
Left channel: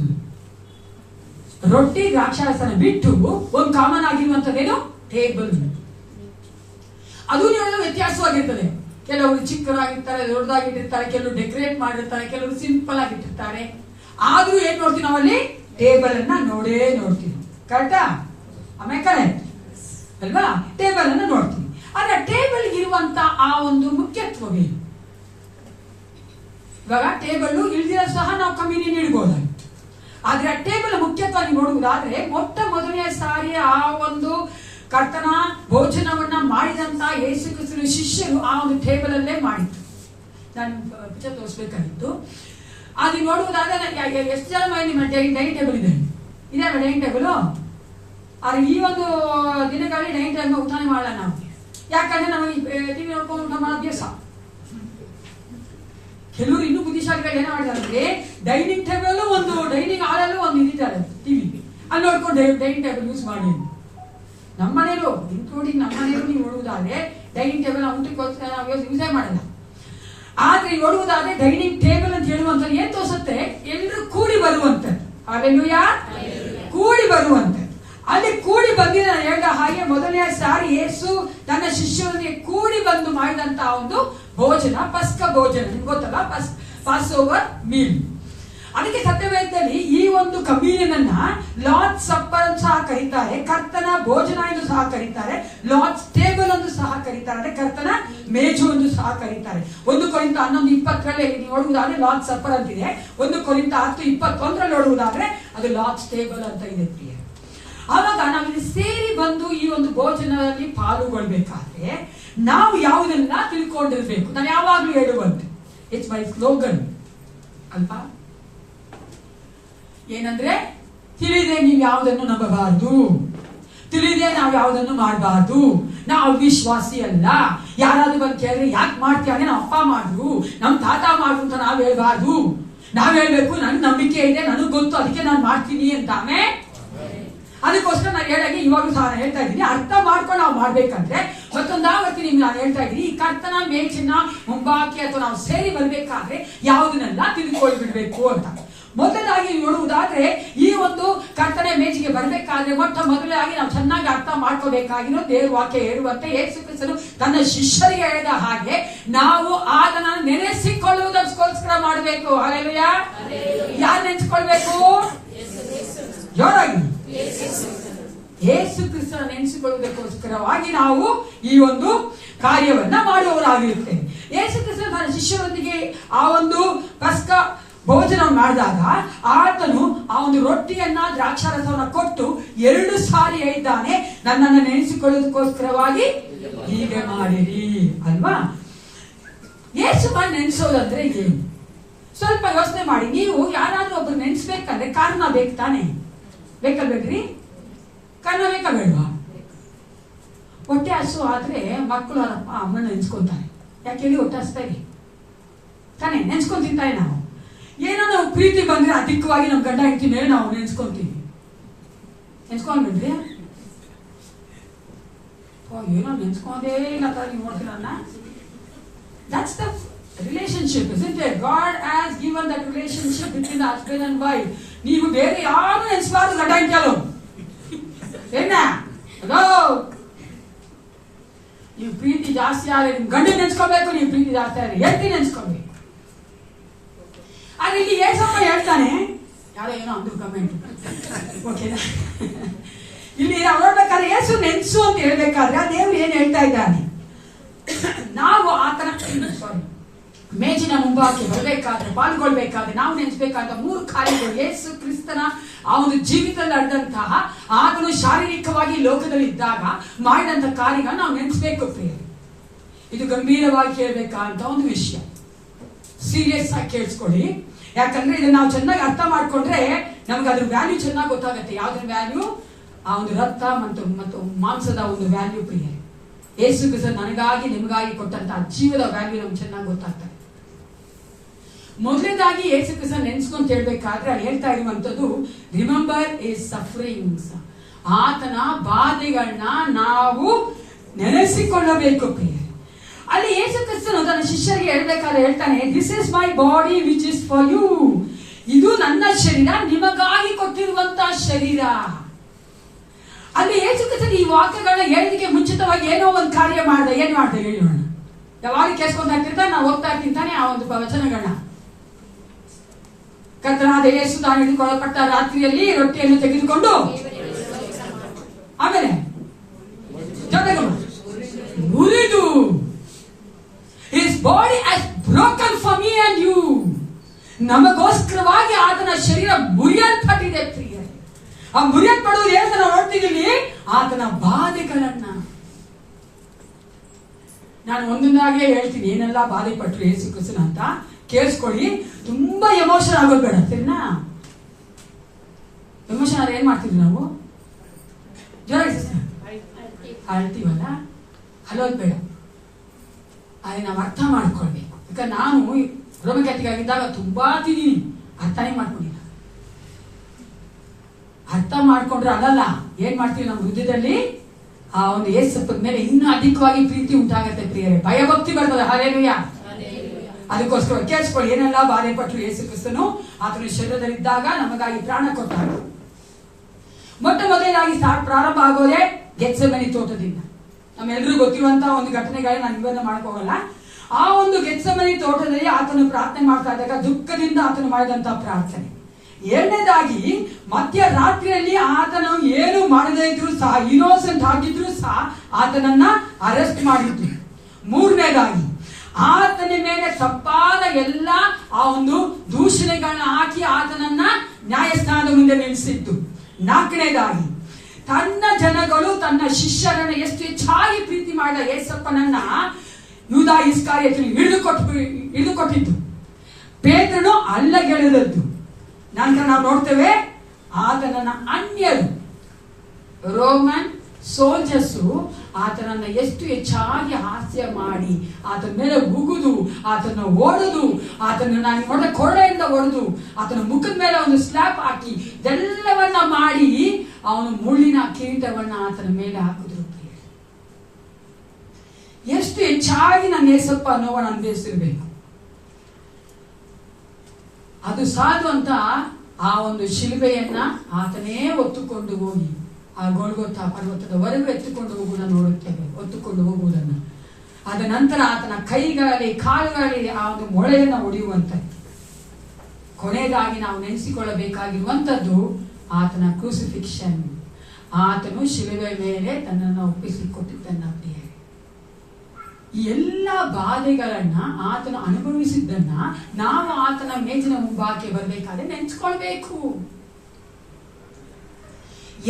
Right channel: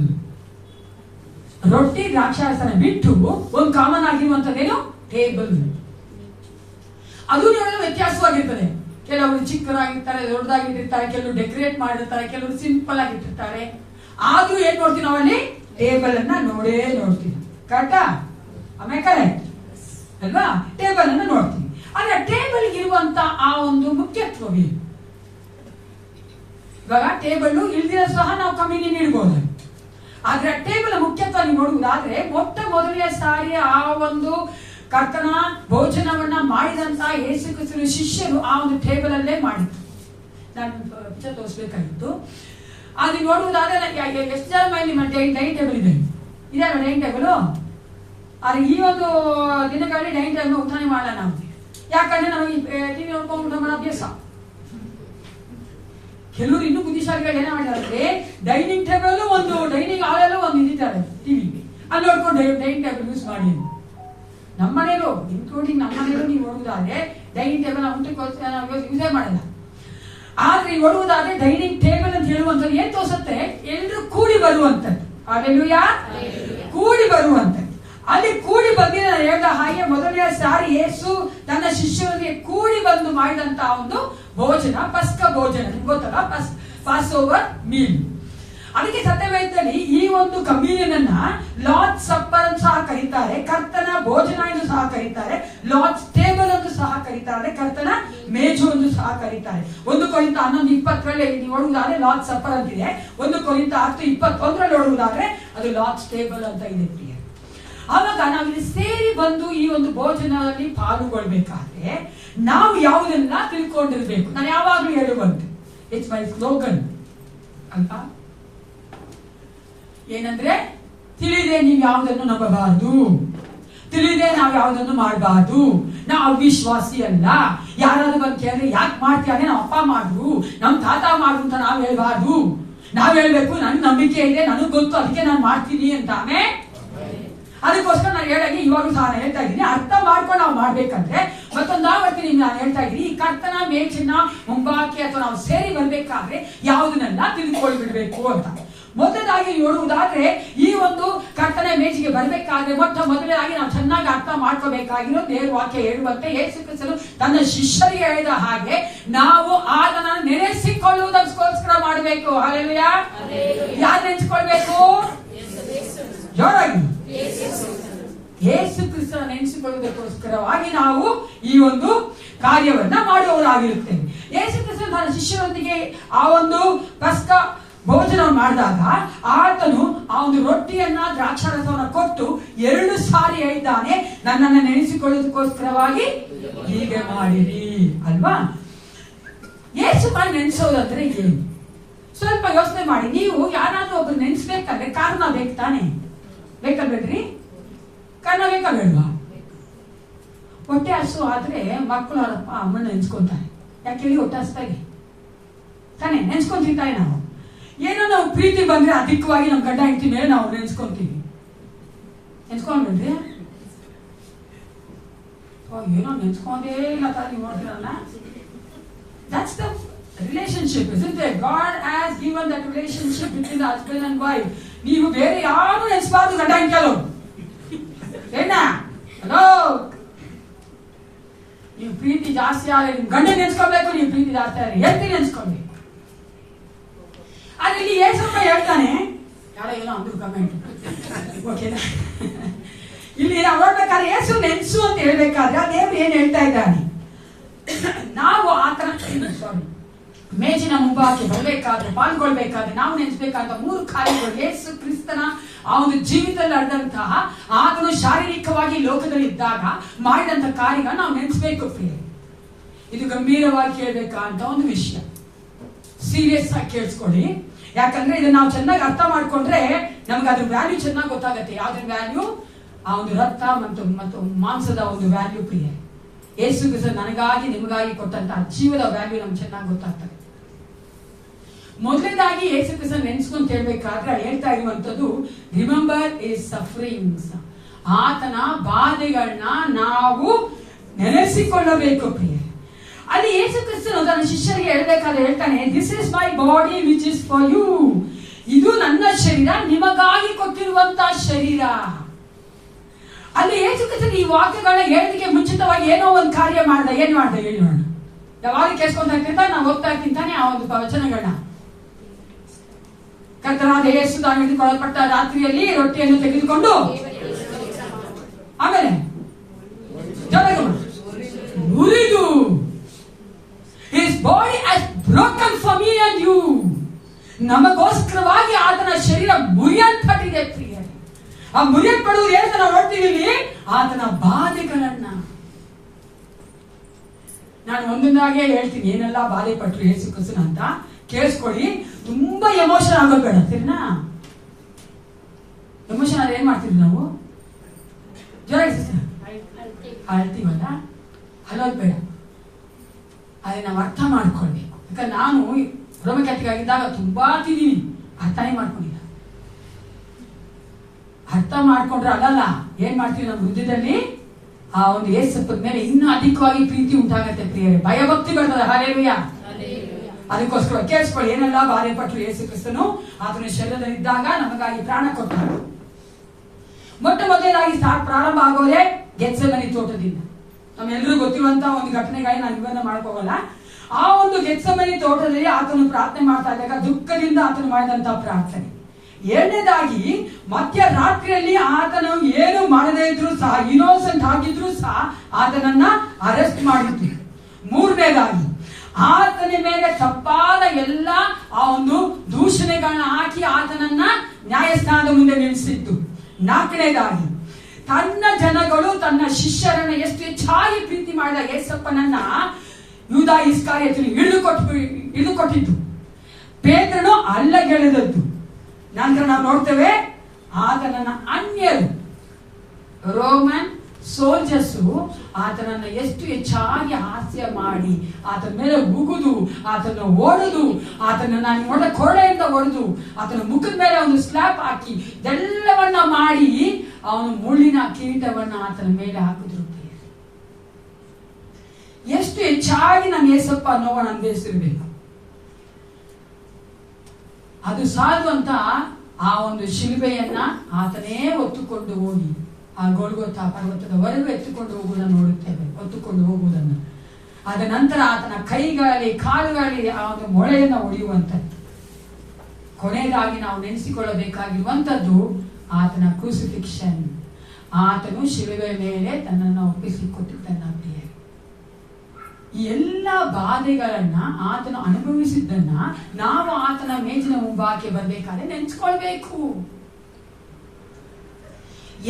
ರೊಟ್ಟಿ ದ್ರಾಕ್ಷಾರಸನ ಬಿಟ್ಟು ಒಂದು ಕಾಮನ್ ಆಗಿರುವಂತದ್ದೇನು ಟೇಬಲ್. ಅದು ವ್ಯತ್ಯಾಸವಾಗಿರ್ತದೆ. ಕೆಲವರು ಚಿಕ್ಕದಾಗಿರ್ತಾರೆ, ದೊಡ್ಡದಾಗಿಟ್ಟಿರ್ತಾರೆ, ಕೆಲವರು ಡೆಕೋರೇಟ್ ಮಾಡಿರ್ತಾರೆ, ಕೆಲವರು ಸಿಂಪಲ್ ಆಗಿಟ್ಟಿರ್ತಾರೆ. ಆದ್ರೂ ಏನ್ ನೋಡ್ತೀವಿ ನಾವಲ್ಲಿ? ಟೇಬಲ್ ಅನ್ನ ನೋಡ್ತೀವಿ. ಕರೆಕ್ಟಾ? ಆಮೇಲೆ ಕರೆಕ್ಟ್ ಅಲ್ವಾ? ಟೇಬಲ್ ಅನ್ನ ನೋಡ್ತೀವಿ. ಆದ್ರೆ ಟೇಬಲ್ ಇರುವಂತ ಆ ಒಂದು ಮುಖ್ಯತ್ವವೇ, ಇವಾಗ ಟೇಬಲ್ ಇಲ್ದಿರೋ ಸಹ ನಾವು ಕಮ್ಯುನಿಯನ್ ಇಡ್ಬೋದು. ಆದ್ರೆ ಟೇಬಲ್ ಮುಖ್ಯತ್ವ ನೀವು ನೋಡುವುದಾದ್ರೆ ಮೊಟ್ಟ ಮೊದಲನೇ ಸಾರಿ ಆ ಒಂದು ಕರ್ತನ ಭೋಜನವನ್ನ ಮಾಡಿದಂತ ಯೇಸು ಕ್ರಿಸ್ತನ ಶಿಷ್ಯರು ಆ ಒಂದು ಟೇಬಲ್ ಅಲ್ಲೇ ಮಾಡಿದ್ರು. ನಾನು ಪಿಕ್ಚರ್ ತೋರಿಸ್ಬೇಕಾಗಿತ್ತು. ಅದು ನೋಡುವುದಾದ್ರೆ ಎಷ್ಟು ಜನ ನಿಮ್ಮ ಡೈನಿಂಗ್ ಟೇಬಲ್ ಇದೆ? Dining table. ಆದ್ರೆ ಈ ಒಂದು ದಿನಗಳಲ್ಲಿ ಡೈನಿಂಗ್ ಟೇಬಲ್ ಉತ್ಥಾನ ಮಾಡಲ್ಲ ನಾವು. ಯಾಕಂದ್ರೆ ನಾವು ಟಿವಿ ನೋಡ್ಕೊಂಡು ನಮ್ಮ ಅಭ್ಯಾಸ. ಕೆಲವರು ಇನ್ನೂ ಬುದ್ಧಿಶಾಲಿಗಳು ಏನೇ ಮಾಡಿದಾರೆ, ಡೈನಿಂಗ್ ಟೇಬಲ್ ಒಂದು ಡೈನಿಂಗ್ ಹಾಲಲ್ಲೂ ಒಂದು ಇದಿದ್ದಾರೆ ಟಿವಿ, ಅಲ್ಲಿ ನೋಡ್ಕೊಂಡು ಡೈನಿಂಗ್ ಟೇಬಲ್ ಯೂಸ್ ಮಾಡಿ. ನಮ್ಮನೇಲೂ ಇನ್ಕ್ಲೂಡಿಂಗ್ ನಮ್ಮನೇಲೂ ನೀವು ನೋಡುವುದಾದ್ರೆ ಡೈನಿಂಗ್ ಟೇಬಲ್ ನಾವು ಯೂಸೇ ಮಾಡಲ್ಲ. ಆದ್ರೆ ನೋಡುವುದಾದ್ರೆ ಡೈನಿಂಗ್ ಟೇಬಲ್ ಅಂತ ಹೇಳುವಂತ ಏನ್ ತೋರಿಸುತ್ತೆ? ಎಲ್ಲರೂ ಕೂಡಿ ಬರುವಂತದ್ದು. ಅಲ್ಲೆಲ್ಲೂಯಾ, ಕೂಡಿ ಬರುವಂತದ್ದು. ಅಲ್ಲಿ ಕೂಡಿ ಬಂದಿದ ಹೇಳಿದ ಹಾಗೆ ಮೊದಲನೇ ಸಾರಿ ಯೇಸು ತನ್ನ ಶಿಷ್ಯರಿಗೆ ಕೂಡಿ ಬಂದು ಮಾಡಿದಂತ ಒಂದು ಭೋಜನ ಪಸ್ಕ ಭೋಜನ. ಗೊತ್ತಲ್ಲ, ಪಾಸ್ ಓವರ್ ಮೀಲ್. ಅದಕ್ಕೆ ಸತ್ಯವೇದದಲ್ಲಿ ಈ ಒಂದು ಕಮ್ಯುನಿಯನ್ ಅನ್ನ ಲಾರ್ಡ್ಸ್ ಸಪ್ಪರ್ ಅಂತ ಸಹ ಕರೀತಾರೆ, ಕರ್ತನ ಭೋಜನ ಎಂದು ಸಹ ಕರೀತಾರೆ, ಲಾರ್ಡ್ಸ್ ಟೇಬಲ್ ಎಂದು ಸಹ ಕರೀತಾರೆ, ಕರ್ತನ ಮೇಜು ಎಂದು ಸಹ ಕರೀತಾರೆ. 1 ಕೊರಿಂಥ 11:20 ನೋಡುವುದಾದ್ರೆ ಲಾರ್ಡ್ಸ್ ಸಪ್ಪರ್ ಅಂತಿದೆ. 1 ಕೊರಿಂಥ 10:21 ನೋಡುವುದಾದ್ರೆ ಅದು ಲಾರ್ಡ್ಸ್ ಟೇಬಲ್ ಅಂತ ಇದೆ. ಆವಾಗ ನಾವಿಲ್ಲಿ ಸೇರಿ ಬಂದು ಈ ಒಂದು ಭೋಜನದಲ್ಲಿ ಪಾಲ್ಗೊಳ್ಬೇಕಾದ್ರೆ ನಾವು ಯಾವುದೆಲ್ಲ ತಿಳ್ಕೊಂಡಿರ್ಬೇಕು. ನಾನು ಯಾವಾಗ್ಲೂ ಹೇಳುವಂತೆ, ಇಟ್ಸ್ ಮೈ ಸ್ಲೋಗನ್ ಅಲ್ವಾ? ಏನಂದ್ರೆ, ತಿಳಿದೆ ನೀವು ಯಾವುದನ್ನು ನಂಬಬಾರದು, ತಿಳಿದೆ ನಾವು ಯಾವುದನ್ನು ಮಾಡಬಾರ್ದು, ನಾವು ವಿಶ್ವಾಸಿ ಅಲ್ಲ. ಯಾರಾದ್ರೂ ಬಂದು ಕೇಳಿದ್ರೆ ಯಾಕೆ ಮಾಡ್ತೀವಿ? ನಮ್ಮ ಅಪ್ಪ ಮಾಡಿದ್ರು, ನಮ್ಮ ತಾತ ಮಾಡಿದ್ರು ಅಂತ ನಾವ್ ಹೇಳ್ಬಾರ್ದು. ನಾವ್ ಹೇಳ್ಬೇಕು, ನನ್ ನಂಬಿಕೆ ಇದೆ, ನನಗ್ ಗೊತ್ತು, ಅದಕ್ಕೆ ನಾನು ಮಾಡ್ತೀನಿ ಅಂತಾನೆ. ಅದಕ್ಕೋಸ್ಕರ ನಾನು ಹೇಳಾಗಿ ಇವಾಗಲೂ ಸಹ ಹೇಳ್ತಾ ಇದ್ದೀನಿ, ಅರ್ಥ ಮಾಡ್ಕೊಂಡು ನಾವು ಮಾಡ್ಬೇಕಂದ್ರೆ ಮತ್ತೊಂದಾವರ್ತಿ ನಿಮ್ಗೆ ನಾನು ಹೇಳ್ತಾ ಇದ್ದೀನಿ, ಈ ಕರ್ತನ ಮೇಚಿನ ಮುಂಭಾಗಕ್ಕೆ ಅಥವಾ ನಾವು ಸೇರಿ ಬರ್ಬೇಕಾದ್ರೆ ಯಾವುದನ್ನೆಲ್ಲ ತಿಳ್ಕೊಳ್ಬಿಡ್ಬೇಕು ಅಂತ. ಮೊದಲಾಗಿ ನೋಡುವುದಾದ್ರೆ ಈ ಒಂದು ಕರ್ತನೆ ಮೇಜಿಗೆ ಬರಬೇಕಾದ್ರೆ ಮೊಟ್ಟ ಮೊದಲಾಗಿ ನಾವು ಚೆನ್ನಾಗಿ ಅರ್ಥ ಮಾಡ್ಕೋಬೇಕಾಗಿರೋ ದೇವ್ರ ವಾಕ್ಯ ಹೇಳುವಂತೆ ಯೇಸು ಕ್ರಿಸ್ತನು ತನ್ನ ಶಿಷ್ಯರಿಗೆ ಹೇಳಿದ ಹಾಗೆ ನಾವು ಅದನ್ನ ನೆನೆಸಿಕೊಳ್ಳುವುದಕ್ಕೋಸ್ಕರ ಮಾಡಬೇಕು. ಹಲ್ಲೆಲೂಯಾ. ಯಾರು ನೆನೆಸಿಕೊಳ್ಬೇಕು? ಜೋರಾಗಿ ಯೇಸು ಕ್ರಿಸ್ತನ ನೆನೆಸಿಕೊಳ್ಳುವುದಕ್ಕೋಸ್ಕರವಾಗಿ ನಾವು ಈ ಒಂದು ಕಾರ್ಯವನ್ನ ಮಾಡುವವರಾಗಿರುತ್ತೇವೆ. ಯೇಸು ಕ್ರಿಸ್ತನ ತನ್ನ ಶಿಷ್ಯರೊಂದಿಗೆ ಆ ಒಂದು ಪಸ್ಕ ಭೋಜನ ಮಾಡಿದಾಗ ಆತನು ಆ ಒಂದು ರೊಟ್ಟಿಯನ್ನ ದ್ರಾಕ್ಷಾರಸವನ್ನ ಕೊಟ್ಟು 2 ಸಾರಿ ಹೇಳಿದ್ದಾನೆ, ನನ್ನನ್ನು ನೆನೆಸಿಕೊಳ್ಳೋದಕ್ಕೋಸ್ಕರವಾಗಿ ಹೀಗೆ ಮಾಡಿರಿ ಅಲ್ವಾ? ಯೇಸು ಮಾಡಿ ನೆನೆಸೋದಂದ್ರೆ ಏನು? ಸ್ವಲ್ಪ ಯೋಚನೆ ಮಾಡಿ. ನೀವು ಯಾರಾದ್ರೂ ಒಬ್ರು ನೆನೆಸ್ಬೇಕಂದ್ರೆ ಕಾರಣ ಬೇಕು ತಾನೆ? ಬೇಕಲ್ಬೇಡ್ರಿ? ಕಾರಣ ಬೇಕಾ ಬೇಡವಾ? ಹೊಟ್ಟೆ ಹಸು ಆದ್ರೆ ಮಕ್ಕಳು ಅಮ್ಮನ ನೆನ್ಸ್ಕೊಂತಾರೆ. ಯಾಕೆ ಹೇಳಿ? ಹೊಟ್ಟೆ ಹಸ್ತಾಗಿ ತಾನೆ ನೆನ್ಸ್ಕೊಂತಿಂತಾನೆ. ನಾವು ಏನೋ ನಾವು ಪ್ರೀತಿ ಬಂದ್ರೆ ಅಧಿಕವಾಗಿ ನಮ್ ಗಂಡ ಹೆಂಡತಿ ಮೇಲೆ ನಾವು ನೆನ್ಸ್ಕೊಂತೀವಿ. ನೆನ್ಸ್ಕೊಂಡ್ಬಿಡ್ರಿ. ಏನೋ ನೆನ್ಸ್ಕೊಂಡೇ ಇಲ್ಲ ತರ ನೀವು ನೋಡ್ತೀರಲ್ಲ. That's the relationship, isn't it? God has given that relationship between the husband and wife. ನೀವು ಬೇರೆ ಯಾರು ನೆನ್ಸ್ಬಾರ್ದು ಗಂಡ ಹೆಂಡತಿಯರು. ಏನ ಹಲೋ, ನೀವು ಪ್ರೀತಿ ಜಾಸ್ತಿ ಆದ್ರೆ ನಿಮ್ ಗಂಡ ನೆನ್ಸ್ಕೊಳ್ಬೇಕು, ನೀವು ಪ್ರೀತಿ ಜಾಸ್ತಿ ಆದ್ರೆ ಹೆಂಡತಿ ನೆನ್ಸ್ಕೊಳ್ಬೇಕು. ಆದ್ರೆ ಇಲ್ಲಿ ಏಸಪ್ಪ ಹೇಳ್ತಾನೆ, ಯಾರೋ ಏನೋ ಅಂದ್ರು ಕಮೆಂಟ್, ಓಕೆನಾ? ಇಲ್ಲಿ ಹೊರಡ್ಬೇಕಾದ್ರೆ ಏಸು ನೆನ್ಸು ಅಂತ ಹೇಳ್ಬೇಕಾದ್ರೆ ದೇವ್ರು ಏನ್ ಹೇಳ್ತಾ ಇದ್ದಾನೆ, ನಾವು ಆತನ ಮೇಜಿನ ಮುಂಭಾಗಕ್ಕೆ ಬರಬೇಕಾದ್ರೆ, ಪಾಲ್ಗೊಳ್ಬೇಕಾದ್ರೆ ನಾವು ನೆನೆಸಬೇಕಾದ 3 ಕಾರ್ಯಗಳು ಯೇಸು ಕ್ರಿಸ್ತನ ಆ ಒಂದು ಜೀವಿತದಲ್ಲಿ ನಡೆದಂತಹ, ಆತನು ಶಾರೀರಿಕವಾಗಿ ಲೋಕದಲ್ಲಿ ಇದ್ದಾಗ ಮಾಡಿದಂತ ಕಾರ್ಯಗಳನ್ನ ನಾವು ನೆನೆಸಬೇಕು ಪ್ರಿಯ. ಇದು ಗಂಭೀರವಾಗಿ ಕೇಳಬೇಕಾದಂತ ಒಂದು ವಿಷಯ, ಸೀರಿಯಸ್ ಆಗಿ ಕೇಳಿಸ್ಕೊಳ್ಳಿ. ಯಾಕಂದ್ರೆ ಇದನ್ನ ನಾವು ಚೆನ್ನಾಗಿ ಅರ್ಥ ಮಾಡ್ಕೊಂಡ್ರೆ ನಮ್ಗೆ ಅದ್ರ ವ್ಯಾಲ್ಯೂ ಚೆನ್ನಾಗಿ ಗೊತ್ತಾಗತ್ತೆ. ಯಾವ್ದ್ರ ವ್ಯಾಲ್ಯೂ? ಆ ಒಂದು ರಕ್ತ ಮತ್ತು ಮಾಂಸದ ಒಂದು ವ್ಯಾಲ್ಯೂ ಪ್ರಿಯ. ಯೇಸು ಕ್ರಿಸ್ತ ನನಗಾಗಿ ನಿಮಗಾಗಿ ಕೊಟ್ಟಂತ ಜೀವದ ವ್ಯಾಲ್ಯೂ ನಮ್ಗೆ ಚೆನ್ನಾಗಿ ಗೊತ್ತಾಗ್ತದೆ. ಮೊದಲನೇದಾಗಿ ಯೇಸು ಕ್ರಿಸ್ತ ನೆನ್ಸ್ಕೊಂತ ಹೇಳ್ಬೇಕಾದ್ರೆ ಹೇಳ್ತಾ ಇರುವಂತದ್ದು, ರಿಮೆಂಬರ್ ಇಸ್ ಸಫರಿಂಗ್ಸ್. ಆತನ ಬಾಧೆಗಳನ್ನ ನಾವು ನೆನೆಸಿಕೊಳ್ಳಬೇಕು ಪ್ರಿಯ. ಅಲ್ಲಿ ಯೇಸು ಕ್ರಿಸ್ತನು ತನ್ನ ಶಿಷ್ಯರಿಗೆ ಹೇಳ್ಬೇಕಾದ್ರೆ ಹೇಳ್ತಾನೆ, this is my body which is for you. ಇದು ನನ್ನ ಶರೀರ, ನಿಮಗಾಗಿ ಕೊಟ್ಟಿರುವಂತಹ ಶರೀರ. ಅಲ್ಲಿ ಯೇಸು ಕ್ರಿಸ್ತನು ಈ ವಾಕ್ಯಗಳನ್ನ ಹೇಳಲಿಕ್ಕೆ ಮುಂಚಿತವಾಗಿ ಏನೋ ಒಂದು ಕಾರ್ಯ ಮಾಡ್ದ. ಏನ್ ಮಾಡ್ದೆ ಹೇಳೋಣ? ಯಾವಾಗ ಕೇಳಿಸ್ಕೊಂತ ಇರ್ತಾನೆ, ನಾವು ಹೋಗ್ತಾ ಇರ್ತಾನೆ ಆ ಒಂದು ವಚನಗಳನ್ನ. ಕರ್ತನಾದ ಯೇಸು ತಾನು ಹಿಡಿದುಕೊಳ್ಳಲ್ಪಟ್ಟ ರಾತ್ರಿಯಲ್ಲಿ ರೊಟ್ಟಿಯನ್ನು ತೆಗೆದುಕೊಂಡು ಆಮೇಲೆ ಮುರಿದು, his body has broken for me and you. ನಮಗೋಸ್ಕರವಾಗಿ ಆತನ ಶರೀರ ಮುರಿಯಲ್ಪಟ್ಟಿದೆ ಪ್ರಿಯ. ಆ ಮುರಿಯಲ್ಪಡುವುದು ಏನು ನಾವು ನೋಡ್ತೀವಿ ಇಲ್ಲಿ? ಆತನ ಬಾಧೆಗಳನ್ನ. ನಾನು ಒಂದೊಂದಾಗೆ ಹೇಳ್ತೀನಿ ಏನೆಲ್ಲ ಬಾಧೆ ಪಟ್ರು ಯೇಸು ಕ್ರಿಸ್ತನ ಅಂತ ಕೇಳಿಸ್ಕೊಳ್ಳಿ. ತುಂಬಾ ಎಮೋಷನ್ ಆಗೋದು ಬೇಡ, ಸರಿನಾ? ಎಮೋಷನ್ ಆದ್ರೆ ಏನ್ ಮಾಡ್ತೀವಿ ನಾವು? ಜ್ವರ ಅಳ್ತೀವಲ್ಲ, ಅಳೋದ್ ಬೇಡ. ಅದೇ ನಾವು ಅರ್ಥ ಮಾಡ್ಕೊಳ್ಳಿ. ಯಾಕಂದ್ರೆ ನಾನು ರೋಮಕ್ಯಾಥಿಗಾಗಿದ್ದಾಗ ತುಂಬಾ ತಿದೀನಿ, ಅರ್ಥನೇ ಮಾಡ್ಕೊಂಡಿಲ್ಲ. ಅರ್ಥ ಮಾಡ್ಕೊಂಡ್ರೆ ಅದಲ್ಲ, ಏನ್ ಮಾಡ್ತೀವಿ ನಮ್ಮ ಹೃದಯದಲ್ಲಿ ಆ ಒಂದು ಯೇಸಪ್ಪನ ಮೇಲೆ ಇನ್ನೂ ಅಧಿಕವಾಗಿ ಪ್ರೀತಿ ಉಂಟಾಗತ್ತೆ ಪ್ರಿಯರೇ, ಭಯಭಕ್ತಿ ಬರ್ತದೆ. ಹಾಲೆಲೂಯಾ. ಅದಕ್ಕೋಸ್ಕರ ಕೇಳಿಸ್ಕೊಳ್ಳಿ, ಏನೆಲ್ಲ ಬಾಧೆ ಪಟ್ಟರು ಯೇಸು ಕ್ರಿಸ್ತನು ಆತನ ಶರೀರದಲ್ಲಿದ್ದಾಗ ನಮಗಾಗಿ ಪ್ರಾಣ ಕೊಟ್ಟ. ಮೊಟ್ಟ ಮೊದಲನೇದಾಗಿ ಪ್ರಾರಂಭ ಆಗೋದೇ ಗೆತ್ಸೆಮನೆ ತೋಟದಿಂದ. ನಮ್ಮೆಲ್ಲರೂ ಗೊತ್ತಿರುವಂತಹ ಒಂದು ಘಟನೆಗಳನ್ನ ನಾನು ವಿವರಣೆ ಮಾಡಕ್ ಹೋಗಲ್ಲ. ಆ ಒಂದು ಗೆತ್ಸೆಮನೆ ತೋಟದಲ್ಲಿ ಆತನು ಪ್ರಾರ್ಥನೆ ಮಾಡ್ತಾ ಇದ್ದಾಗ ದುಃಖದಿಂದ ಆತನು ಮಾಡಿದಂತಹ ಪ್ರಾರ್ಥನೆ. ಎರಡನೇದಾಗಿ ಮಧ್ಯರಾತ್ರಿಯಲ್ಲಿ ಆತನು ಏನು ಮಾಡದೇ ಇದ್ರು ಸಹ, ಇನ್ನೋಸೆಂಟ್ ಆಗಿದ್ರು ಸಹ ಆತನನ್ನ ಅರೆಸ್ಟ್ ಮಾಡಿದ್ರು. ಮೂರನೇದಾಗಿ ಆತನ ಮೇಲೆ ತಪ್ಪಾದ ಎಲ್ಲ ಆ ಒಂದು ದೂಷಣೆಗಳನ್ನ ಹಾಕಿ ಆತನನ್ನ ನ್ಯಾಯಸ್ಥಾನದ ಮುಂದೆ ನಿಲ್ಲಿಸಿತ್ತು. ನಾಲ್ಕನೇದಾಗಿ ತನ್ನ ಜನಗಳು ತನ್ನ ಶಿಷ್ಯರನ್ನ ಎಷ್ಟು ಹೆಚ್ಚಾಗಿ ಪ್ರೀತಿ ಮಾಡಿದ ಯೇಸಪ್ಪನನ್ನ ಯೂದ ಇಸ್ಕರಿಯೋತನು ಹಿಡಿದುಕೊಟ್ಟಿದ್ದು, ಪೇತ್ರನು ಅಲ್ಲಗೆಳೆದದ್ದು. ನಂತರ ನಾವು ನೋಡ್ತೇವೆ ಆತನನ್ನ ಅನ್ಯರು, ರೋಮನ್ ಸೋಲ್ಜರ್ಸ್ ಆತನನ್ನ ಎಷ್ಟು ಹೆಚ್ಚಾಗಿ ಹಾಸ್ಯ ಮಾಡಿ ಆತನ ಮೇಲೆ ಉಗುದು, ಆತನ ಓಡದು, ಆತನ ಕೊರಡೆಯಿಂದ ಹೊಡೆದು, ಆತನ ಮುಖದ ಮೇಲೆ ಒಂದು ಸ್ಲ್ಯಾಪ್ ಹಾಕಿ ಇದೆಲ್ಲವನ್ನ ಮಾಡಿ ಅವನು ಮುಳ್ಳಿನ ಕಿರೀಟವನ್ನ ಆತನ ಮೇಲೆ ಹಾಕಿದ್ರು. ಎಷ್ಟು ಹೆಚ್ಚಾಗಿ ನಾನು ಯೇಸಪ್ಪ ನೋವನ್ನು ಅನುಭವಿಸಿರ್ಬೇಕು. ಅದು ಸಾಧು ಅಂತ ಆ ಒಂದು ಶಿಲುಬೆಯನ್ನ ಆತನೇ ಒತ್ತುಕೊಂಡು ಹೋಗಿ ಆ ಗೊಲ್ಗೊಥಾ ಪರ್ವತದವರೆಗೂ ಎತ್ತುಕೊಂಡು ಹೋಗುವುದನ್ನು ನೋಡುತ್ತೇವೆ, ಒತ್ತುಕೊಂಡು ಹೋಗುವುದನ್ನು. ಅದ ನಂತರ ಆತನ ಕೈಗಳಲ್ಲಿ ಕಾಲುಗಳಲ್ಲಿ ಆ ಒಂದು ಮೊಳೆಯನ್ನು ಹೊಡೆಯುವಂತ. ಕೊನೆಯದಾಗಿ ನಾವು ನೆನೆಸಿಕೊಳ್ಳಬೇಕಾಗಿರುವಂತದ್ದು ಆತನ ಕ್ರೂಸಿಫಿಕ್ಷನ್. ಆತನು ಶಿಲುಬೆ ಮೇಲೆ ತನ್ನನ್ನು ಒಪ್ಪಿಸಿಕೊಟ್ಟಿದ್ದನ್ನ ಪ್ರಿಯರೇ. ಈ ಎಲ್ಲ ಬಾಧೆಗಳನ್ನ ಆತನು ಅನುಭವಿಸಿದ್ದನ್ನ ನಾವು ಆತನ ಮೇಜಿನ ಮುಂಭಾಗಕ್ಕೆ ಬರಬೇಕಾದ್ರೆ ನೆನ್ಸ್ಕೊಳ್ಬೇಕು.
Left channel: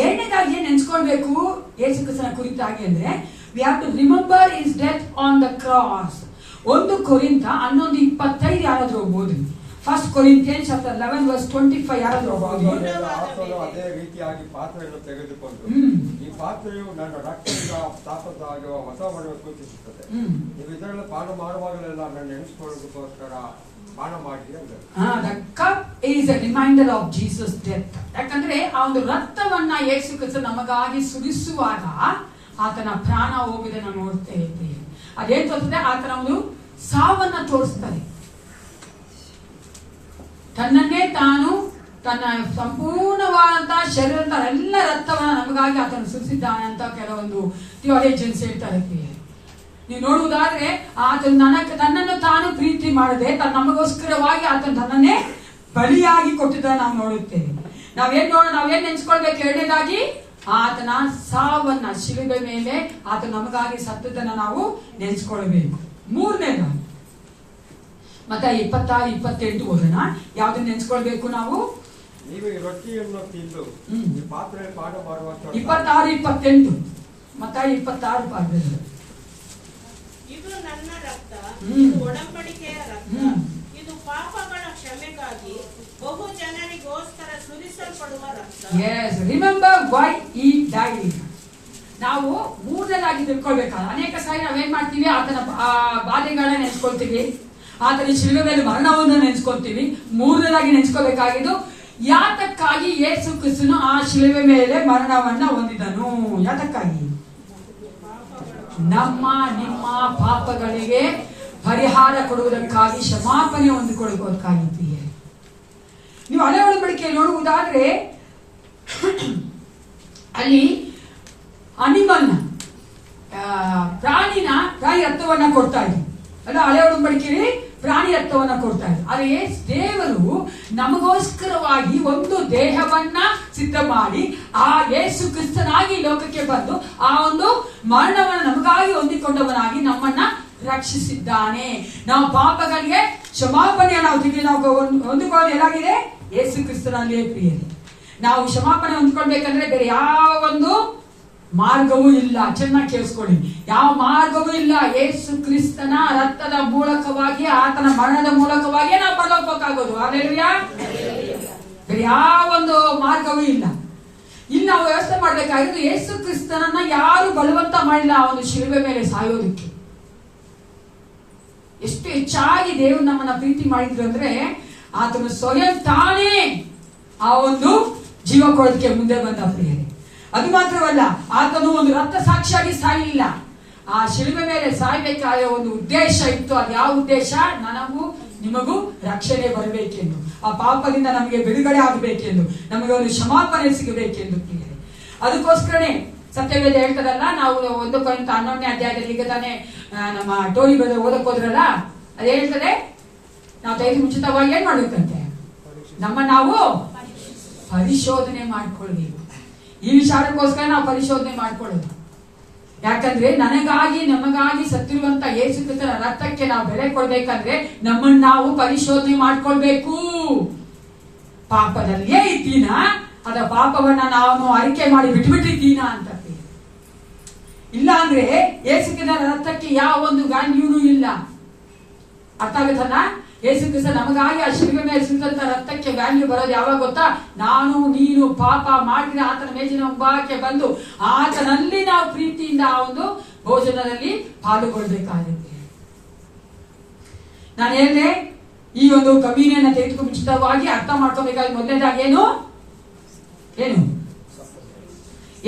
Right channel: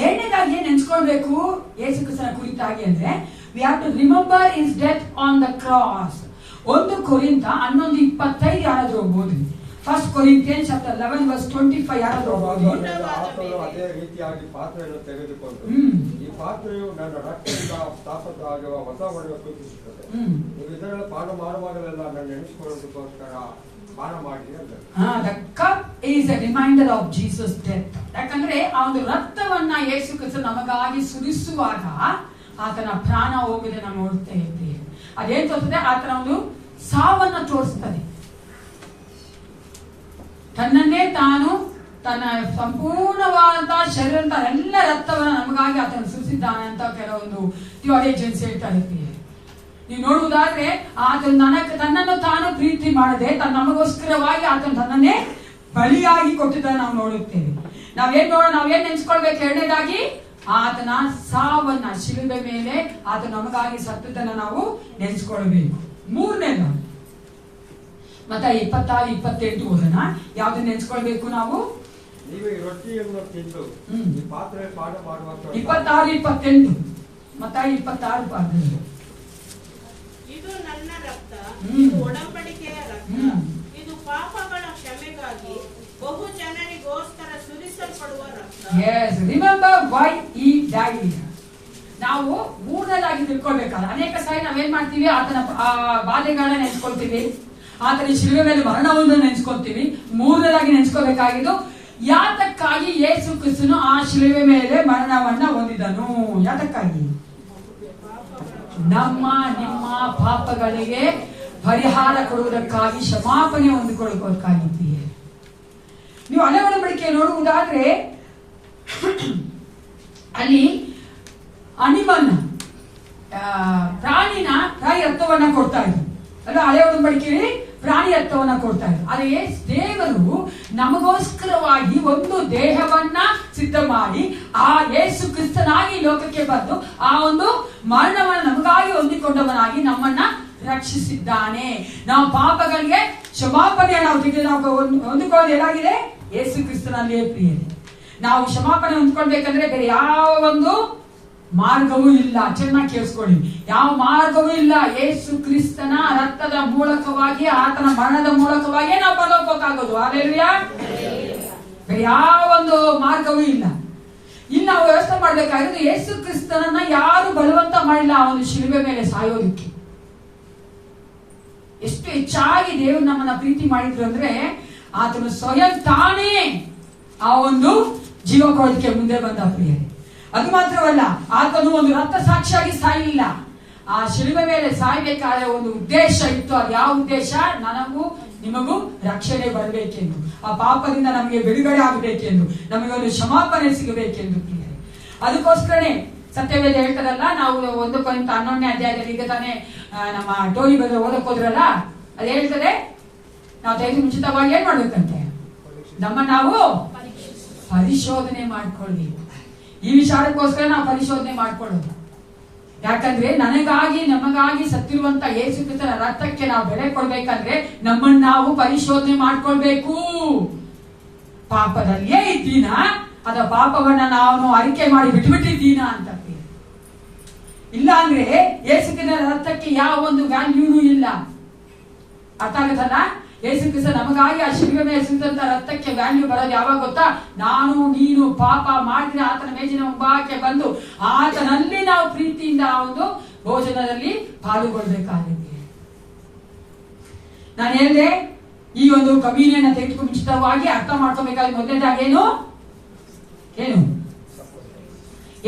ಎರಡನೇದಾಗಿ ನೆನ್ಸ್ಕೊಳ್ಬೇಕು ಯೇಸು ಕ್ರಿಸ್ತನ ಕುರಿತಾಗಿ ಅಂದ್ರೆ we have to remember his death on the cross. 1 ಕೊರಿಂಥ 11:25 ಯಾರಾದ್ರೂ ಹೋಗ್ಬೋದು. 1 Corinthians chapter 11 verse 25 ಯಾರಾದ್ರೂ ಹೋಗ್ಬೋದು. ಅದೇ ರೀತಿಯಾಗಿ ಪಾತ್ರೆಯನ್ನು ತೆಗೆದುಕೊಂಡು ಈ ಪಾತ್ರೆಯು ನನ್ನ ರಕ್ತದಿಂದ ಸ್ಥಾಪಿತವಾಗುವ ಹೊಸ ಒಡವೆ ಸೂಚಿಸುತ್ತದೆ. ನೀವು ಇದರಲ್ಲಿ ಪಾನ ಮಾಡುವಾಗಲೆಲ್ಲ ನನ್ನ ಎಣಿಸಿಕೊಳ್ಳುವುದಕ್ಕೋಸ್ಕರ ಪಾನ ಮಾಡಿ ಅಂತ. The cup is a reminder of Jesus' death. ಯಾಕಂದ್ರೆ ಆ ಒಂದು ರಕ್ತವನ್ನ ಯೇಸು ಕ್ರಿಸ್ತ ನಮಗಾಗಿ ಸುರಿಸುವಾಗ ಆತನ ಪ್ರಾಣ ಹೋಗುವುದನ್ನು ನೋಡ್ತಾ ಇದ್ದೀವಿ. ಅದೇನ್ ತೋರಿಸ್ತದೆ? ಆತನ ಒಂದು ಸಾವನ್ನ ತೋರಿಸ್ತಾರೆ. ತನ್ನನ್ನೇ ತಾನು ತನ್ನ ಸಂಪೂರ್ಣವಾದಂತಹ ಶರೀರದ ಎಲ್ಲ ರಕ್ತವನ್ನ ನಮಗಾಗಿ ಆತನು ಸುರಿಸಿದ್ದಾನೆ ಅಂತ ಕೆಲವೊಂದು ಥಿಯಾಲಜಿಯನ್ಸ್ ಹೇಳ್ತಾ ಇರ್ತೀವಿ. ನೀವು ನೋಡುವುದಾದ್ರೆ ಆತನು ತನ್ನನ್ನು ತಾನು ಪ್ರೀತಿ ಮಾಡದೆ ನಮಗೋಸ್ಕರವಾಗಿ ಆತನು ತನ್ನನ್ನೇ ಬಲಿಯಾಗಿ ಕೊಟ್ಟಿದ್ದನ್ನು ನಾವು ನೋಡುತ್ತೇವೆ. ನಾವೇನ್ ನೆನ್ಸ್ಕೊಳ್ಬೇಕು? ಎರಡನೇದಾಗಿ ಆತನ ಸಾವನ್ನ, ಶಿಲುಬೆ ಮೇಲೆ ಆತ ನಮಗಾಗಿ ಸತ್ತದನ್ನ ನಾವು ನೆನ್ಸ್ಕೊಳ್ಬೇಕು. ಮೂರನೇದಾಗಿ ಮತ್ತೆ 26-28 ಓದೋಣ. ಯಾವ್ದನ್ನ ನೆನ್ಸ್ಕೊಳ್ಬೇಕು ನಾವು? ನೀವು ಈ ರೊಟ್ಟಿಯನ್ನು ತಿಂದು ಈ ಪಾತ್ರೆ ಪಾಠ ಮಾಡುವಾಗ 26-28 ಮತ್ತೆ 26 ಪಾಠದಲ್ಲಿ ಇದು ನನ್ನ ರಕ್ತ, ಹ್ಮ್. ಇದು ಒಡಂಬಡಿಕೆಯ ರಕ್ತ, ಹ್ಮ್. ಇದು ಪಾಪಗಳ ಕ್ಷಮೆಗಾಗಿ ಬಹು ಜನರಿಗೋಸ್ಕರ ಸುರಿಸಲ್ಪಡುವ ರಕ್ತ. Yes, remember why he died. ನಾವು ಮೂರನೇದಾಗಿ ತಿಳ್ಕೊಳ್ಬೇಕಾದ್ರೆ ಅನೇಕ ಸಾರಿ ನಾವೇನ್ ಮಾಡ್ತೀವಿ? ಆತನ ಬಾಧೆಗಳನ್ನ ನೆನ್ಸ್ಕೊಳ್ತೀವಿ, ಆತನ ಶಿಲುಬೆ ಮೇಲೆ ಮರಣವನ್ನು ನೆನ್ಸ್ಕೊಳ್ತೀವಿ. ಮೂರನೇದಾಗಿ ನೆನ್ಸ್ಕೋಬೇಕಾಗಿದ್ದು ಯಾತಕ್ಕಾಗಿ ಯೇಸು ಕ್ರಿಸ್ತನು ಆ ಶಿಲುಬೆ ಮೇಲೆ ಮರಣವನ್ನ ಹೊಂದಿದನು. ಯಾತಕ್ಕಾಗಿ? ನಮ್ಮ ನಿಮ್ಮ ಪಾಪಗಳಿಗೆ ಪರಿಹಾರ ಕೊಡುವುದಕ್ಕಾಗಿ, ಕ್ಷಮಾಪಣೆ ಹೊಂದಿಕೊಳ್ಳುವುದಕ್ಕಾಗಿದ್ದೀವಿ. ನೀವು ಹಳೆ ಒಡಂಬಡಿಕೆ ನೋಡುವುದಾದ್ರೆ ಅಲ್ಲಿ ಅನಿಮಲ್ನ ಪ್ರಾಣಿ ರಕ್ತವನ್ನ ಕೊಡ್ತಾ ಇದ್ರು. ಅಲ್ಲ, ಹಳೆ ಒಡಂಬಡಿಕೆಯಲ್ಲಿ ಪ್ರಾಣಿ ರಕ್ತವನ್ನ ಕೊಡ್ತಾ ಇದ್ರು. ಆದರೆ ದೇವರು ನಮಗೋಸ್ಕರವಾಗಿ ಒಂದು ದೇಹವನ್ನ ಸಿದ್ಧ ಮಾಡಿ ಆ ಯೇಸು ಕ್ರಿಸ್ತನಾಗಿ ಲೋಕಕ್ಕೆ ಬಂದು ಆ ಒಂದು ಮರಣವನ್ನು ನಮಗಾಗಿ ಹೊಂದಿಕೊಂಡವನಾಗಿ ನಮ್ಮನ್ನ ರಕ್ಷಿಸಿದ್ದಾನೆ. ನಾವು ಪಾಪಗಳಿಗೆ ಕ್ಷಮಾಪಣೆ ನಾವು ಹೊಂದಿಕೊಳ್ಳೋದು ಏನಾಗಿದೆ? ಯೇಸು ಕ್ರಿಸ್ತನಲ್ಲೇ ಪ್ರಿಯರೇ. ನಾವು ಕ್ಷಮಾಪಣೆ ಹೊಂದ್ಕೊಳ್ಬೇಕಂದ್ರೆ ಬೇರೆ ಯಾವ ಒಂದು ಮಾರ್ಗವೂ ಇಲ್ಲ. ಚೆನ್ನಾಗಿ ಕೇಳಿಸ್ಕೊಳ್ಳಿ, ಯಾವ ಮಾರ್ಗವೂ ಇಲ್ಲ. ಯೇಸು ಕ್ರಿಸ್ತನ ರಕ್ತದ ಮೂಲಕವಾಗಿ, ಆತನ ಮರಣದ ಮೂಲಕವಾಗಿ ನಾವು ಪರಲೋಕಕ್ಕಾಗೋದು. ಹಾಲೆಲೂಯಾ. ಬೇರೆ ಯಾವ ಒಂದು ಮಾರ್ಗವೂ ಇಲ್ಲ. ಇಲ್ಲಿ ನಾವು ವ್ಯವಸ್ಥೆ ಮಾಡ್ಬೇಕಾಗಿರೋದು ಯೇಸು ಕ್ರಿಸ್ತನನ್ನ ಯಾರು ಬಲವಂತ ಮಾಡಿಲ್ಲ ಆ ಒಂದು ಶಿಲುಬೆ ಮೇಲೆ ಸಾಯೋದಕ್ಕೆ. ಎಷ್ಟು ಹೆಚ್ಚಾಗಿ ದೇವರು ನಮ್ಮನ್ನ ಪ್ರೀತಿ ಮಾಡಿದ್ರು ಅಂದ್ರೆ ಆತನು ಸ್ವಯಂ ತಾನೇ ಆ ಒಂದು ಜೀವ ಕೊಡೋದಕ್ಕೆ ಮುಂದೆ ಬಂದ ಪ್ರಿಯರೇ. ಅದು ಮಾತ್ರವಲ್ಲ, ಆತನು ಒಂದು ರಕ್ತ ಸಾಕ್ಷಿಯಾಗಿ ಸಾಯಲಿಲ್ಲ. ಆ ಶಿಲುಬೆ ಮೇಲೆ ಸಾಯ್ಬೇಕಾದ ಒಂದು ಉದ್ದೇಶ ಇತ್ತು. ಅದು ಯಾವ ಉದ್ದೇಶ? ನನಗೂ ನಿಮಗೂ ರಕ್ಷಣೆ ಬರಬೇಕೆಂದು, ಆ ಪಾಪದಿಂದ ನಮಗೆ ಬಿಡುಗಡೆ ಆಗಬೇಕೆಂದು, ನಮಗೆ ಒಂದು ಕ್ಷಮಾಪಣೆ ಸಿಗಬೇಕೆಂದು ಪ್ರಿಯರೇ. ಅದಕ್ಕೋಸ್ಕರನೇ ಸತ್ಯವೇದ ಹೇಳ್ತದಲ್ಲ, ನಾವು 1 ಕೊರಿಂಥ 11ನೇ ಅಧ್ಯಾಯದಲ್ಲಿ ಈಗ ತಾನೇ ನಮ್ಮ ಟೋನಿ ಬ್ರದರ್ ಓದಕ್ ಹೋದ್ರಲ್ಲ, ಅದ್ ಹೇಳ್ತದೆ ನಾವು ದೈವ ಮುಂಚಿತವಾಗಿ ಏನ್ ಮಾಡ್ಬೇಕಂತೆ? ನಾವು ಪರಿಶೋಧನೆ ಮಾಡ್ಕೊಳ್ಬೇಕು. ಈ ವಿಚಾರಕ್ಕೋಸ್ಕರ ನಾವು ಪರಿಶೋಧನೆ ಮಾಡ್ಕೊಳ್ಳೋದು. ಯಾಕಂದ್ರೆ ನನಗಾಗಿ ನಮಗಾಗಿ ಸತ್ತಿರುವಂತ ಯೇಸು ಕ್ರಿಸ್ತನ ರಕ್ತಕ್ಕೆ ನಾವು ಬೆಲೆ ಕೊಡ್ಬೇಕಂದ್ರೆ ನಮ್ಮನ್ನ ನಾವು ಪರಿಶೋಧನೆ ಮಾಡ್ಕೊಳ್ಬೇಕು. ಪಾಪದಲ್ಲಿಯೇ ಇದ್ದೀನ, ಅದ ಪಾಪವನ್ನ ನಾವು ಅರಿಕೆ ಮಾಡಿ ಬಿಟ್ಬಿಟ್ಟಿದ್ದೀನ ಅಂತ. ಇಲ್ಲ ಅಂದ್ರೆ ಯೇಸು ಕ್ರಿಸ್ತನ ರಕ್ತಕ್ಕೆ ಯಾವ ಒಂದು ವ್ಯಾಲ್ಯೂನು ಇಲ್ಲ. ಅರ್ಥ ಆಗುತ್ತಲ್ಲ? ಯೇಸು ಕ್ರಿಸ್ತ ನಮಗಾಗಿ ಆ ಶಿಲುಬೆ ಮೇಲೆ ಸುರಿದಂತ ರಕ್ತಕ್ಕೆ ವ್ಯಾಲ್ಯೂ ಬರೋದು ಯಾವಾಗ ಗೊತ್ತಾ? ನಾನು ನೀನು ಪಾಪ ಮಾಡಿದ್ರೆ ಆತನ ಮೇಜಿನ ಮುಂಭಾಗಕ್ಕೆ ಬಂದು ಆತನಲ್ಲಿ ನಾವು ಪ್ರೀತಿಯಿಂದ ಆ ಒಂದು ಭೋಜನದಲ್ಲಿ ಪಾಲ್ಗೊಳ್ಬೇಕಾಗುತ್ತೆ. ನಾನು ಹೇಳಿದೆ, ಈ ಒಂದು ಕಮ್ಯುನಿಯನ್ನ ತೆಗೆದುಕೊಂಡು ಮುಂಚಿತವಾಗಿ ಅರ್ಥ ಮಾಡ್ಕೋಬೇಕಾಗಿ ಮೊದಲನೇದಾಗಿ ಏನು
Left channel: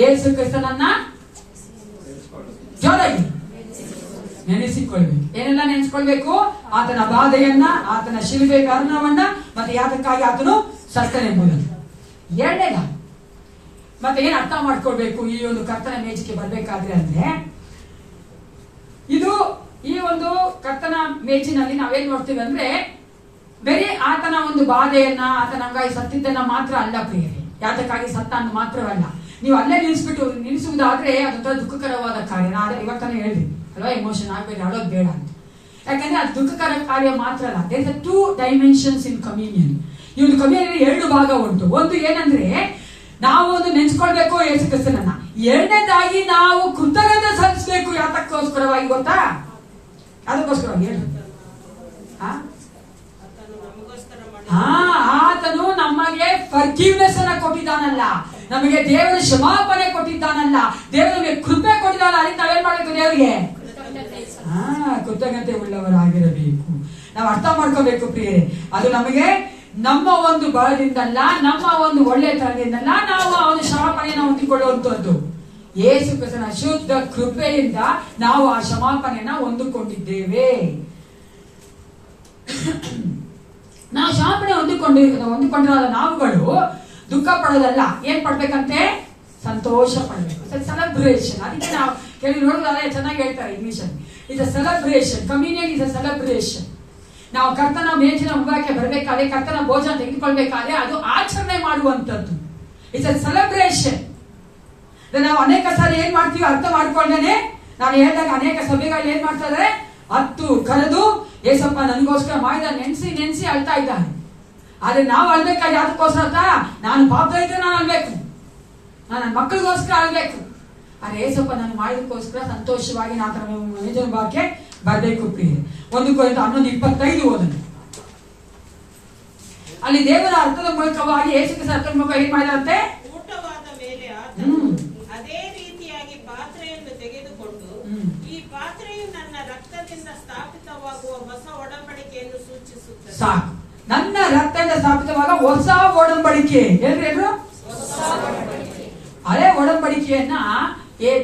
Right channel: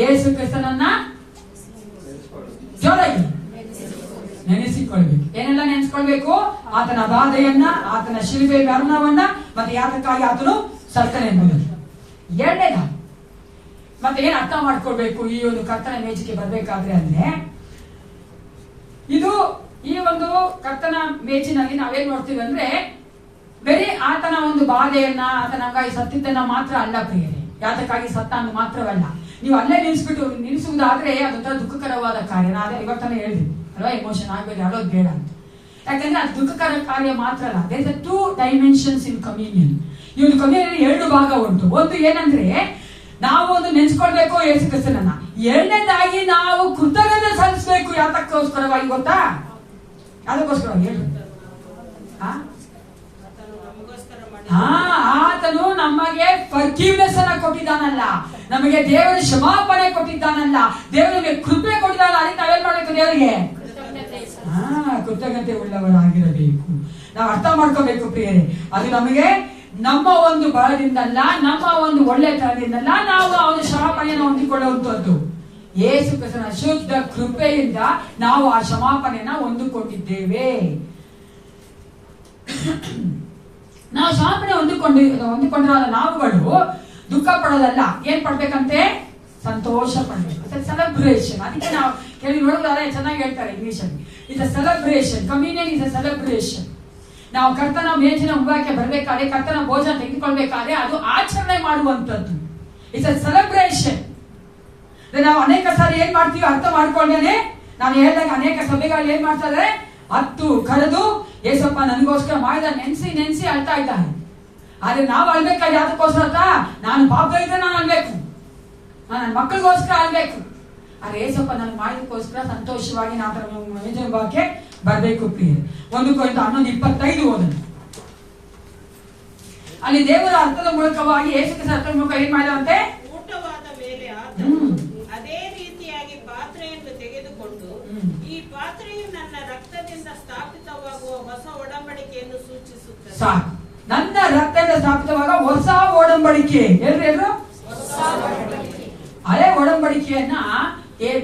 ಯೇಸು ಕ್ರಿಸ್ತನನ್ನ ಜೋರಾಗಿ ನೆನೆಸಿಕೊಳ್ಬೇಕು. ಏನೆಲ್ಲ ನೆನೆಸ್ಕೊಳ್ಬೇಕು? ಆತನ ಬಾಧೆಯನ್ನ, ಆತನ ಶಿಲುಬೆ ಮರಣವನ್ನ, ಮತ್ತೆ ಯಾತಕ್ಕಾಗಿ ಆತನು ಸತ್ತನೆಂಬುದನ್ನು. ಎರಡನೇದ ಮತ್ತೆ ಏನ್ ಅರ್ಥ ಮಾಡ್ಕೊಳ್ಬೇಕು ಈ ಒಂದು ಕರ್ತನ ಮೇಜಿಗೆ ಬರ್ಬೇಕಾದ್ರೆ ಅಂದ್ರೆ, ಇದು ಈ ಒಂದು ಕರ್ತನ ಮೇಜಿನಲ್ಲಿ ನಾವೇನ್ ನೋಡ್ತೀವಿ ಅಂದ್ರೆ ಬೇರೆ ಆತನ ಒಂದು ಬಾಧೆಯನ್ನ, ಆತನಂಗಾಗಿ ಸತ್ತಿದ್ದನ್ನ ಮಾತ್ರ ಅಲ್ಲ ಪ್ರಿಯರೇ, ಯಾತಕ್ಕಾಗಿ ಸತ್ತ ಅಂತ ಮಾತ್ರವಲ್ಲ. ನೀವು ಅಲ್ಲೇ ನಿಲ್ಲಿಸುವುದಾದ್ರೆ ಅದೊಂಥರ ದುಃಖಕರವಾದ ಕಾರ್ಯ. ನಾನು ಇವತ್ತನೇ ಹೇಳಿದ್ವಿ ಅಲ್ವಾ, ಎಮೋಷನ್ ಆಗ್ಬೇಕು, ಆಡೋದು ಬೇಡ ಅಂತ. ಯಾಕಂದ್ರೆ ಅದು ದುಃಖಕರ ಕಾರ್ಯ ಮಾತ್ರ ಅಲ್ಲ. There is 2 dimensions in communion. ಈ ಒಂದು ಕಮ್ಯೂನಿಯನ್ 2 ಭಾಗ ಉಂಟು. ಒಂದು ಏನಂದ್ರೆ ನಾವು ಒಂದು ನೆನ್ಸ್ಕೊಳ್ಬೇಕು ಯೇಸು ಕ್ರಿಸ್ತನನ್ನ. ಎರಡನೇದಾಗಿ ನಾವು ಕೃತಜ್ಞತೆ ಸಲ್ಲಿಸಬೇಕು. ಯಾತಕ್ಕೋಸ್ಕರವಾಗಿ ಗೊತ್ತಾ? ಅದಕ್ಕೋಸ್ಕರವಾಗಿ ಹೇಳಿ, ಆತನು ನಮಗೆ ಫರ್ಗಿವ್ನೆಸ್ ಅನ್ನ ಕೊಟ್ಟಿದ್ದಾನಲ್ಲ, ನಮಗೆ ದೇವರ ಕ್ಷಮಾಪಣೆ ಕೊಟ್ಟಿದ್ದಾನಲ್ಲ, ದೇವರಿಗೆ ಕೃಪೆ ಕೊಟ್ಟಿದ್ದಾನಲ್ಲ. ಅದಕ್ಕೆ ನಾವೇನ್ ಮಾಡ್ಬೇಕು? ದೇವರಿಗೆ ಕೃತಜ್ಞತೆ ಉಳ್ಳವರಾಗಿರಬೇಕು. ನಾವು ಅರ್ಥ ಮಾಡ್ಕೋಬೇಕು ಪ್ರಿಯರೇ. ಅದು ನಮಗೆ ನಮ್ಮ ಒಂದು ಬಲದಿಂದಲ್ಲ, ನಮ್ಮ ಒಂದು ಒಳ್ಳೆತನದಿಂದಲ್ಲ ನಾವು ಆ ಒಂದು ಕ್ಷಮಾಪಣೆಯನ್ನು ಹೊಂದಿಕೊಳ್ಳುವಂತದ್ದು. ಯೇಸು ಕ್ರಿಸ್ತನ ಶುದ್ಧ ಕೃಪೆಯಿಂದ ನಾವು ಆ ಕ್ಷಮಾಪಣೆಯನ್ನ ಹೊಂದಿಕೊಂಡಿದ್ದೇವೆ. ನಾವು ಕ್ಷಮಾಪಣೆ ಹೊಂದಿಕೊಂಡಿರೋದ ನಾವುಗಳು ದುಃಖ ಪಡೋದಲ್ಲ, ಏನ್ ಪಡ್ಬೇಕಂತೆ? ಸಂತೋಷ ಪಡಬೇಕು. ಸೆಲೆಬ್ರೇಷನ್. ಅದಕ್ಕೆ ನಾವು ಕೆಲವು ನೋಡೋದಾದ್ರೆ ಚೆನ್ನಾಗಿ ಹೇಳ್ತಾರೆ ಇಂಗ್ಲಿಷ್ ಅಲ್ಲಿ, it's a celebration. Communion is a celebration. ನಾವು ಕರ್ತನ ಮೇಜಿನ ಮುಖಕ್ಕೆ ಬರ್ಬೇಕಾದ್ರೆ, ಕರ್ತನ ಭೋಜನ ತೆಗೆದುಕೊಳ್ಬೇಕಾದ್ರೆ ಅದು ಆಚರಣೆ ಮಾಡುವಂತದ್ದು. It's a celebration. ನಾವು ಅನೇಕ ಸಾರಿ ಏನ್ ಮಾಡ್ತೀವಿ ಅರ್ಥ ಮಾಡ್ಕೊಂಡೇನೆ. ನಾನು ಹೇಳಿದಾಗ ಅನೇಕ ಸಭೆಗಳು ಏನ್ ಮಾಡ್ತಾ ಇದಾರೆ, ಹತ್ತು ಕರೆದು ಏಸಪ್ಪ ನನಗೋಸ್ಕರ ಮಾಡಿದ ನೆನ್ಸಿ ಅಳ್ತಾ ಇದ್ದಾನೆ. ಆದ್ರೆ ನಾವು ಅಳ್ಬೇಕಾಗಿ ಯಾವ್ದಕ್ಕೋಸ್ಕರ? ನಾನು ಪಾಪ ಇದ್ರೆ ನಾನು ಅಳ್ಬೇಕು, ನಾನು ನನ್ನ ಮಕ್ಕಳಿಗೋಸ್ಕರ ಅಳ್ಬೇಕು. ಆದ್ರೆ ಏಸಪ್ಪ ನಾನು ಮಾಡಿದಕ್ಕೋಸ್ಕರ ಸಂತೋಷವಾಗಿ ನಾನು ಮೇಜಿನ ಭಾಗಕ್ಕೆ ಬರ್ಬೇಕು. ಪ್ರಿಯ 1 ಕೊರಿಂಥ 11:25 ಓದೋಣ. ಅಲ್ಲಿ ದೇವರ ಅರ್ಥದ ಮೂಲಕವಾಗಿ ಯೇಸು ಕ್ರಿಸ್ತನ ಅರ್ಥದ ಮೂಲಕ ಏನ್ ಮಾಡಿದಂತೆ? ಊಟವಾದ ಮೇಲೆ ಆತನು ಅದೇ ರೀತಿಯಾಗಿ ಪಾತ್ರೆಯನ್ನು ತೆಗೆದುಕೊಂಡು, ಈ ಪಾತ್ರೆಯು ನನ್ನ ರಕ್ತದಿಂದ ಸ್ಥಾಪಿತವಾಗುವ ಹೊಸ ಒಡಂಬಡಿಕೆಯನ್ನು ಸೂಚಿಸುತ್ತದೆ. ಸಾಕು. ನನ್ನ ರಕ್ತದಿಂದ ಸ್ಥಾಪಿತವಾಗ ಹೊಸ ಒಡಂಬಡಿಕೆ. ಹೇಳ್ರು ಹಳೆ ಒಡಂಬಡಿಕೆಯನ್ನ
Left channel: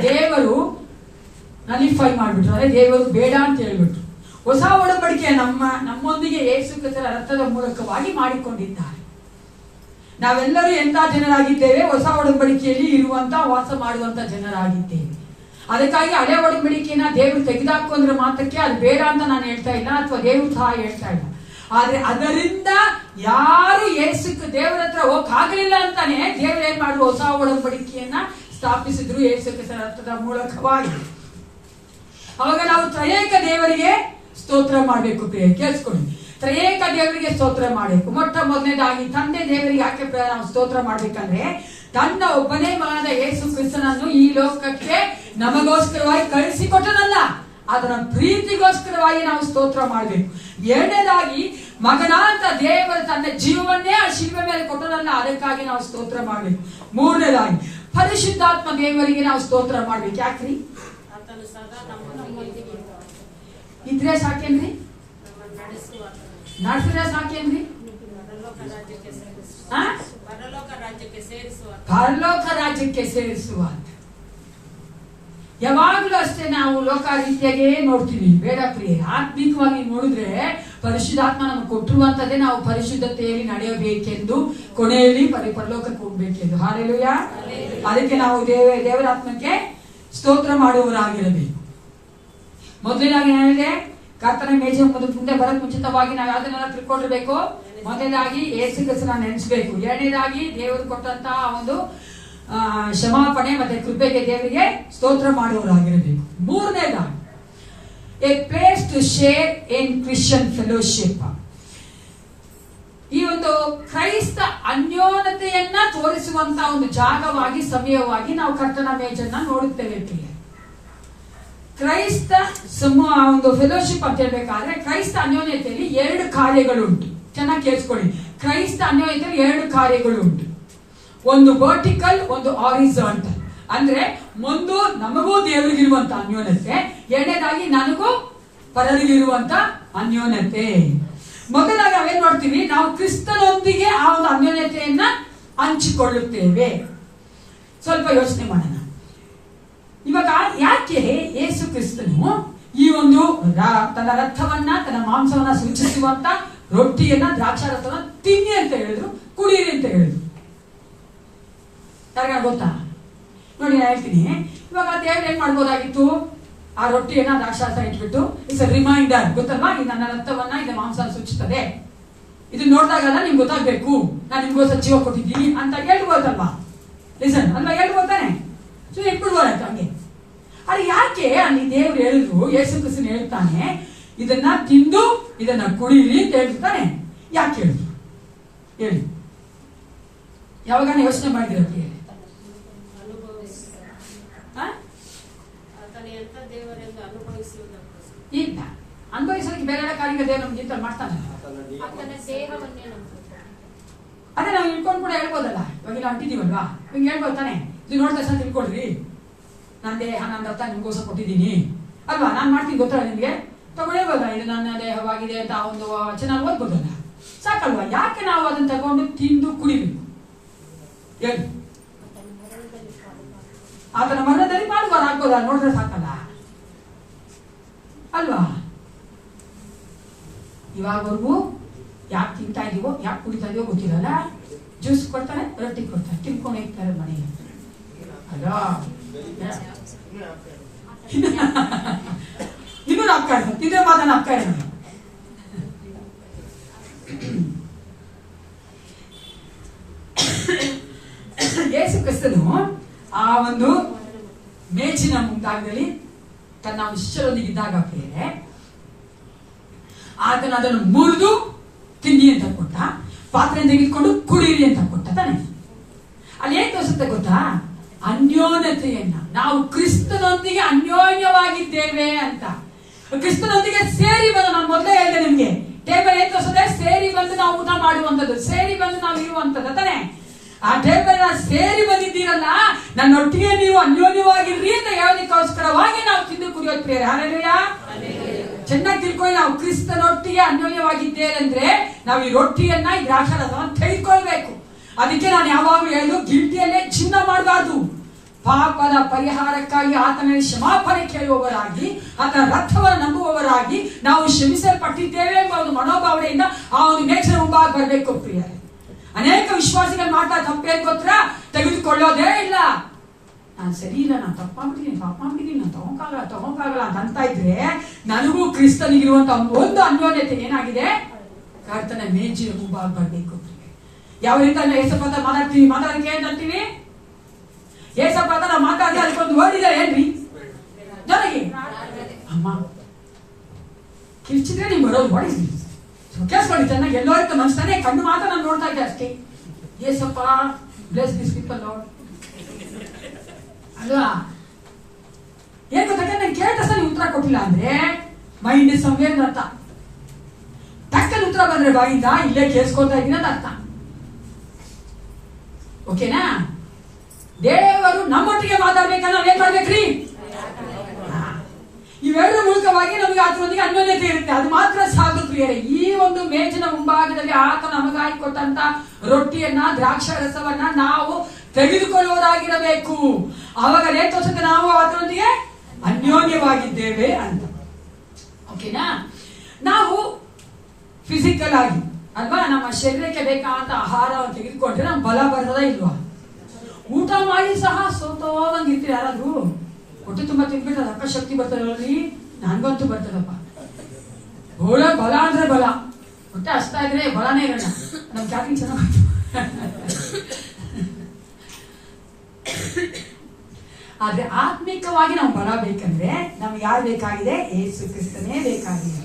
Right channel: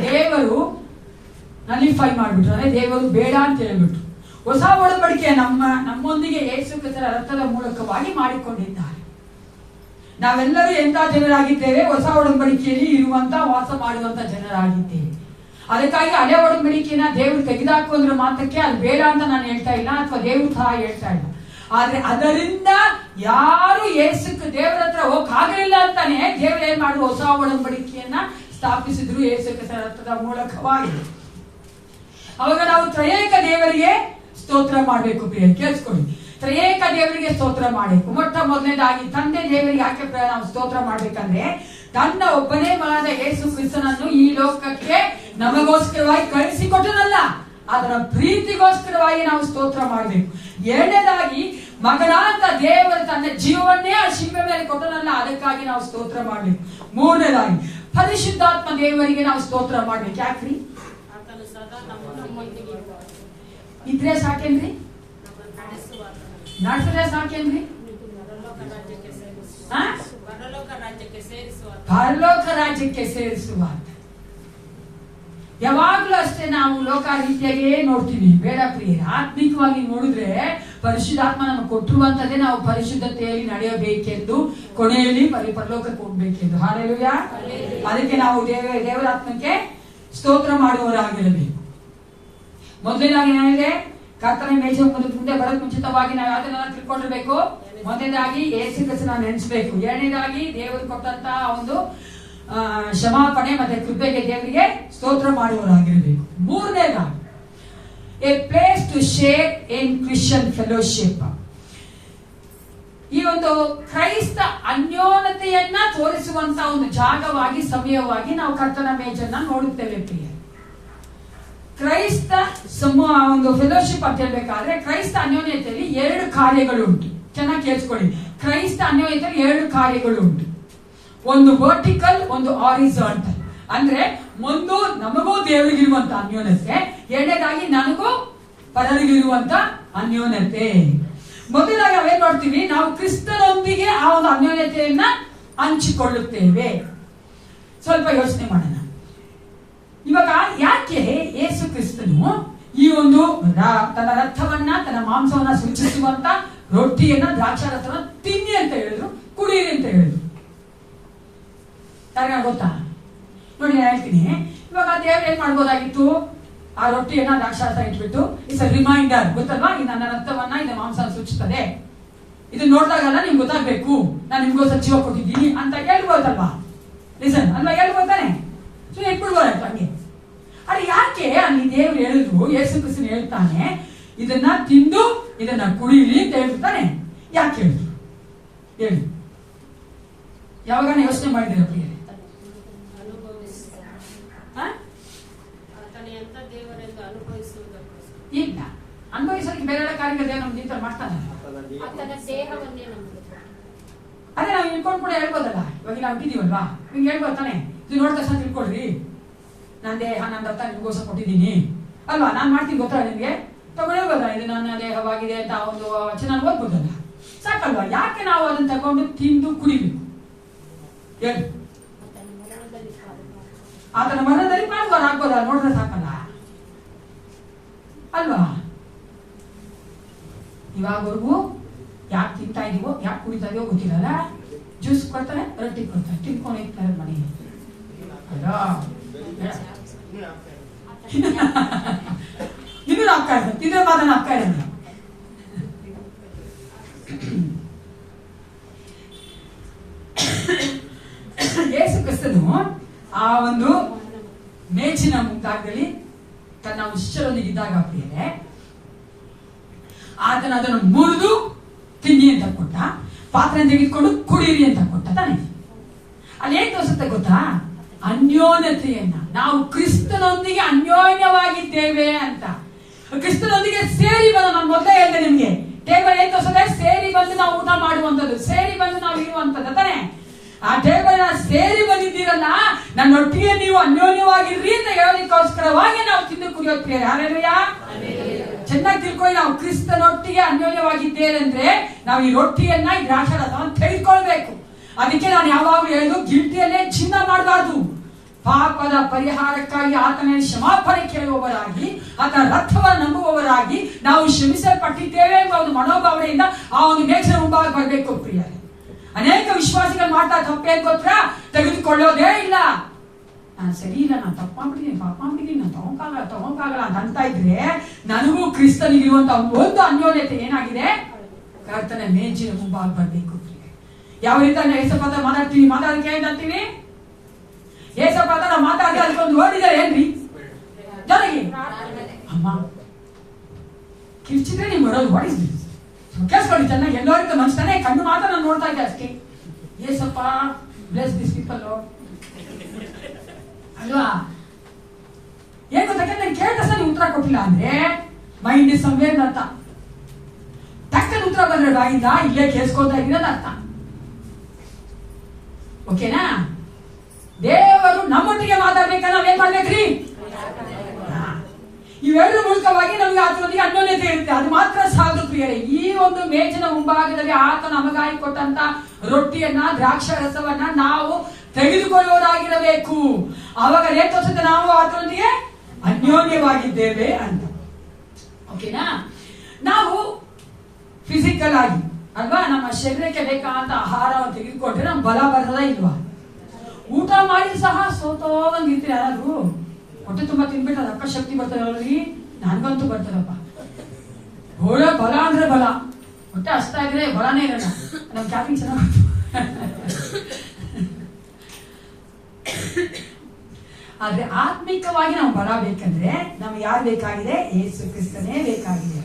ದೇವರು ನಲಿಫೈ ಮಾಡ್ಬಿಟ್ರು. ಅದೇ ದೇವರು ಬೇಡ ಅಂತ ಹೇಳ್ಬಿಟ್ರು. ಹೊಸ ಒಡಂಬಡಿಕೆ ನಮ್ಮೊಂದಿಗೆ ಯೇಸು ಕ್ರಿಸ್ತನ ರಕ್ತದ ಮೂಲಕವಾಗಿ ಮಾಡಿಕೊಂಡಿದ್ದಾರೆ. ನಾವೆಲ್ಲರೂ ಎಂತ ಜನರಾಗಿದ್ದೇವೆ? ಹೊಸ ಒಡಂಬಡಿಕೆಯಲ್ಲಿ ಇರುವಂತ ವಾಸ ಮಾಡುವಂತ ಜನರಾಗಿದ್ದೇವೆ. ಅದಕ್ಕಾಗಿ ಹಳೆ ಒಡಂಬಡಿಕೆಯನ್ನ ದೇವರು ತೆಗೆದಾಕು ಅಂದ್ರೆ ಮಾತ್ರಕ್ಕೆ ಅದು ಬೇಡ ಅಂತ ನಾನು ಹೇಳ್ತಾ ಇಲ್ಲ, ಅಥವಾ ದೇವರು ಸಹ ಹೇಳ್ತಾ ಇಲ್ಲ. ಆದ್ರೆ ಅದರಿಂದ ಯಾರು ದೇವರ ಹತ್ರ ಹೋಗಕ್ಕಾಗಲಿಲ್ಲ ಅಂತಾನೆ ದೇವರು ಏನ್ ಮಾಡುವ ಹೊಸ ಒಡಂಬಡಿಕೆಯನ್ನ ಸ್ಥಾಪಿಸಿದ್ರು ಯೇಸು ಕ್ರಿಸ್ತನ ರಕ್ತದ ಮೂಲಕವಾಗಿ. ಅವಾಗ ನಾವು ತ್ರಯೇಕ ದೇವರಿಗೆ ಸ್ತೋತ್ರ ಮಾಡಬೇಕು. ಪ್ರಿಯ ಕೇಳಿಸ್ಕೊಳ್ಳಿ, ತ್ರಯೇಕ ದೇವರಿಗೆ ಸ್ತೋತ್ರ ಮಾಡಬೇಕು. ಮೊಟ್ಟ ಮೊದಲನೇದಾಗಿ ತಂದೆ ದೇವರಿಗೆ ಯಾಕೆ ನಾವು ಸ್ತೋತ್ರ ಮಾಡ್ಬೇಕಂದ್ರೆ, ತನ್ನ ಒಬ್ಬನೇ ಮಗನಾದ ಯೇಸು ಕ್ರಿಸ್ತನನ್ನು ಈ ಲೋಕಕ್ಕೆ ನಮಗೋಸ್ಕರವಾಗಿ ಕಳಿಸಿಕೊಟ್ಟನಲ್ಲ, ಅದರ ಪ್ರೀತಿಗೋಸ್ಕರವಾಗಿ ನಾವು ಸ್ತೋತ್ರ ಮಾಡಬೇಕು. ಎರಡನೇದಾಗಿ ಮಗನಾದ ದೇವರು ತನ್ನ ಜೀವವನ್ನೇ ಆ ಶಿಲ್ಪೆ ಮೇಲೆ ಕೊಟ್ಟನಲ್ಲ, ಅದಕ್ಕಾಗಿ ನಾವು ಸ್ತೋತ್ರ ಮಾಡಬೇಕು. ಮೂರನೇದಾಗಿ ಪರಿಶುದ್ಧಾತ್ಮ ದೇವರಿಗೆ ನಾವು ಸ್ತೋತ್ರ ಮಾಡ್ಬೇಕು. ಯಾಕ್ರಿ? ಆತನು ಸದಾ ನಮ್ಮೊಂದಿಗೆ ಇದ್ರೆ ಸಾಕೇನ್ರಿ? ನಡೆಸಿದ್ರೆ ಸಾಕೇನ್ರಿ? ಪರಲೋಕ ರಾಜ್ಯಕ್ಕೆ ಸೇರಿಸುವ. ಯಾವಾಗ್ಲೂ ಅಷ್ಟೇ ನಾವು ಲೋಕ ರೀತಿಯಾಗೇ ನೋಡ್ತೀವಿ. ಬೇಡ ಪ್ರಿಯರೇ, ಆತ್ಮಿಕವಾಗಿ ನೋಡಿದ್ರೆ ಪರಿಶುದ್ಧಾತ್ಮ ನಮಗೆ ಕೊಟ್ಟಿರುವಂತದ್ದೇ ನಾವು ಪರಿಶುದ್ಧತೆಯಲ್ಲಿ ನಡೆಯಬೇಕೆಂದು, ಕೊನೆಯಲ್ಲಿ ಪರಲೋಕಕ್ಕೆ ಹೋಗ್ಬೇಕೆಂದು. ಹಾಲೆಲೂಯಾ. ಅದಕ್ಕೆ ನಾವು ದೇವರಾತ್ಮಕ್ಕೆ ಸ್ತೋತ್ರ ಮಾಡುವವರಾಗಿರಬೇಕು. ಮೊದಲನೇದಾಗಿ ಏನಿದೆ? ಕರ್ತನ ಮೇಜಿನ ಮುಂದೆ ಬರೋಕ್ ಮುಂಚಿತವಾಗಿ ನಾವು ಯಾವ್ದನ್ನೆಲ್ಲ ತಿಳ್ಕೊಂಡಿರ್ಬೇಕು? ಮೊದಲನೇದಾಗಿ ಯೇಸು ಕ್ರಿಸ್ತನ ನೆನೆಸಬೇಕು. ಎರಡನೇದಾಗಿ ದೇವರು ಕೊಟ್ಟಂತಹ ಒಂದು ಕ್ಷಮಾಪಣೆ ಮತ್ತೆ ಕೃಪೆಗೆ ದೇವರಿಗೆ ಸ್ತೋತ್ರ ಮಾಡುವವರಾಗಿರಬೇಕು. ಮೂರನೇದಾಗಿ a place to share in Christian fellowship. ಈ ಒಂದು ಕ್ರೈಸ್ತ ಅನ್ಯೋನ್ಯತೆಯನ್ನ ತೋರಿಸುವಂತ ಒಂದು ಜಾಗವಾಗಿ, ಸಮಯವಾಗಿ ನಾವು ಕರ್ತನ ಮೇಜನ್ನ ನೋಡುತ್ತೇವೆ. ಕ್ರೈಸ್ತ ಒಂದು ಫೆಲೋಶಿಪ್ ಅಂತ ಹೇಳ್ಬೇಕಾದ್ರೆ ಕ್ರೈಸ್ತ ಅನ್ಯೋನ್ಯತೆಯಲ್ಲಿ 2 ಕಾರ್ಯಗಳು ಉಂಟು. ಚೆನ್ನಾಗಿ ಕೇಳಿಸ್ಕೊಳ್ಳಿ. ಕ್ರೈಸ್ತ ಅನ್ಯೋನ್ಯತೆಯಲ್ಲಿ 2 ಕಾರ್ಯಗಳು ಉಂಟು. ಒಂದು ವರ್ಟಿಕಲ್, ಒಂದು ಹಾರಿಜಾಂಟಲ್. ಅಂದ್ರೆ ಒಂದು ನಮಗೂ ದೇವರಿಗಿರುವಂತ ಅನ್ಯೋನ್ಯತೆ, ಎರಡನೇದಾಗಿ ನನಗೂ ಪರರಿಗಿರುವಂತ ಅನ್ಯೋನ್ಯತೆ. ಮೊದಲಾಗಿ ನಾವೇನ್ ಮಾಡ್ತೀವಿ? ನಾವು ಕ್ರಿಸ್ತನೊಂದಿಗೆ ಆ ಒಂದು ಅನ್ಯೋನ್ಯತೆಯನ್ನ ಹಂಚಿಕೊಳ್ಳುತ್ತೇವೆ. ಸ್ವಲ್ಪ ಯೋಚನೆ ಮಾಡೋಣ. ಇವಾಗ ಯಾಕೆ ಯೇಸು ಕ್ರಿಸ್ತನು ಈ ಒಂದು ತನ್ನ ರಕ್ತವನ್ನ, ತನ್ನ ಮಾಂಸವನ್ನ ಸೂಚಿಸುವಂತ ರೊಟ್ಟಿಯನ್ನ, ದ್ರಾಕ್ಷಾರಸವನ್ನ ತಿನ್ನಿ ಅಂತ ಹೇಳಿದ್ರು, ಕುಡೀರಿ ಅಂತ ಹೇಳಿದ್ರು? ಯಾರಿಗಾರ ಗೊತ್ತಾ? ನೋಡಿ, ನಾನು ಹೇಳ್ತೀನಿ. ಇವಾಗ ದೇವ್ರು ಏನ್ ಮಾಡ್ಬೋದಾಗಿತ್ತು? ಆ ರೊಟ್ಟಿಯನ್ನ, ದ್ರಾಕ್ಷಾರಸ ಇಟ್ಬಿಟ್ಟು, ಇಟ್ಸ್ ಅ ರಿಮೈಂಡರ್, ಗೊತ್ತಲ್ವಾ? ಇದು ನನ್ನ ರಕ್ತವನ್ನ, ಇದು ಮಾಂಸ ಸೂಚಿಸ್ತದೆ, ಇದು ನೋಡಿದಾಗಲ್ಲ ನಿಮ್ಗೆ ಗೊತ್ತಾಗ್ಬೇಕು, ನಾನು ನಿಮ್ಗೋಸ್ಕರ ಜೀವ ಕೊಟ್ಟಿದ್ದೀನಿ ಅಂತ ಹೇಳ್ಬೋದಲ್ವಾ? ಲಿಸನ್ ಅಲ್ವಾ? ಹೇಳ್ಬೋದಾನೆ? ಸೊ ಇಟ್ಬಿಡ್ಬೋದಾಯ್ತು ಹಂಗೆ. ಅದು ಯಾಕೆ ಅಲ್ಲಿ ದೇವ್ರು ಹೇಳಿದ್ರು, ಯೇಸು ಕ್ರಿಸ್ತನು ಹೇಳ್ತಾನೆ ಇದನ್ನ ತಿಂದು ಇದನ್ನ ಕುಡೀರಿ ಅಂತ ಹೇಳ್ತಾನೆ? ಯಾಕೆ ಹೇಳಿದ್ರು ಹೇಳಿ? ಯಾವಾಗ ಯೋಚನೆ ಮಾಡಿದಿರ? ಇಲ್ಲ, ಅನುಭವಿಸೋದಕ್ಕೆ ಬೇರೆ ಕಾರ್ಯ ದೇವ್ರು ನಮ್ಗೆ ಇಂತ ಮಾಡ್ತಾನೆ. ಅದೇ ನಾವು ಇಟ್ಕೊಂಡು ಕೂಡ ಹೇಳ್ಬೋದಲ್ಲ. ಇವಾಗ ನಾವು ಇಟ್ಟಿದೀವಲ್ವಾ, ನಿಮ್ಗೆ ಹೇಳ್ಬೋದು ತಾನೆ, ಇದು ನೋಡ್ತಾ ಸಹ ತಿಳ್ಕೊಳ್ರಿ, ನನ್ನ ದೇಹ, ನನ್ನ ರಕ್ತ ನಿಮ್ಗೋಸ್ಕರ ಕೊಟ್ಟಿದ್ದೀನಿ ಅಲ್ವಾ, ನಾನು ಮಾಡ್ತೀನಿ ಗೊತ್ತಲ್ಲ ನಿಮ್ಗೆ, ತಗೊಳ್ಬೋದ, ಇದು ನನ್ನ ದೇಹವಾಗಿದೆ ಅಂತ ಒಂದು ವಚನ ಓದ್ಬೋದಲ್ಲ, ಸಾಕಲ್ವಾ? ಯಾಕೆ ನಾವು ಅದನ್ನ ತಗೊಂಡು ತಿಂದು ಕುಡಿಬೇಕು ಹೇಳಿ? ಆತನ ಮರಣದಲ್ಲಿ ತಿನ್ಬೋದಾ? ನೋಡಿದ್ರೆ ಸಾಕಲ್ಲ ಅಲ್ವಾ? ಇವಾಗವರೆಗೂ ಯಾಕೆ ತಿಂತಾ ಇದೀವೋ, ಯಾಕೆ ಕುಡಿತಾ ಇದೀವೋ ಗೊತ್ತಿರಲ್ಲ. ಜ್ಯೂಸ್ ಕೊಡ್ತಾರೆ, ರೊಟ್ಟಿ ಕೊಡ್ತಾರೆ, ತಿನ್ಕೊಂಡು ಇರ್ತಾರೆ ಮನೆಗೆ ಅಲ್ವಾ? ಇನ್ನೂ ನಾಪ್ಕಾಡ್ತಾರೆ, ತಿಂದ್ರೆ ಮಾತ್ರ ನಾಪ್ಕಾಡ. ಯೇಸು ಕ್ರಿಸ್ತನು ಆ ಒಂದು ಮೇಜಿನ ಮುಂಭಾಗದಲ್ಲಿ ತನ್ನ ಶಿಷ್ಯರೊಂದಿಗೆ ಇದ್ದಾಗ ಪ್ರಿಯರೇ, ಆತನ ಅದನ್ನು ಮುರಿದು ತಿನ್ನಿ ಅಂತ ಕೊಟ್ಟ, ಪಾತ್ರೆ ತೆಗೆದುಕೊಂಡು ಕುಡೀರಿ ಅಂತ ಕೊಟ್ಟ ತಾನೆ. ಅಲ್ಲಿ ಏನ್ ತೋರಿಸುತ್ತೆ ಗೊತ್ತಾ? ಅನ್ಯೋನ್ಯತೆಯನ್ನ. ನಾವು ಕ್ರಿಸ್ತನೊಂದಿಗೆ ಅನ್ಯೋನ್ಯವಾಗಿದ್ದೇವೆ ಅಂತ. ಕ್ರಿಸ್ತನೊಂದಿಗೆ ಸೇರಿ ಬಂದು, ನಾನು ಮೊದಲೇ ಹೇಳಿದೆ ನಿಮ್ಗೆ, ಟೇಬಲ್ ಏನ್ ತೋರಿಸುತ್ತೆ? ಸೇರಿ ಬಂದು ನಾವು ಊಟ ಮಾಡುವಂತದ್ದು, ಸೇರಿ ಬಂದು ನಾವು ಇರುವಂತದ್ದು ತಾನೆ. ಆ ಟೇಬಲ್ ಸೇರಿ ಬಂದಿದ್ದೀರಲ್ಲ, ನನ್ನೊಟ್ಟಿಗೆ ನೀವು ಅನ್ಯೋನ್ಯವಾಗಿರ್ರಿ ಅಂತ ಹೇಳೋದಕ್ಕೋಸ್ಕರವಾಗಿ ನಾವು ತಿಂದು ಕುಡಿಯೋದು ಪ್ರಿಯರೇ. ಹಲ್ಲೆಲೂಯಾ. ಚೆನ್ನಾಗಿ ತಿಳ್ಕೊಳ್ಳಿ, ನಾವು ಕ್ರಿಸ್ತನೊಟ್ಟಿಗೆ ಅನ್ಯೋನ್ಯವಾಗಿದ್ದೇವೆ ಅಂದ್ರೆ ನಾವು ಈ ರೊಟ್ಟಿಯನ್ನ, ಈ ದ್ರಾಕ್ಷಾರಸವನ್ನು ತೆಗೆದುಕೊಳ್ಬೇಕು. ಅದಕ್ಕೆ ನಾನು ಯಾವಾಗಲೂ ಹೇಳುದು, ಗಿಲ್ಟಿಯಲ್ಲೇ ಚಿನ್ನ ಮಾಡಬಾರ್ದು. ಪಾಪದ ಪರಿಹಾರಕ್ಕಾಗಿ ಆತನ ಕ್ಷಮಾಪಣೆ ಕೇಳುವವರಾಗಿ, ಆತನ ರಕ್ತವನ್ನು ನಂಬುವವರಾಗಿ ನಾವು ಕ್ಷಮಿಸಲ್ಪಟ್ಟಿದ್ದೇವೆ ಎಂಬ ಒಂದು ಮನೋಭಾವನೆಯಿಂದ ಆ ಒಂದು ಮೇಜಿನ ಮುಂಭಾಗ ಬರಬೇಕು ಪ್ರಿಯರೇ. ಅನೇಕ ವಿಶ್ವಾಸಿಗಳು ಮಾಡ್ತಾ ತಪ್ಪೇನ್ ಗೊತ್ತಾ? ತೆಗೆದುಕೊಳ್ಳೋದೇ ಇಲ್ಲ. ನಾನು ಸರಿ ಇಲ್ಲ, ನಾನು ತಪ್ಪ ಮಾಡ್ಬಿಟ್ಟಿದ್ದೀನಿ, ಪಾಪ ಮಾಡ್ಬಿಟ್ಟಿದ್ದೀನಿ, ನಾನು ತಗೊಂಕಾಗಲ್ಲ ಅಂತ ಇದ್ರೆ ನನಗೂ ಕ್ರಿಸ್ತನಿಗಿರುವಂತ ಒಂದು ಅನ್ಯೋನ್ಯತೆ ಏನಾಗಿದೆ? ಕರ್ತನ ಮೇಜಿನ ಮುಂಭಾಗ ಬರ್ಬೇಕು. ಯಾವ ರೀತಿ ಏಸಪ್ಪ ಮಾತಾಡಕ್ಕೆ ಏನಂತೀವಿ? ಏಸಪ್ಪ ನಾವು ಮಾತಾಡಿದ್ರೆ ಅದಕ್ಕೊಂದು ಓದಿದ್ರೆ ಏನ್ರಿ ನನಗೆ ಅಮ್ಮ ಕಿರ್ಚಿದ್ರೆ ನೀವು ಬರೋದು ಹೊಡಿಸಿ ಕೇಳಿಸ್ಕೊಳ್ಳಿ ಚೆನ್ನಾಗಿ. ಎಲ್ಲೋ ಇರ್ತ ಮನ್ಸ್ತಾನೆ, ಕಣ್ಣು ಮಾತ್ರ ನಾನು ನೋಡ್ತಾ ಇದ್ದೆ ಅಷ್ಟೇ. ಏಸಪ್ಪ ಬ್ಲೆಸ್ ದಿಸ್ ಪೀಪಲ್ ಅಲ್ವಾ? ಏನ್ ಗೊತ್ತಾಗ ನಾನು ಕೇಳಿದ ಸಲ ಉತ್ತರ ಕೊಟ್ಟಿಲ್ಲ ಅಂದ್ರೆ ಮೈಂಡ್ ಇಸ್ ಸಮ್ವೇರ್ ಅರ್ಥ. ಟಕ್ಕಲ್ಲಿ ಉತ್ತರ ಬಂದ್ರೆ ಬಾಯಿಂದ ಇಲ್ಲೇ ಕೇಳಿಸ್ಕೊತಾ ಇದ್ದೀನದ ಅರ್ಥ. ಓಕೆನಾ? ದೇವರು ನಮ್ಮೊಟ್ಟಿಗೆ ಮಾತಾಡ್ಬೇಕಂದ್ರೆ ನಾವೇನ್ ಮಾಡ್ಬೇಕ್ರಿ? ಇವೆರಡು ಮೂಲಕವಾಗಿ ನಮಗೆ ಆತನೊಂದಿಗೆ ಅನ್ಯೋನ್ಯತೆ ಇರುತ್ತೆ. ಅದು ಮಾತ್ರ ಸಾಕು ಪ್ರಿಯರೇ. ಈ ಒಂದು ಮೇಜಿನ ಮುಂಭಾಗದಲ್ಲಿ ಆತ ನಮಗಾಗಿ ಕೊಟ್ಟಂತ ರೊಟ್ಟಿಯನ್ನ, ದ್ರಾಕ್ಷಾರಸವನ್ನ ನಾವು ತೆಗೆದುಕೊಳ್ಳುವುದಾಗಿರಬೇಕು. ಆವಾಗ ಏನ್ ತೋರಿಸುತ್ತೆ? ನಾವು ಆತನೊಂದಿಗೆ ಅನ್ಯೋನ್ಯವಾಗಿದ್ದೇವೆ ಅಂತ. ಓಕೆನಾ? ನಾವು ಫಿಸಿಕಲ್ ಆಗಿ ಅಲ್ವಾ, ನಮ್ಮ ಶರೀರಕ್ಕೆ ಬೇಕಾದಂತ ಆಹಾರವನ್ನು ತೆಗೆದುಕೊಂಡ್ರೆ ನಮ್ ಬಲ ಬರ್ತದ ಇಲ್ವಾ? ಊಟ ಮಾಡಿ ಸಹ ಸೋತೋದಂಗ್ ಇರ್ತೀರಿ. ಯಾರಾದ್ರೂ ಹೊಟ್ಟೆ ತುಂಬಾ ತಿನ್ಬಿಟ್ಟು ಅದಕ್ಕ ಶಕ್ತಿ ಬರ್ತದಲ್ರಿ? ನನ್ಗಂತೂ ಬರ್ತದಪ್ಪ. ಒಳ್ಳೆ ಬಲ ಅಂದ್ರೆ ಬಲ, ಹೊಟ್ಟೆ ಹಸ್ತಾ ಇದ್ರೆ ಬಲನೇ ಇರಲ್ಲ. ನಮ್ ಚಾಪಿ ಚೆನ್ನಾಗಿ. ಆದ್ರೆ ಆತ್ಮಿಕವಾಗಿ ನಾವು ಬಲ ಬೇಕಂದ್ರೆ ನಮ್ಗೆ ಯಾರು ಬೇಕಾಗಿದೆ? ಯೇಸು ಕ್ರಿಸ್ತನೇ ಬೇಕಾಗಿದೆ.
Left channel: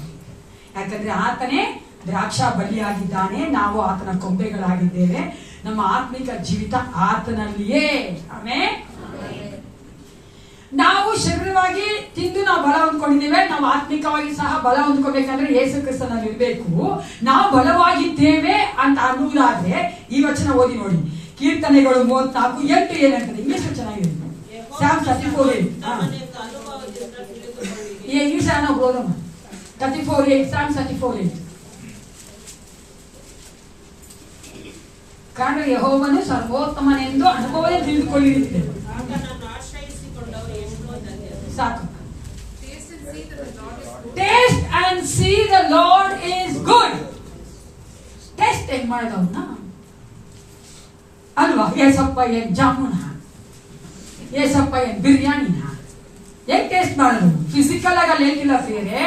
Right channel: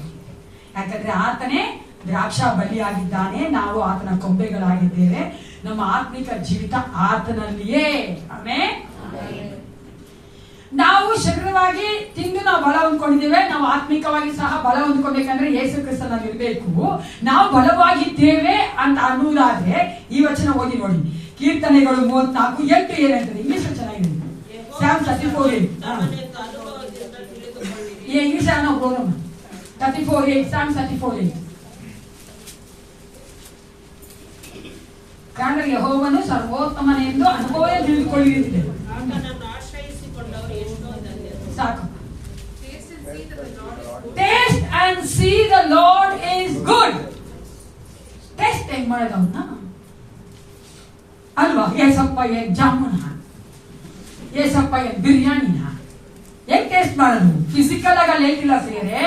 ಯಾಕಂದ್ರೆ ಆತನೇ ದ್ರಾಕ್ಷಾ ಬಲಿಯಾಗಿದ್ದಾನೆ, ನಾವು ಆತನ ಕೊಂಬೆಗಳಾಗಿದ್ದೇವೆ. ನಮ್ಮ ಆತ್ಮಿಕ ಜೀವಿತ ಆತನಲ್ಲಿಯೇ. ಆಮೇಲೆ ನಾವು ಶರೀರವಾಗಿ ತಿಂದು ನಾವು ಬಲ ಹೊಂದ್ಕೊಂಡಿದ್ದೇವೆ. ನಾವು ಆತ್ಮಿಕವಾಗಿ ಸಹ ಬಲ ಹೊಂದ್ಕೋಬೇಕಂದ್ರೆ ಯೇಸು ಕ್ರಿಸ್ತನಲ್ಲಿ ಇರಬೇಕು. ನಾವು ಬಲವಾಗಿದ್ದೇವೆ ಅಂತ ಅನ್ನುವುದಾದ್ರೆ ಈ ವಚನ ಓದಿ ನೋಡಿ. ಕೀರ್ತನೆಗಳು 34:8 ಏನಂತದೆ? ಇಂಗ್ಲಿಷ್ ಚೆನ್ನಾಗಿದೆ. Psalm 34:8. ಈ ಇಂಗ್ಲಿಷ್ ನಾವು ಓದೋಣ. 34:8 Psalm 34:8. ಕಾರಣ ಯೆಹೋವನು ಸರ್ವೋತ್ತಮನೆಂದು ಅನುಭವವೇ ತಿಳಿದುಕೊಳ್ಳಿರುತ್ತದೆ. ಸಾಕು. Taste and C the lord is good. Taste ಹೆಂಗ್ ಮಾಡೋದವನ್ನ ಅಲ್ವಾ? ಏಸಪ್ಪ ಏನ್ ಜಾಮೂನ, ಏಸಪ್ಪ ಏನ್ ಬಿರಿಯಾನಿನ ಹೆಂಗ್ ಟೇಸ್ಟ್ ಮಾಡೋದು? ಫಿಸಿಕಲ್ ಆಗಿ ಅಲ್ಲಿ ಹೇಳ್ತಿಲ್ಲ ಪ್ರಿಯರೇ,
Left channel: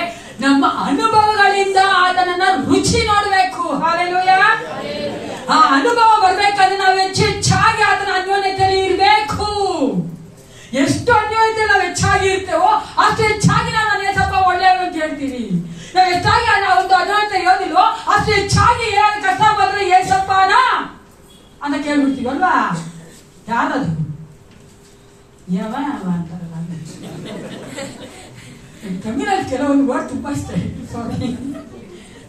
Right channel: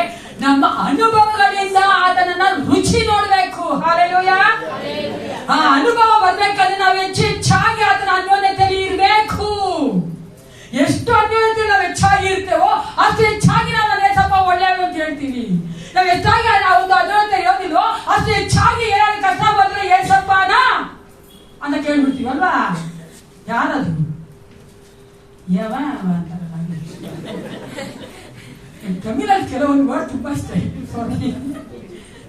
ನಮ್ಮ ಅನುಭವಗಳಿಂದ ಅದನ್ನ ರುಚಿ ನೋಡ್ಬೇಕು. ಹಲ್ಲೆಲೂಯಾ. ಆ ಅನುಭವ ಬರ್ಬೇಕಂದ್ರೆ ನಾವು ಹೆಚ್ಚಾಗಿ ಅದನ್ನ ಅನ್ಯೋನ್ಯತೆಯಲ್ಲಿ ಇರ್ಬೇಕು. ಎಷ್ಟು ಅನ್ಯೋನ್ಯತೆ ನಾವು ಹೆಚ್ಚಾಗಿ ಇರ್ತೇವೋ ಅಷ್ಟು ಹೆಚ್ಚಾಗಿ ನಾವು ನನ್ನ ಏಸಪ್ಪ ಒಳ್ಳೆಯವರು ಅಂತ ಹೇಳ್ತೀವಿ. ನಾವು ಹೆಚ್ಚಾಗಿ ಒಂದು ಅನ್ಯೋನ್ಯತೆ ಇರೋದಿಲ್ವೋ ಅಷ್ಟು ಹೆಚ್ಚಾಗಿ ಏನಾದ್ರು ಕಷ್ಟ ಬಂದ್ರೆ ಏಸಪ್ಪನ ಅಂತ ಕೇಳ್ಬಿಡ್ತೀವಿ ಅಲ್ವಾ? ಯಾರದು ಯಾವ ಅಂತಾರಲ್ಲ, ತಮಿಳಲ್ಲಿ ಕೆಲವೊಂದು ವರ್ಡ್ ತುಂಬಾ ಇಷ್ಟ. ಸಾರಿ,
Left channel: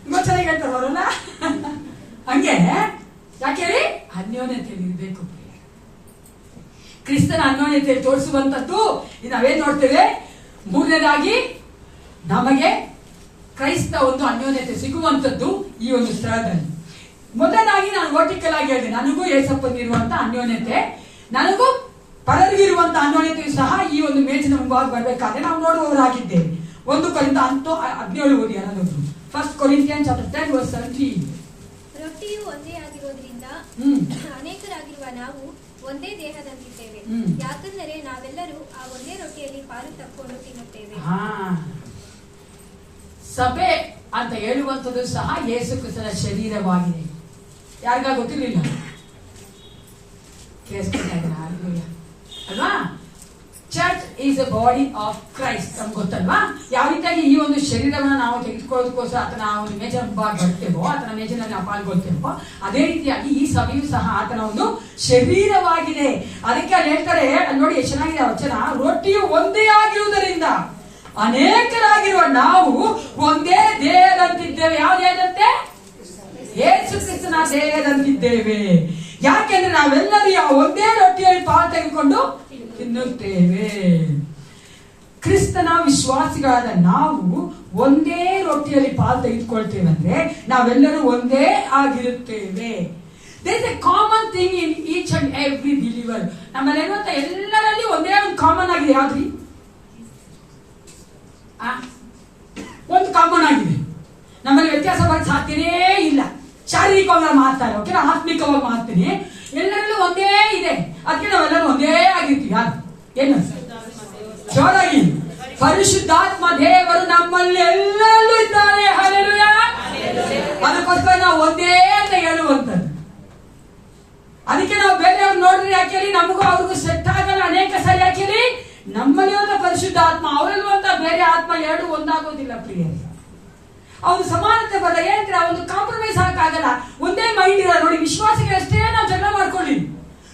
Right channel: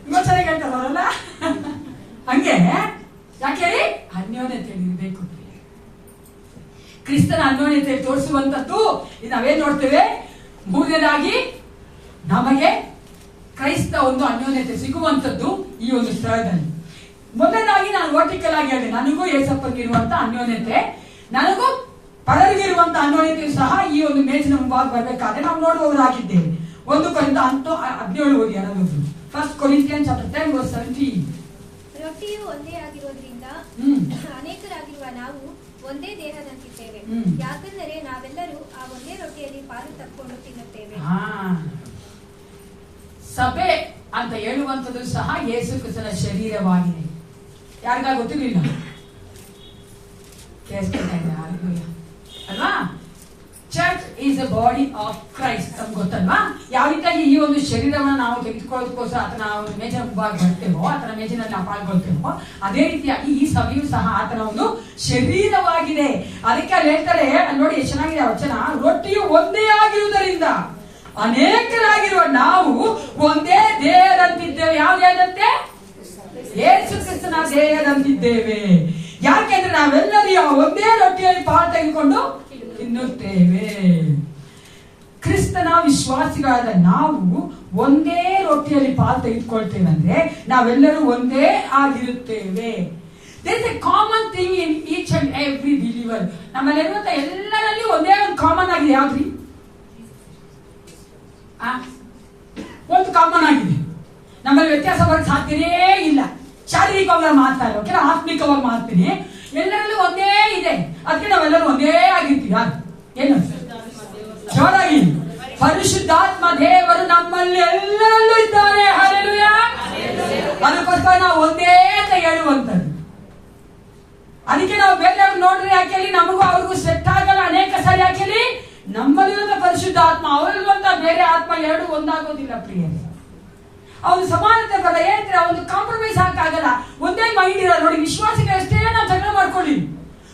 ತುಂಬಾ ಚೆನ್ನಾಗಿ ಹೇಳ್ತಾರೆ ಅವರಲ್ಲ. ಹಂಗೆ ಯಾಕೆ ಹೇಳಿ? ಅನ್ಯೋನ್ಯತೆಯಲ್ಲಿ ಇರಬೇಕು. ಕ್ರಿಸ್ತನ ಅನ್ಯೋನ್ಯತೆಯಲ್ಲಿ ತೋರಿಸುವಂತದ್ದು ನಾವೇನ್ ನೋಡ್ತೇವೆ? ಮೂರನೇದಾಗಿ ನಮಗೆ ಕ್ರೈಸ್ತ ಒಂದು ಅನ್ಯೋನ್ಯತೆ ಸಿಗುವಂತದ್ದು ಈ ಒಂದು ಸ್ಥಳದಲ್ಲಿ. ಮೊದಲನೇದಾಗಿ ನಾನು ವರ್ಟಿಕಲ್ ಆಗಿ ಹೇಳಿದೆ, ನನಗೂ ಏಸಪ್ಪನಿರುವಂತ ಅನ್ಯೋನ್ಯತೆ, ನನಗೂ ಪರರಿಗಿರುವಂತ ಅನ್ವಯತೆಯು ಸಹ ಈ ಒಂದು ಮೇಜಿನ ಮುಂಭಾಗ ಬರಬೇಕಾದ್ರೆ ನಾವು ನೋಡುವವರಾಗಿದ್ದೇವೆ. 1 ಕೊರಿಂಥ 17 ಓದಿ ಅನ್ನೋದು. 1 Corinthians chapter 10 verse 17. ರೊಟ್ಟಿಯು ಒಂದೇ ಆಗಿರೋದ್ರಿಂದ ಅನೇಕರಾಗಿರುವ ನಾವು ಒಂದೇ ದೇಹದಂತಿದ್ದೇವೆ. ಯಾಕಂದರೆ ನಾವೆಲ್ಲರೂ ಆ ಒಂದೇ ರೊಟ್ಟಿಯಲ್ಲಿ ಪಾಲು ತಕ್ಕೊಂಡು ತಿನ್ನುತ್ತೇವೆ. ಸಭೆ ಅಂತ ಹೇಳುವಂಥದ್ದು ಸಹ ಯೇಸು ಕ್ರಿಸ್ತನ ಶರೀರವಾಗಿದೆ. ಯಾರಿಗ ಗೊತ್ತಿರಲಿಲ್ಲ? ಅಲ್ವಾ? Church is a body of Christ. ನಮ್ಗೆ ಗೊತ್ತಲ್ವಾ? ಯಾವ ರೀತಿಯಾಗಿ ಈ ಒಂದು ಶರೀರವನ್ನು ನಾವು ತೆಗೆದುಕೊಳ್ಳೋದಕ್ಕೋಸ್ಕರ ಆತನ ಒಂದು ಮೇಜಿನ ಮುಂಭಾಗ ಬರ್ತೇವೋ, ಆತನ ಮೇಜಿನಲ್ಲಿ ನಾವು ಪಾಲ್ಗೊಳ್ತೇವೋ, ಅದೇ ರೀತಿಯಾಗಿ ಈ ಸಭೆಯು ಸಹ ಆತನ ಒಂದು ಶರೀರವಾಗಿದೆ. ಅದಕ್ಕೆ ಅಲ್ಲಿ ಹೇಳ್ತಾರೆ, ನೋಡಿ ಎಷ್ಟು ಚೆನ್ನಾಗಿದೆ ವಚನ. ರೊಟ್ಟಿಯು ಒಂದೇ ಆಗಿರುವುದರಿಂದ ಅನೇಕರಾಗಿರುವ ನಾವು ಒಂದೇ ದೇಹದಂತಿದ್ದೇವೆ. ಯಾವ ದೇಹದಂತೆ? ಯೇಸು ಕ್ರಿಸ್ತನ ದೇಹದಂತಿದ್ದೇವೆ. ಯಾಕೆಂದ್ರೆ ನಾವೆಲ್ಲರೂ ಒಂದೇ ರೊಟ್ಟಿಯಲ್ಲಿ ಪಾಲು ತೆಗೆದುಕೊಂಡು ತಿನ್ನುತ್ತೇವೆ. ಕ್ರಿಸ್ತನ ವಿಶ್ವಾಸಿಗಳಾದ ನಾವು ಒಂದೇ ರೊಟ್ಟಿಯಲ್ಲಿ ಪಾಲು ತೆಗೆದುಕೊಳ್ತೇವೆ ಅಂದ್ರೆ ನಾವೆಲ್ಲರೂ ಒಂದೇ ಆಗಿರುತ್ತೇವೆ. There is a common thing in each and every believer. ನಮ್ಮಲ್ಲಿರುವಂತ ಎಲ್ಲರಲ್ಲಿ ಒಂದೇ ಒಂದು ಕಾಮನ್ ಆಗಿದೆ. ಯಾವ್ದ್ರಿ? ಒಂದು ಕಾಮನ್ ಆಗಿದೆ. ನಮ್ಮಲ್ಲಿ ವ್ಯತ್ಯಾಸ ಬರಕ್ಕೆ ಸಾಧ್ಯನೇ ಇಲ್ಲ. ಶಾರೀರಿಕವಾಗಿ ಮಾತಾಡ, ಆತ್ಮಿಕವಾಗಿ ಮಾಡ್ತೀನಿ, ಎಲ್ಲರಲ್ಲೂ ಒಂದೇ ಇದೆ. ಅದಕ್ಕೆ ನಾವೆಲ್ಲರೂ ಒಂದೇ ಆಗಿರ್ತೀವಿ. ಏನು ಜೋರಾಗಿ? ಪರಿಶುದ್ಧಾತ್ಮ ದೇವರು ನಮ್ಮಲ್ಲಿ ಎಲ್ಲರಲ್ಲೂ ಇದ್ದಾರೆ. ಹಲ್ಲೆಲೂಯಾ. ಅದಕ್ಕೋಸ್ಕರ ನಾವು ಒಂದೇ ಅಂತ ಹೇಳುವಂತದ್ದು. ಅದಕ್ಕೆ ನಾವು ಬೇರೆಯವ್ರು ನೋಡಿದ್ರೆ ಯಾಕೆ ನಮಗೂ ಅವ್ರಿಗೂ ಸೆಟ್ ಆಗಲ್ಲ. ಅನೇಕ ಸಾರಿ ಯಾಕೆ ನಮ್ಮಲ್ಲಿರುವಂತ ಪರಿಶುದ್ಧಾತ್ಮ ಅವರಲ್ಲಿರುವಂತ ಬೇರೆ ಆತ್ಮ ಎರಡು ಒಂದಾಗೋದಿಲ್ಲ ಪ್ರಿಯ. ಅವ್ರು ಸಮಾನತೆ ಬರಲ್ಲ. ಏನಂದ್ರೆ ಒಂದು ಕಾಂಪ್ರಮೈಸ್ ಆಗಲ್ಲ. ಒಂದೇ ಮೈಂಡ್ ಇರಲ್ಲ. ನೋಡಿ, ವಿಶ್ವಾಸಿಗೆ ಅಷ್ಟೇ ನಾವು ಜಗಳ ಮಾಡ್ಕೊಳ್ಳಿ,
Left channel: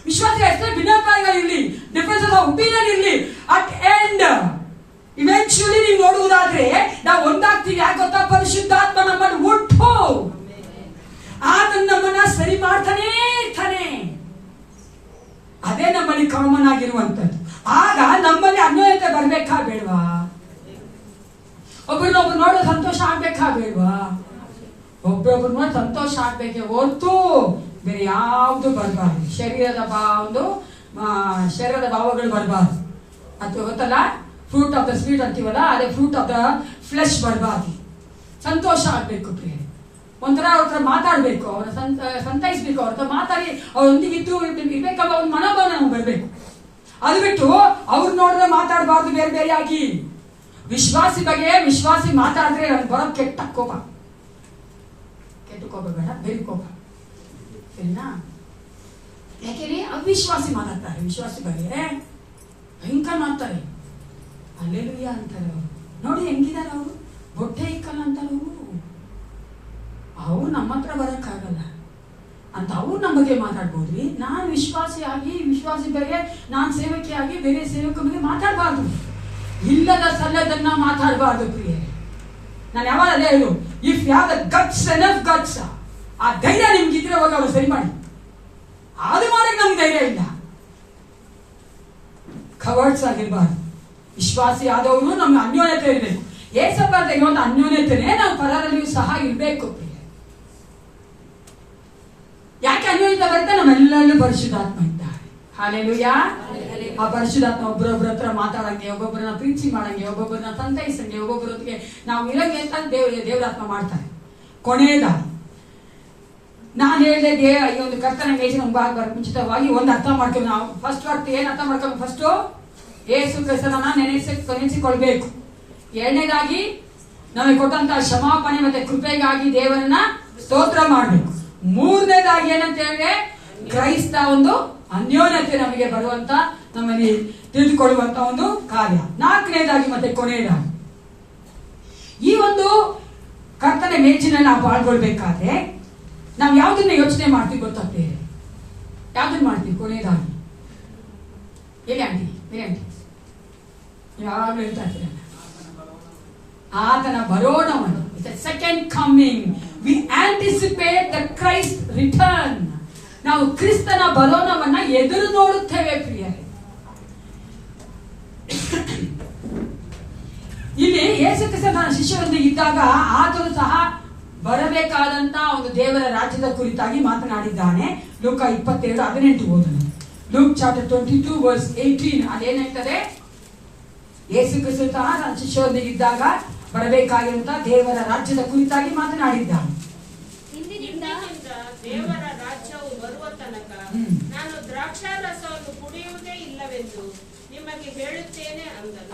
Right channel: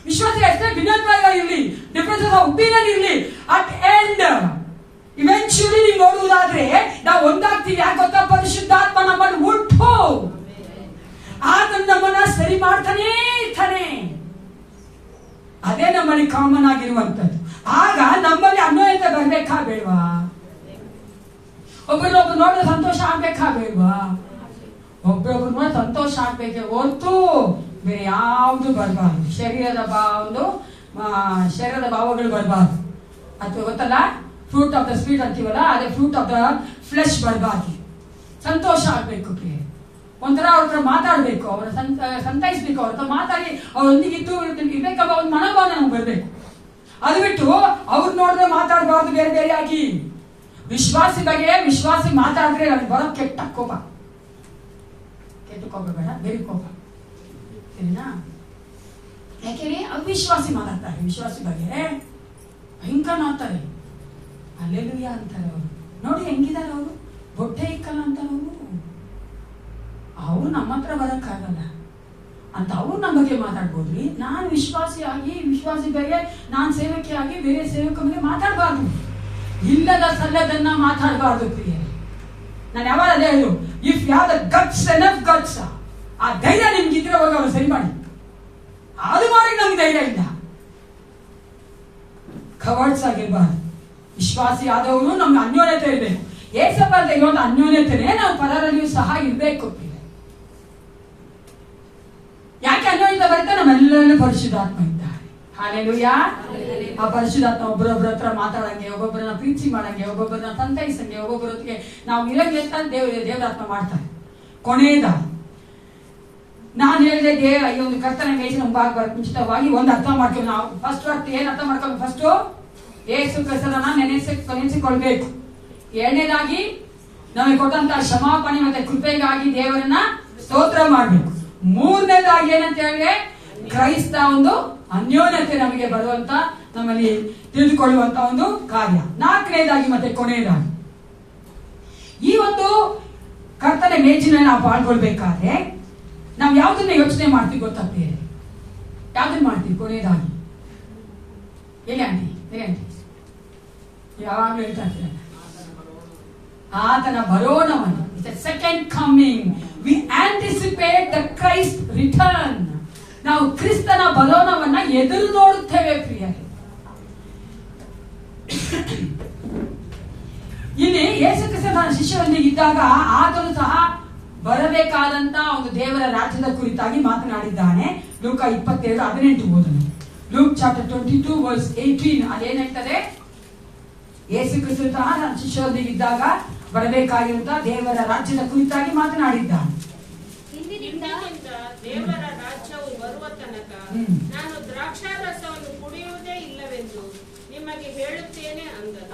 ವಿಶ್ವಾಸಿಗೆ ಅಷ್ಟೇ ಭಿನ್ನತ್ವ ಇರಲಿ, ಡಿಫರೆನ್ಸ್ ಆಫ್ ಒಪಿನಿಯನ್ ಇರಲಿ, ಅಟ್ ಎಂಡ್ ಇವೆಂಚುಲಿ ನೀವು ನೋಡುವುದಾದ್ರೆ ನಾವು ಒಂದಾಗ್ತೀವಿ. ಯಾಕೆ ಗೊತ್ತಾ? ಪರಿಶುದ್ಧಾತ್ಮ ನಮ್ಮನ್ನು ಹುಟ್ಟು ಆತನ ನಮ್ಮನ್ನ ಸರಿ ಮಾಡ್ತಾನೇ ಇರ್ತಾನೆ. ಅದೇ ನಮ್ಮಲ್ಲಿ ಕಾಮನ್ ಆಗಿರುವಂತದ್ದು. ಆಗ ನಮ್ಮಲ್ಲಿ ಅನ್ವಯತೆ ಬರ್ಬೇಕಾ ಬೇಡವಾ? ಒಬ್ಬರೊಬ್ರು ನೋಡೋ ಸಂತೋಷ ಆಗ್ಬೇಕಾ ಬೇಡವಾ? ಒಬ್ಬರೊಬ್ರು ನೋಡಿ ಸಂತೋಷ ಆಗ್ಬೇಕೆ ಹೊರತು ಬೇರೆ ಯಾವುದು ಬರಬಾರ್ದು. ಶರೀರದ ಭಾವಗಳು ಬರಬಾರ್ದು. ಅಥವಾ ಗೊತ್ತಲ್ಲ, ಫ್ರೂಟ್ ಆಫ್ ದ ಸ್ವೀಟ್ ಅಂತೀವಲ್ಲ, ಅದೇ ಫ್ರೂಟ್ ಆಫ್ ದ ಫ್ಲೆಶ್ ಬರಬಾರ್ದು. ಸಂತೋಷ ಆಗ್ಬೇಕು ಪ್ರಿಯ. ಒಂಥರ ಅವ್ರ ಹತ್ರ ಮಾತಾಡ್ಬೇಕು, ಅವರ ಸಂತೈಸ್ಬೇಕು, ಅವ್ರ ಹತ್ರ ಮಾತಾಡಿ ಅವರೊಂದಿಗೆ ಇರ್ಬೇಕಂಬ ಒಂದು ಮನೋಭಾವ ನಮ್ಗೆ ಬರ್ಬೇಕು. ಅದು ಬಿಟ್ಟು ಅವ್ರು ನೋಡಿದ್ರೆ ಮಾತಾಡಬಾರ್ದು ಬೇರೆ ಬೇರೆ ಆಗಿ. ವಿಶ್ವಾಸಿ ಬಗ್ಗೆ ವಿಶ್ವಾಸಿ ಮಾತಾಡಿದ್ರೆ ನನಗೆ ಬರೋ ಕೆಟ್ಟ ಕೋಪ ಬೇಡ, ಬೇರೆ ಕೋಪ, ಸರಿನಾ? ಯಾಕೆಂದ್ರೆ ಅವಿಶ್ವಾಸಿ ಮಾತಾಡ್ತಾರೆ. ವಿಶ್ವಾಸಿ ಬಗ್ಗೆ ಭಯಂಕರ ಮಾಡ್ತಾರೆ. ಹಲ್ಲೆಲೂಯಾ ಅಂತಾರೆ ಅವರು. ನೋಡಿ ಹೆಂಗಿದ್ದಾರೆ ಅವರು, ಬೊಟ್ಟೆ ಇಕ್ಕಲ್ಲ ಅಂತಾರೆ ಅವರು. ಅವ್ರು ನಮ್ಮ ಹತ್ರ ಬರಕ್ಕಾಗಲ್ಲ ಅಂತ ಅವ್ರು ನಮ್ಮ ಬಗ್ಗೆ ಮಾತಾಡ್ಬೋದ್ರಿ. ನಾನು ವಿಶ್ವಾಸಿ ಬಗ್ಗೆ ನಾನು ಸೇವಕಿಯಾಗಿ ಬೇರೆ ಸೇವಕ ಬಗ್ಗೆ ಮಾತಾಡಬಾರ್ದು. ಇಲ್ಲದ ಸಲ್ಲದನ್ನ ಮಾತಾಡಬಾರ್ದು ಪ್ರಿಯ. ನಾನು ಯಾವಾಗ ಅದೇ ಹೇಳು, ಇಫ್ ಯಾವ ಗಟ್ಸ್ ಎನಫ್ ಗಟ್ಸ್, ಆ ಧೈರ್ಯ ನಿಮ್ಗೆ ಇದ್ರೆ ಹೋಗಿ ಅವ್ರು ಸರಿ ಮಾಡಿ. ಅದು ಮಾಡಕ್ಕೆ ನಮ್ಗೆ ಧೈರ್ಯ ಇಲ್ಲ. ಕವರ್ಡ್ಸ್ ಆಗಿರ್ಬಾರ್ದು. ವಿಶ್ವಾಸಿ ಆದವರು ನಮ್ಗೆ ಅನ್ಯೋನ್ಯತೆ ಇರಬೇಕು. ಏಸಪ್ಪ ಅಂತ ಇರುವಂತ ಅನ್ಯೋನ್ಯತೆನೇ ನಾವು ಪರರಲ್ಲಿಯೂ ಸಹ ಇರಬೇಕು. ಯಾಕೆ ಅನ್ಯೋನ್ಯತೆ ಬರುತ್ತೆ? ನಮ್ಮೆಲ್ಲರಲ್ಲೂ ಪರಿಶುದ್ಧಾತ್ಮ ಇದ್ದಾರೆ. ಹಲ್ಲೆಲೂಯಾ. ಆ ಪರಿಶುದ್ಧಾತ್ಮ ಒಬ್ಬರೊಬ್ಬರ ಹತ್ರ ಮಾತಾಡಂಗೆ, ಒಬ್ಬೊಬ್ಬರನ್ನ ಪ್ರೀತಿ ಮಾಡಂಗೆ, ಒಬ್ಬೊಬ್ಬರನ್ನ ಸಂತೈಸಂಗೆ, ಒಬ್ಬೊಬ್ಬರೊತ್ತಿಗೆ ನಾವು ಇರಂಗೆ ಅಂತ ದೇವರಾತ್ಮ ಮಾಡ್ತಾರೆ. ಕೊನೆಯದ ನಾನು ಹೇಳಿದೆ, ಈ ಒಂದು ಕರ್ತನ ಮೇಜಿನ ಮುಂಭಾಗ ಮುಂಚಿತವಾಗಿ ಒಂದು ಅರ್ಥ ಮಾಡ್ತೀವಿ ನಾವು. ಫಸ್ಟ್ ಏನ್ ಅರ್ಥ ಮಾಡ್ಕೊಂಡು, ಫಸ್ಟ್ ಯೇಸು ಕ್ರಿಸ್ತನನ್ನ ನೆನೆಸಿಕೊಳ್ಬೇಕು. ಎರಡನೇದಾಗಿ ನಮಗೆ ಕೊಟ್ಟಂತ ಕ್ಷಮಾಪಣೆ ಮತ್ತೆ ಕೃಪೆಗಾಗಿ ದೇವರನ್ನ ಸ್ತೋತ್ರ ಮಾಡಬೇಕು. ಮೂರನೇದಾಗಿ ಏನಂತ ಹೇಳಿದ್ರೆ ಕ್ರೈಸ್ತ ಒಂದು ಅನ್ಯೋನ್ಯತೆ ನಮಗೆ ಬರುವಂತ, ನಮ್ಮಲ್ಲಿ ತಿಳಿದುಕೊಳ್ಳುವಂತ ಒಂದು ಕಾರ್ಯ. ನಾಲ್ಕನೇದಾಗಿ ಮತ್ತೆ ಕೊನೆಯದಾಗಿ ಈ ಒಂದು ಕರ್ತನ ಮೇಜಿನಲ್ಲಿ ನಾವು ಪಾಲ್ಗೊಳ್ಬೇಕಾದ್ರೆ ನಾವು ಯಾವ್ದನ್ನ ಯೋಚನೆ ಮಾಡ್ತೀವಿ ಗೊತ್ತಾಗ್ತೇವೆ? ಯಾವ್ದನ್ನ ಮಾಡ್ತೀವಿ? ಕೊನೆಯದಾಗಿ ಹೇಳಿ ಆಂಟಿ, ಯಾವಾಗಲೂ ಹೇಳ್ತಾ ಇರ್ತೀರ ಆತನ ಬರೋಣವನ್ನು. Second coming. We anticipate the Christ return. ನಾವು ಕ್ರಿಸ್ತನ ಬರೋಣವನ್ನ ಎದುರು ನೋಡುತ್ತೇವೆ ಪ್ರಿಯ. ಇಲ್ಲಿ ಯೇಸು ಕ್ರಿಸ್ತನ ಶಿಷ್ಯರೊಂದಿಗೆ ಇದ್ದಾಗ ಆತನು ಸಹ ಬರಬೇಕಾದಂತ ಒಂದು ದೇವರ ರಾಜ್ಯದ ಕುರಿತಾಗಿ ಮಾತನಾಡಿದ್ದಾನೆ. ಲೂಕ 27:18 ಓದೋಣ. ಲೂಕ್ ಚಾಪ್ಟರ್ 22 ವರ್ಸ್ 18 ಅದೇನಾಗ್ತದೆ? ಯೇಸು ಕ್ರಿಸ್ತ ತನ್ನ ಶಿಷ್ಯರೊಂದಿಗೆ ಇದ್ದಾಗ ಬರಬೇಕಾಗಿರುವಂತ ದೇವರ ರಾಜ್ಯದ ಕುರಿತಾಗಿ ಮಾತನಾಡಿದ್ದಾನೆ. ಇಂದಿನಿಂದ ದೇವರ ರಾಜ್ಯವು ಬರುವ ತನಕ ನಾನು ದ್ರಾಕ್ಷಾರಸವನ್ನು ಕುಡಿಯುವುದೇ ಇಲ್ಲವೆಂದು ನಿಮಗೆ ಹೇಳುತ್ತೇನೆ ಅಂದನು.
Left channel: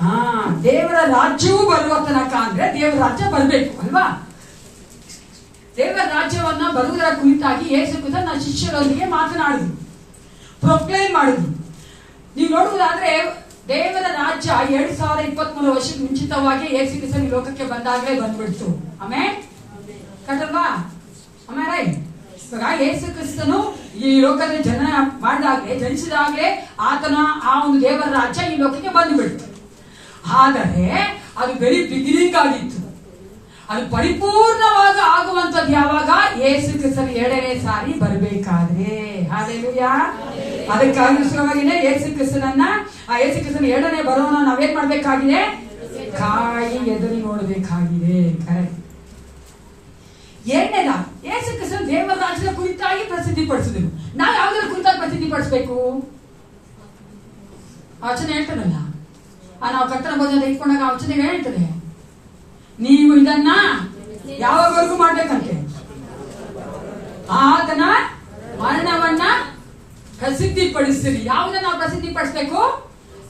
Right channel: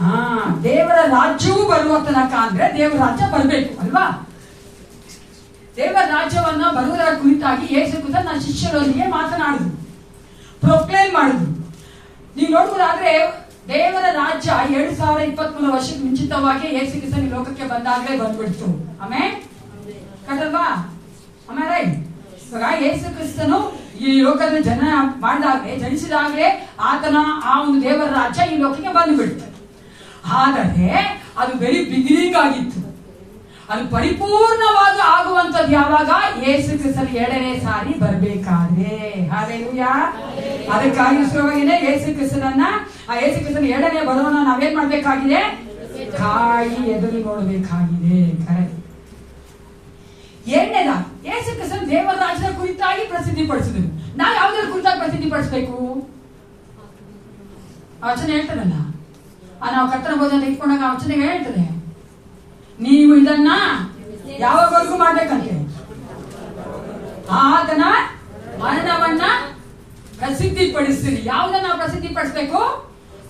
ದೇವರ ರಾಜ್ಯವೂ ಬರುವ ತನಕ ಅಂದ್ರೆ ದೇವರ ರಾಜ್ಯ ಬರಬೇಕು ಅಲ್ವಾ? ದೇವರ ರಾಜ್ಯವನ್ನ ಬರುವುದರ ಕುರಿತಾಗಿ ಯೇಸು ಕ್ರಿಸ್ತ ತನ್ನ ಶಿಷ್ಯರೊಂದಿಗೆ ಮಾತನಾಡಿದ್ರು, ಪ್ರೊಕ್ಲೇಮ್ ಮಾಡಿದ್ರು. ನೀವು ನೋಡುವುದಾದ್ರೆ ದೇವರ ರಾಜ್ಯ 2023 ವರ್ಷಕ್ಕೆ ಮುಂಚಿತವಾಗಿ ಯೇಸು ಕ್ರಿಸ್ತ ಈ ಲೋಕಕ್ಕೆ ಬಂದಾಗಲೇ ಬಂದ್ಬಿಡ್ತು. ಆಮೇಲೆ ಕಟ್ಟಲ್ವಾ? ಆಮೇಲೆ ಯೇಸು ಕ್ರಿಸ್ತನು ಈ ಲೋಕದ ಜನ ಮಾಡಿದಾಗಲೇ, ಜನಿಸಿದಾಗಲೇ ಆತನ ಆ ಒಂದು ದೇವರ ರಾಜ್ಯ ಈ ಲೋಕಕ್ಕೆ ಬಂದ್ಬಿಡ್ತು. ಆದರೆ ಅದು ವೆರಿ ಬಿಗಿನಿಂಗ್ ಆಗಿತ್ತು. ಅದು ಪರಿಪೂರ್ಣವಾಗಿ ಆಗುವಂತದ್ದು ಯಾವಾಗ? ಯೇಸು ಕ್ರಿಸ್ತನ 2ನೇ ಸಾರಿ ಬರಬೇಕಾದ್ರೆ. ಹಾಲೆಲೂಯಾ. ಅದಕ್ಕಾಗಿನೇ ಯೇಸು ಕ್ರಿಸ್ತನ 2ನೇ ಬರೋಣ ನಾವೇನ್ ಮಾಡ್ಬೇಕಾಗಿದೆ? ಕಾಯಿ ಎದುರು ನೋಡಬೇಕಾಗಿದೆ. ಎರಡನೇದಾಗಿ ಯೇಸು ಕ್ರಿಸ್ತನ ದೇವರ ರಾಜ್ಯದ ಕುರಿತಾಗಿ ಪ್ರಸಿದ್ಧಿ ಪಡಿಸಿದ್ರು. ನಾವು ಯಾವ್ದ್ರ ಕುರಿತಾಗಿ ಪ್ರಸಿದ್ಧಿ ಪಡಿಸಬೇಕು? ವಚನ ಹೇಳ್ತಾರಲ್ಲ, ನಾವು ಕರ್ತನ ಭೋಜನ ಇಟ್ಕೊಂಡಾಗ ವಚನ ಹೇಳ್ತದೆ, ನೀವು ಇದನ್ನ ಯಾವಾಗವರೆಗೂ ಮಾಡ್ಬೇಕಂತೆ? ಆತನ ಮರಣವನ್ನ ಪ್ರಸಿದ್ಧಿ ಪಡಿಸ್ತೀರಿ. ಯಾವುದನ್ನ ನಾವು ಪ್ರಸಿದ್ಧಿ ಪಡಿಸ್ಬೇಕು?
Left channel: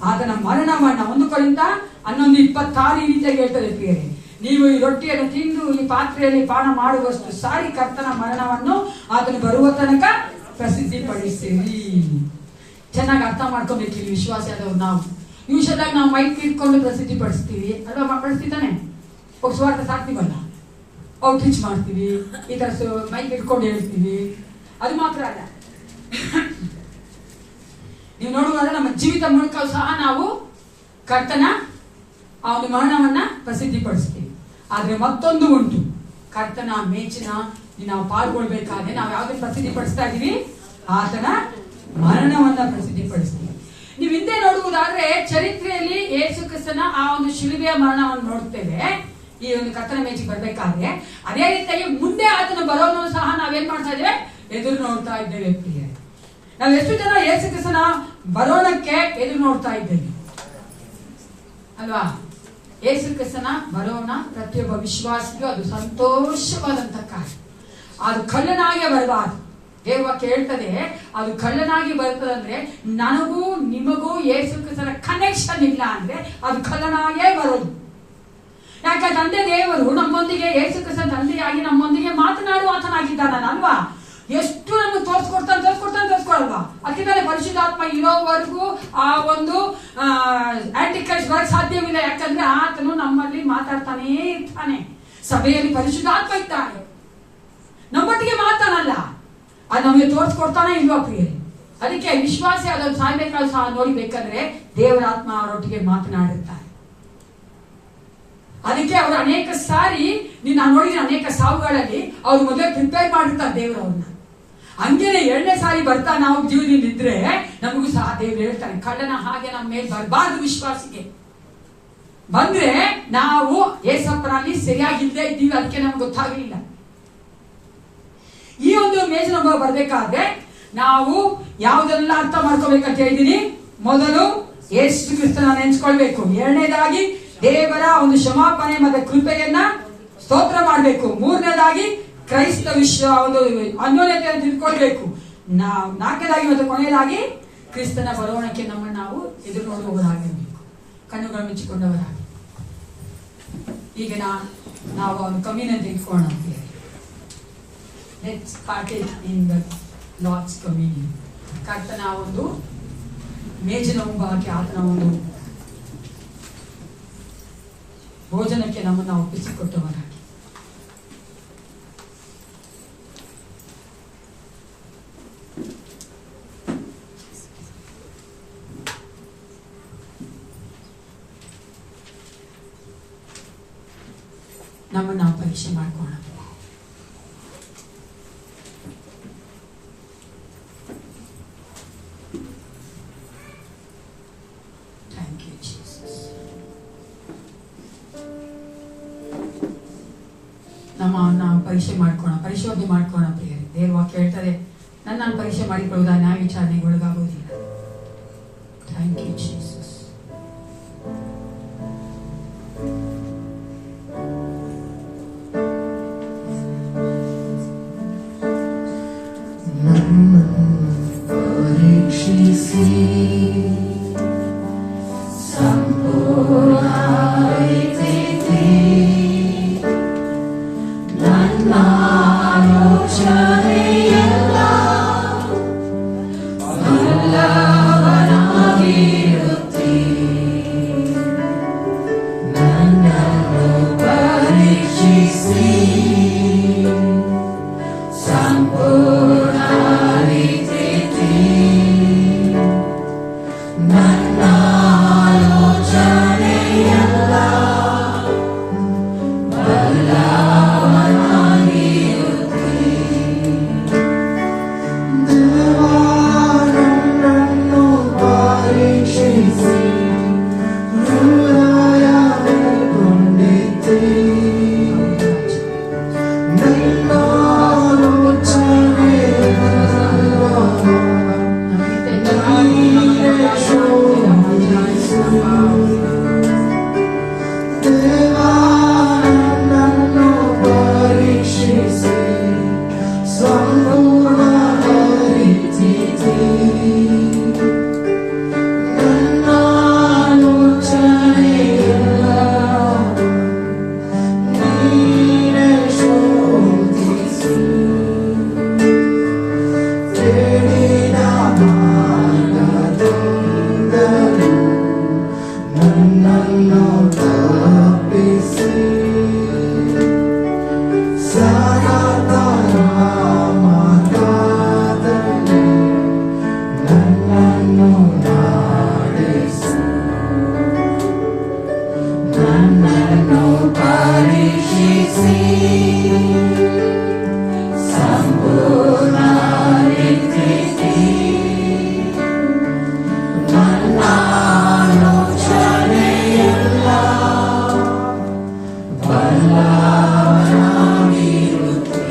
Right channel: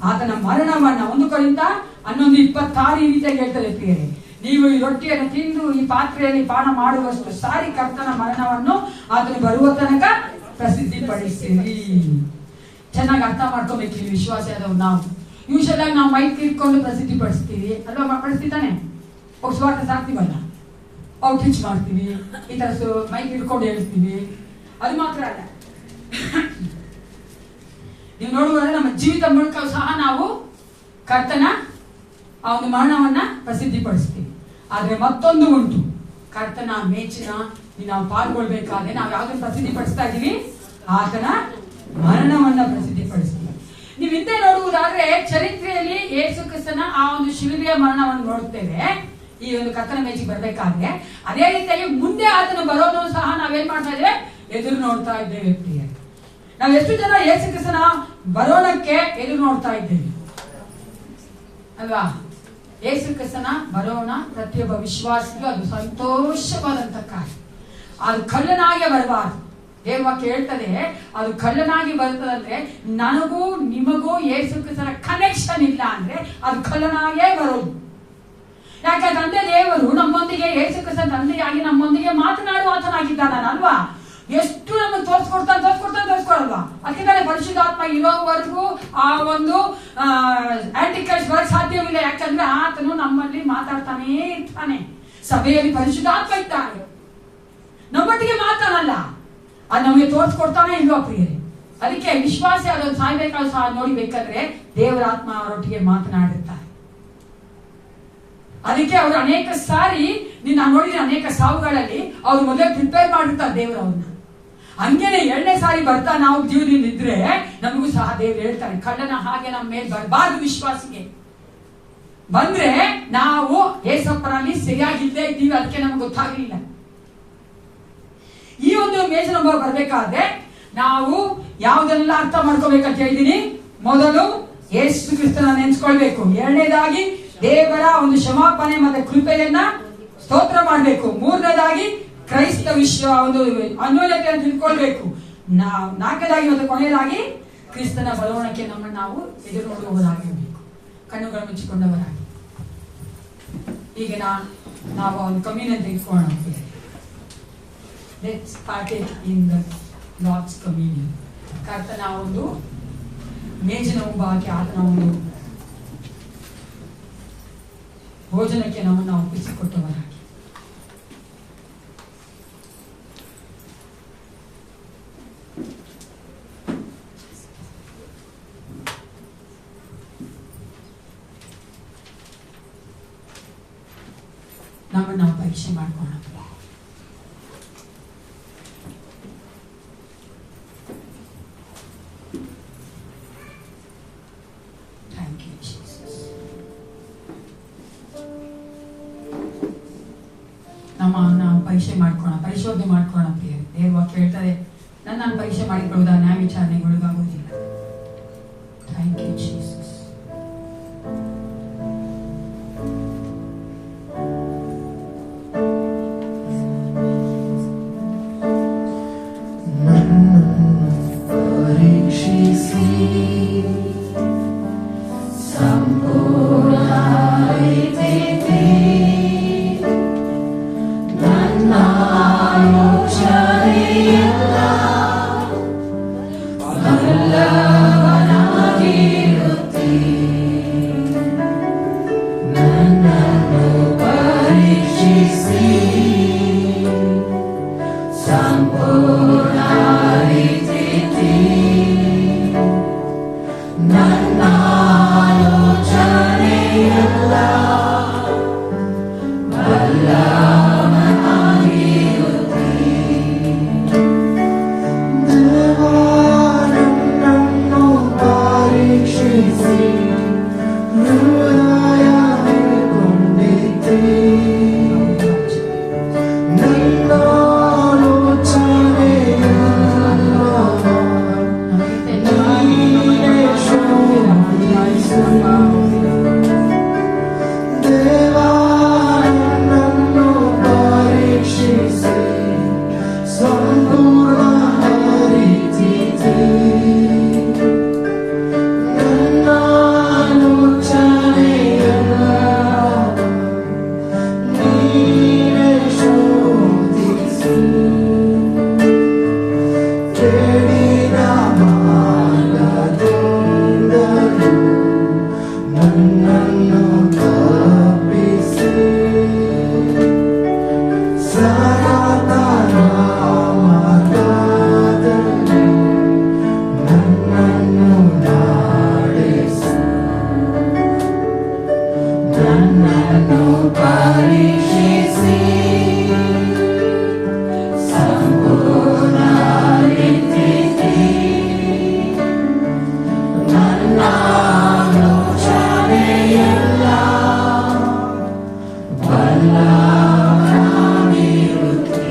ಆತನ ಮರಣವನ್ನ. 1 ಕೊರಿಂಥ 11:26 ಈ ರೀತಿಯಾಗಿ ಹೇಳ್ತದೆ ಪ್ರಿಯರೇ, ನೀವು ಈ ರೊಟ್ಟಿಯನ್ನು ತಿಂದು ಈ ಪಾತ್ರೆಯಲ್ಲಿ ಪಾನ ಮಾಡುವಷ್ಟು ಸಾರಿ ಕರ್ತನ ಮರಣವನ್ನು ಆತನು ಬರುವ ತನಕ ಪ್ರಸಿದ್ಧಿ ಪಡಿಸ್ತೀರಿ. ಚೆನ್ನಾಗಿ ಅರ್ಥ ಮಾಡ್ಕೋಬೇಕು ಇಲ್ಲಿ ವಿಶ್ವಾಸ ಆದವ್ರು. ನಾವು ಯೂಶಲ್ ಆಗಿ ನಾವು ಮೈಕ್ ಇಟ್ಕೊಂಡು ಪ್ರಸಿದ್ಧಿ ಪಡಿಸ್ತೀವಿ ಅಲ್ವಾ? ಪಡಿಸ್ತಿದ್ದಾನೆ ಸ್ವಾರ್ಥ ಸಾಕ್ತಿವಲ್ಲ, ಔಟ್ರೀಚ್ ಮಾಡ್ತೀವಿ, ಈ ತರ ಮೈಕ್ ಇಟ್ಕೊಂಡು ಹೇಳ್ತೀವಿ. ಅದು ಮಾತ್ರ ಅಲ್ಲ, ನೀವು ನೋಡುವಾಗ ನಮ್ಮ ಜೀವಿತ ಮೂಲಕ ಸಹ ನಾವು ಕರ್ತನ ಆ ಒಂದು ಮರಣವನ್ನ ಪ್ರಸಿದ್ಧಿ ಪಡಿಸ್ತೀವಿ. ಆದ್ರೆ ಮತ್ತೊಂದು ಉಂಟು, ಕರ್ತನ ಮೇಚಿನ ನಾವು ಪಾಲ್ಗೊಳ್ಬೇಕಾದ್ರೆ ನಾವು ಯಾವ್ದನ್ನು ಪ್ರಸಿದ್ಧಿ ಪಡಿಸ್ತಾ ಇದೀವಿ? ಆತನ ಮರಣವನ್ನ ಪ್ರಸಿದ್ಧಿ ಪಡಿಸ್ತೀವಿ. ನೀವು ಹಿಂದೆ ನೋಡುವುದಾದ್ರೆ ಚರಿತ್ರೆಯಲ್ಲಿ ಯೇಸು ಕ್ರಿಸ್ತನ ಆ ಒಂದು ಶಿಲುಬೆಯ ಮರಣವನ್ನು ನೋಡುತ್ತೇವೆ ಈ ಒಂದು ಕರ್ತನ ಮೇಜಿಗೆ ಬರ್ಬೇಕಾದ್ರೆ. ಅದೇ ರೀತಿಯಾಗಿ ಮುಂದೆ ಆತನು ಬರೋದನ್ನು ಸಹ ನಾವೇನ್ ಮಾಡ್ತಾ ಇದ್ದೇವೆ? ಎದುರು ನೋಡ್ತಾ ಇದ್ದೇವೆ ಪ್ರಿಯ. ನಾವು ಎಷ್ಟು ಜನ ಯೇಸು ಕ್ರಿಸ್ತನ ಬರೋಣಕ್ಕೆ ಎದುರು ನೋಡ್ತಾ ಇದ್ದೇವೆ ಅಲ್ವಾ? ಯೇಸು ಕ್ರಿಸ್ತನ ಬರೋಣ ಪ್ರತಿಯೊಬ್ಬ ವಿಶ್ವಾಸಿಗೂ ಅದು ಸಂತೋಷವಾದಂತ ಕಾರ್ಯ. ಅದು ಕಳ್ಳನಾಗೆ ಬರಬಾರದು. ದೇವ್ರ ವಾಕ್ಯ ಹೇಳ್ತದೆ, ಅದು ಕಳ್ಳನಾಗಿ ಬರ್ತದಂದ್ರೆ ನನಗೂ ನಿಮಗೂ ಯೇಸು ಕ್ರಿಸ್ತನ ಕನೆಕ್ಷನ್ ಇಲ್ಲ ಅಂದ್ರೆ ಅದು ಕಳ್ಳನಾಗೇ ಬರೋದು. ಯಾಕೆ? ತಂದೆ ದೇವರು ನಮ್ಮೊಂದಿಗೆ, ಯೇಸು ಕ್ರಿಸ್ತ ತಂದೆಯಾಗಿ ನಮ್ಮೊಂದಿಗೆ ಮಾತನಾಡುವ ಆತನಾಗಿದ್ದಾನಲ್ವಾ? ಎಷ್ಟು ನಮಗೆ ತೋರಿಸ್ಕೊಡಲ್ವಾ? ಅದಕ್ಕೆ ಪರಿಶುದ್ಧಾತ್ಮ ಇರೋವರೆಗೂ ಆ ಒಂದು ಆಂಟಿಕ್ರೈಸ್ಟ್ ಬರಕ್ ಸಾಧ್ಯವಿಲ್ಲ. ಯಾಕಂದ್ರೆ ಆತನು ನಮ್ಮಲ್ಲಿ ಮಾತಾಡ್ತಾನೇ ಇರ್ತಾನೆ. ಸಭೆಯಲ್ಲಿ ಪರಿಶುದ್ಧಾತ್ಮ ಇದ್ದಾನೆ, ನಮ್ಮೊಟ್ಟಿಗೆ ಮಾತಾಡಲ್ಲ, ಅದು ನಮಗೆ ತೋರಿಸ್ಕೊಡ್ತಾನೆ ಇಲ್ವಾ ಪ್ರಿಯರೇ? ಅದಕ್ಕೆ ವಿಶ್ವಾಸಿ ಅದನ್ನು ಸಾಯ್ಬೇಕಾದ್ರೂ ಸಹ ನೋಡಿಬೇಕಾದ್ರೆ ದೇವರ ಆತ್ಮ ಅವರೊಟ್ಟಿಗೆ ಮಾತನಾಡಿರ್ತಾರೆ. ಅದಕ್ಕೆ ಅವರು ಅನೇಕ ಸಾರಿ ನಾನು ನೋಡಿದ ಅನೇಕ ಸಾವುಗಳಲ್ಲಿ ಅವ್ರು ಮೊದಲೇ ಪ್ರಿಪೇರ್ ಮಾಡಿರ್ತಾರೆ ದೇವರವ್ರನ್ನ. ಹಂಗೇನೆ 2ನೇ ಸಾರಿ ಬರ್ತಾ ನಾವು ಜೀವನದಿಂದ ಇದ್ರೆ ನಮಗೂ ಸಹ ದೇವರು ಹೇಳ್ತಾರೆ, ಕಳ್ಳನ ಹಾಗೆ ನಮ್ಮ ಮೇಲೆ ಬರಬಾರ್ದು. ವಿಶ್ವಾಸಿಗೆ ಬಂದ್ರೆ ನಾವು ಏಸಪ್ಪನಲ್ಲಿ ಸರಿಯಾಗಿಲ್ಲದೆ ಇದ್ದೀವಿ, ಅದಕ್ಕೆ ನಮ್ಗೆ ಗೊತ್ತಾಗಲಿಲ್ಲ. ಈ ಒಂದು ಮೇಜಿನ ಅನುಭವ ಬರ್ಬೇಕಾದ್ರೆ ನಾವು ಯಾವುದೆಲ್ಲ ಅರ್ಥ ಮಾಡ್ಕೋಬೇಕಂತ ಹೇಳಿದೀನಿ. ಮೊದಲು ಯೇಸು ಕ್ರಿಸ್ತನ ನೆನೆಸ್ಕೊಳ್ಬೇಕು. 2ನೇದಾಗಿ ದೇವರ ಒಂದು ಕ್ಷಮಾಪಣೆ ಮತ್ತೆ ಕೃಪೆಯನ್ನ ಸ್ತೋತ್ರ ಮಾಡಬೇಕು. 3ನೇದಾಗಿ ಕ್ರೈಸ್ತ ವಿಶ್ವ ಒಂದು ಅನ್ಯೋನ್ಯತೆಯನ್ನು ತಿಳ್ಕೊಳ್ಬೇಕು. 4ನೇದಾಗಿ ಮತ್ತು ಕೊನೆಯದಾಗಿ ಕ್ರಿಸ್ತನ ಬರವಣಿಗೆ ನಮ್ಮನ್ನು ನಾವು ಎದುರು ನೋಡುವವರಾಗಿರ್ಬೇಕು, ಕಣ್ಣುಗಳು ಮುಚ್ಚಿಕೊಂಡವರಾಗಿ. ಈಗ ನಾವು ಒಂದು ಕಮ್ಯುನಿಯನ್ ತೆಗೆದುಕೊಳ್ಳೋಣ. Let's partake in the Lord's communion. ಕರ್ತನ ಒಂದು ಮೇಜಿನ ಮುಂಭಾಗಕ್ಕೆ ಆತನ ಒಂದು ಭೋಜನಕ್ಕೆ ನಮ್ಮನ್ನು ಒಪ್ಪಿಸಿಕೊಟ್ಟವರಾಗಿ ನಮ್ಮನ್ನು ನಾವು ಪರೀಕ್ಷೆ ಮಾಡ್ಕೊಳ್ಳೋಣ. ನಾವು ಪರೀಕ್ಷೆ ಮಾಡ್ಕೋಣ, ಪರಿಶೋಧನೆ ಮಾಡ್ಕೋಣ ಪ್ರಿಯ. ದೇವ್ರ ವಾಕ್ಯ ಹೇಳ್ತಾರೆ, ನನ್ನ ಪರೀಕ್ಷೆ ಮಾಡಿಕೊಳ್ಳುವುದಾ ನ್ಯಾಯ ವಿಚಾರಣೆಗೆ ಒಳಗಾಗುವುದಿಲ್ಲ. you, Jesus. ಪರೀಕ್ಷಿಸಿ ಸಂಪೂರ್ಣ ರೀತಿಯಲ್ಲಿ ನನ್ನ ಆಲೋಚನೆಯೆಲ್ಲ ಬಲ್ಲವನಾಗಿರುತ್ತಿ ನನ್ನನ್ನು ಪರೀಕ್ಷಿಸಿ ಸಂಪೂರ್ಣ ರೀತಿಯಲ್ಲಿ ನನ್ನ ಆಲೋಚನೆಯೆಲ್ಲ ಬಲ್ಲವನಾಗಿರುತ್ತಿ ದೇವಾ ನನ್ನನ್ನು ಪರೀಕ್ಷಿಸಿ ಹೃದಯವನ್ನು ಕೊಂಡಿದ್ದಿ ನನ್ನ ನನ್ನನ್ನು ತಪ್ಪಿಸಿ ಸನಾತನ ಮಾರ್ಗದಲ್ಲಿ ನನ್ನನ್ನು ನಡೆಸು ನನ್ನನ್ನು ಪರೀಕ್ಷಿಸಿ ಸಂಪೂರ್ಣ ರೀತಿಯಲ್ಲಿ ನನ್ನ ಆಲೋಚನೆಯೆಲ್ಲ ಬಲ್ಲವನಾಗಿರುತ್ತಿ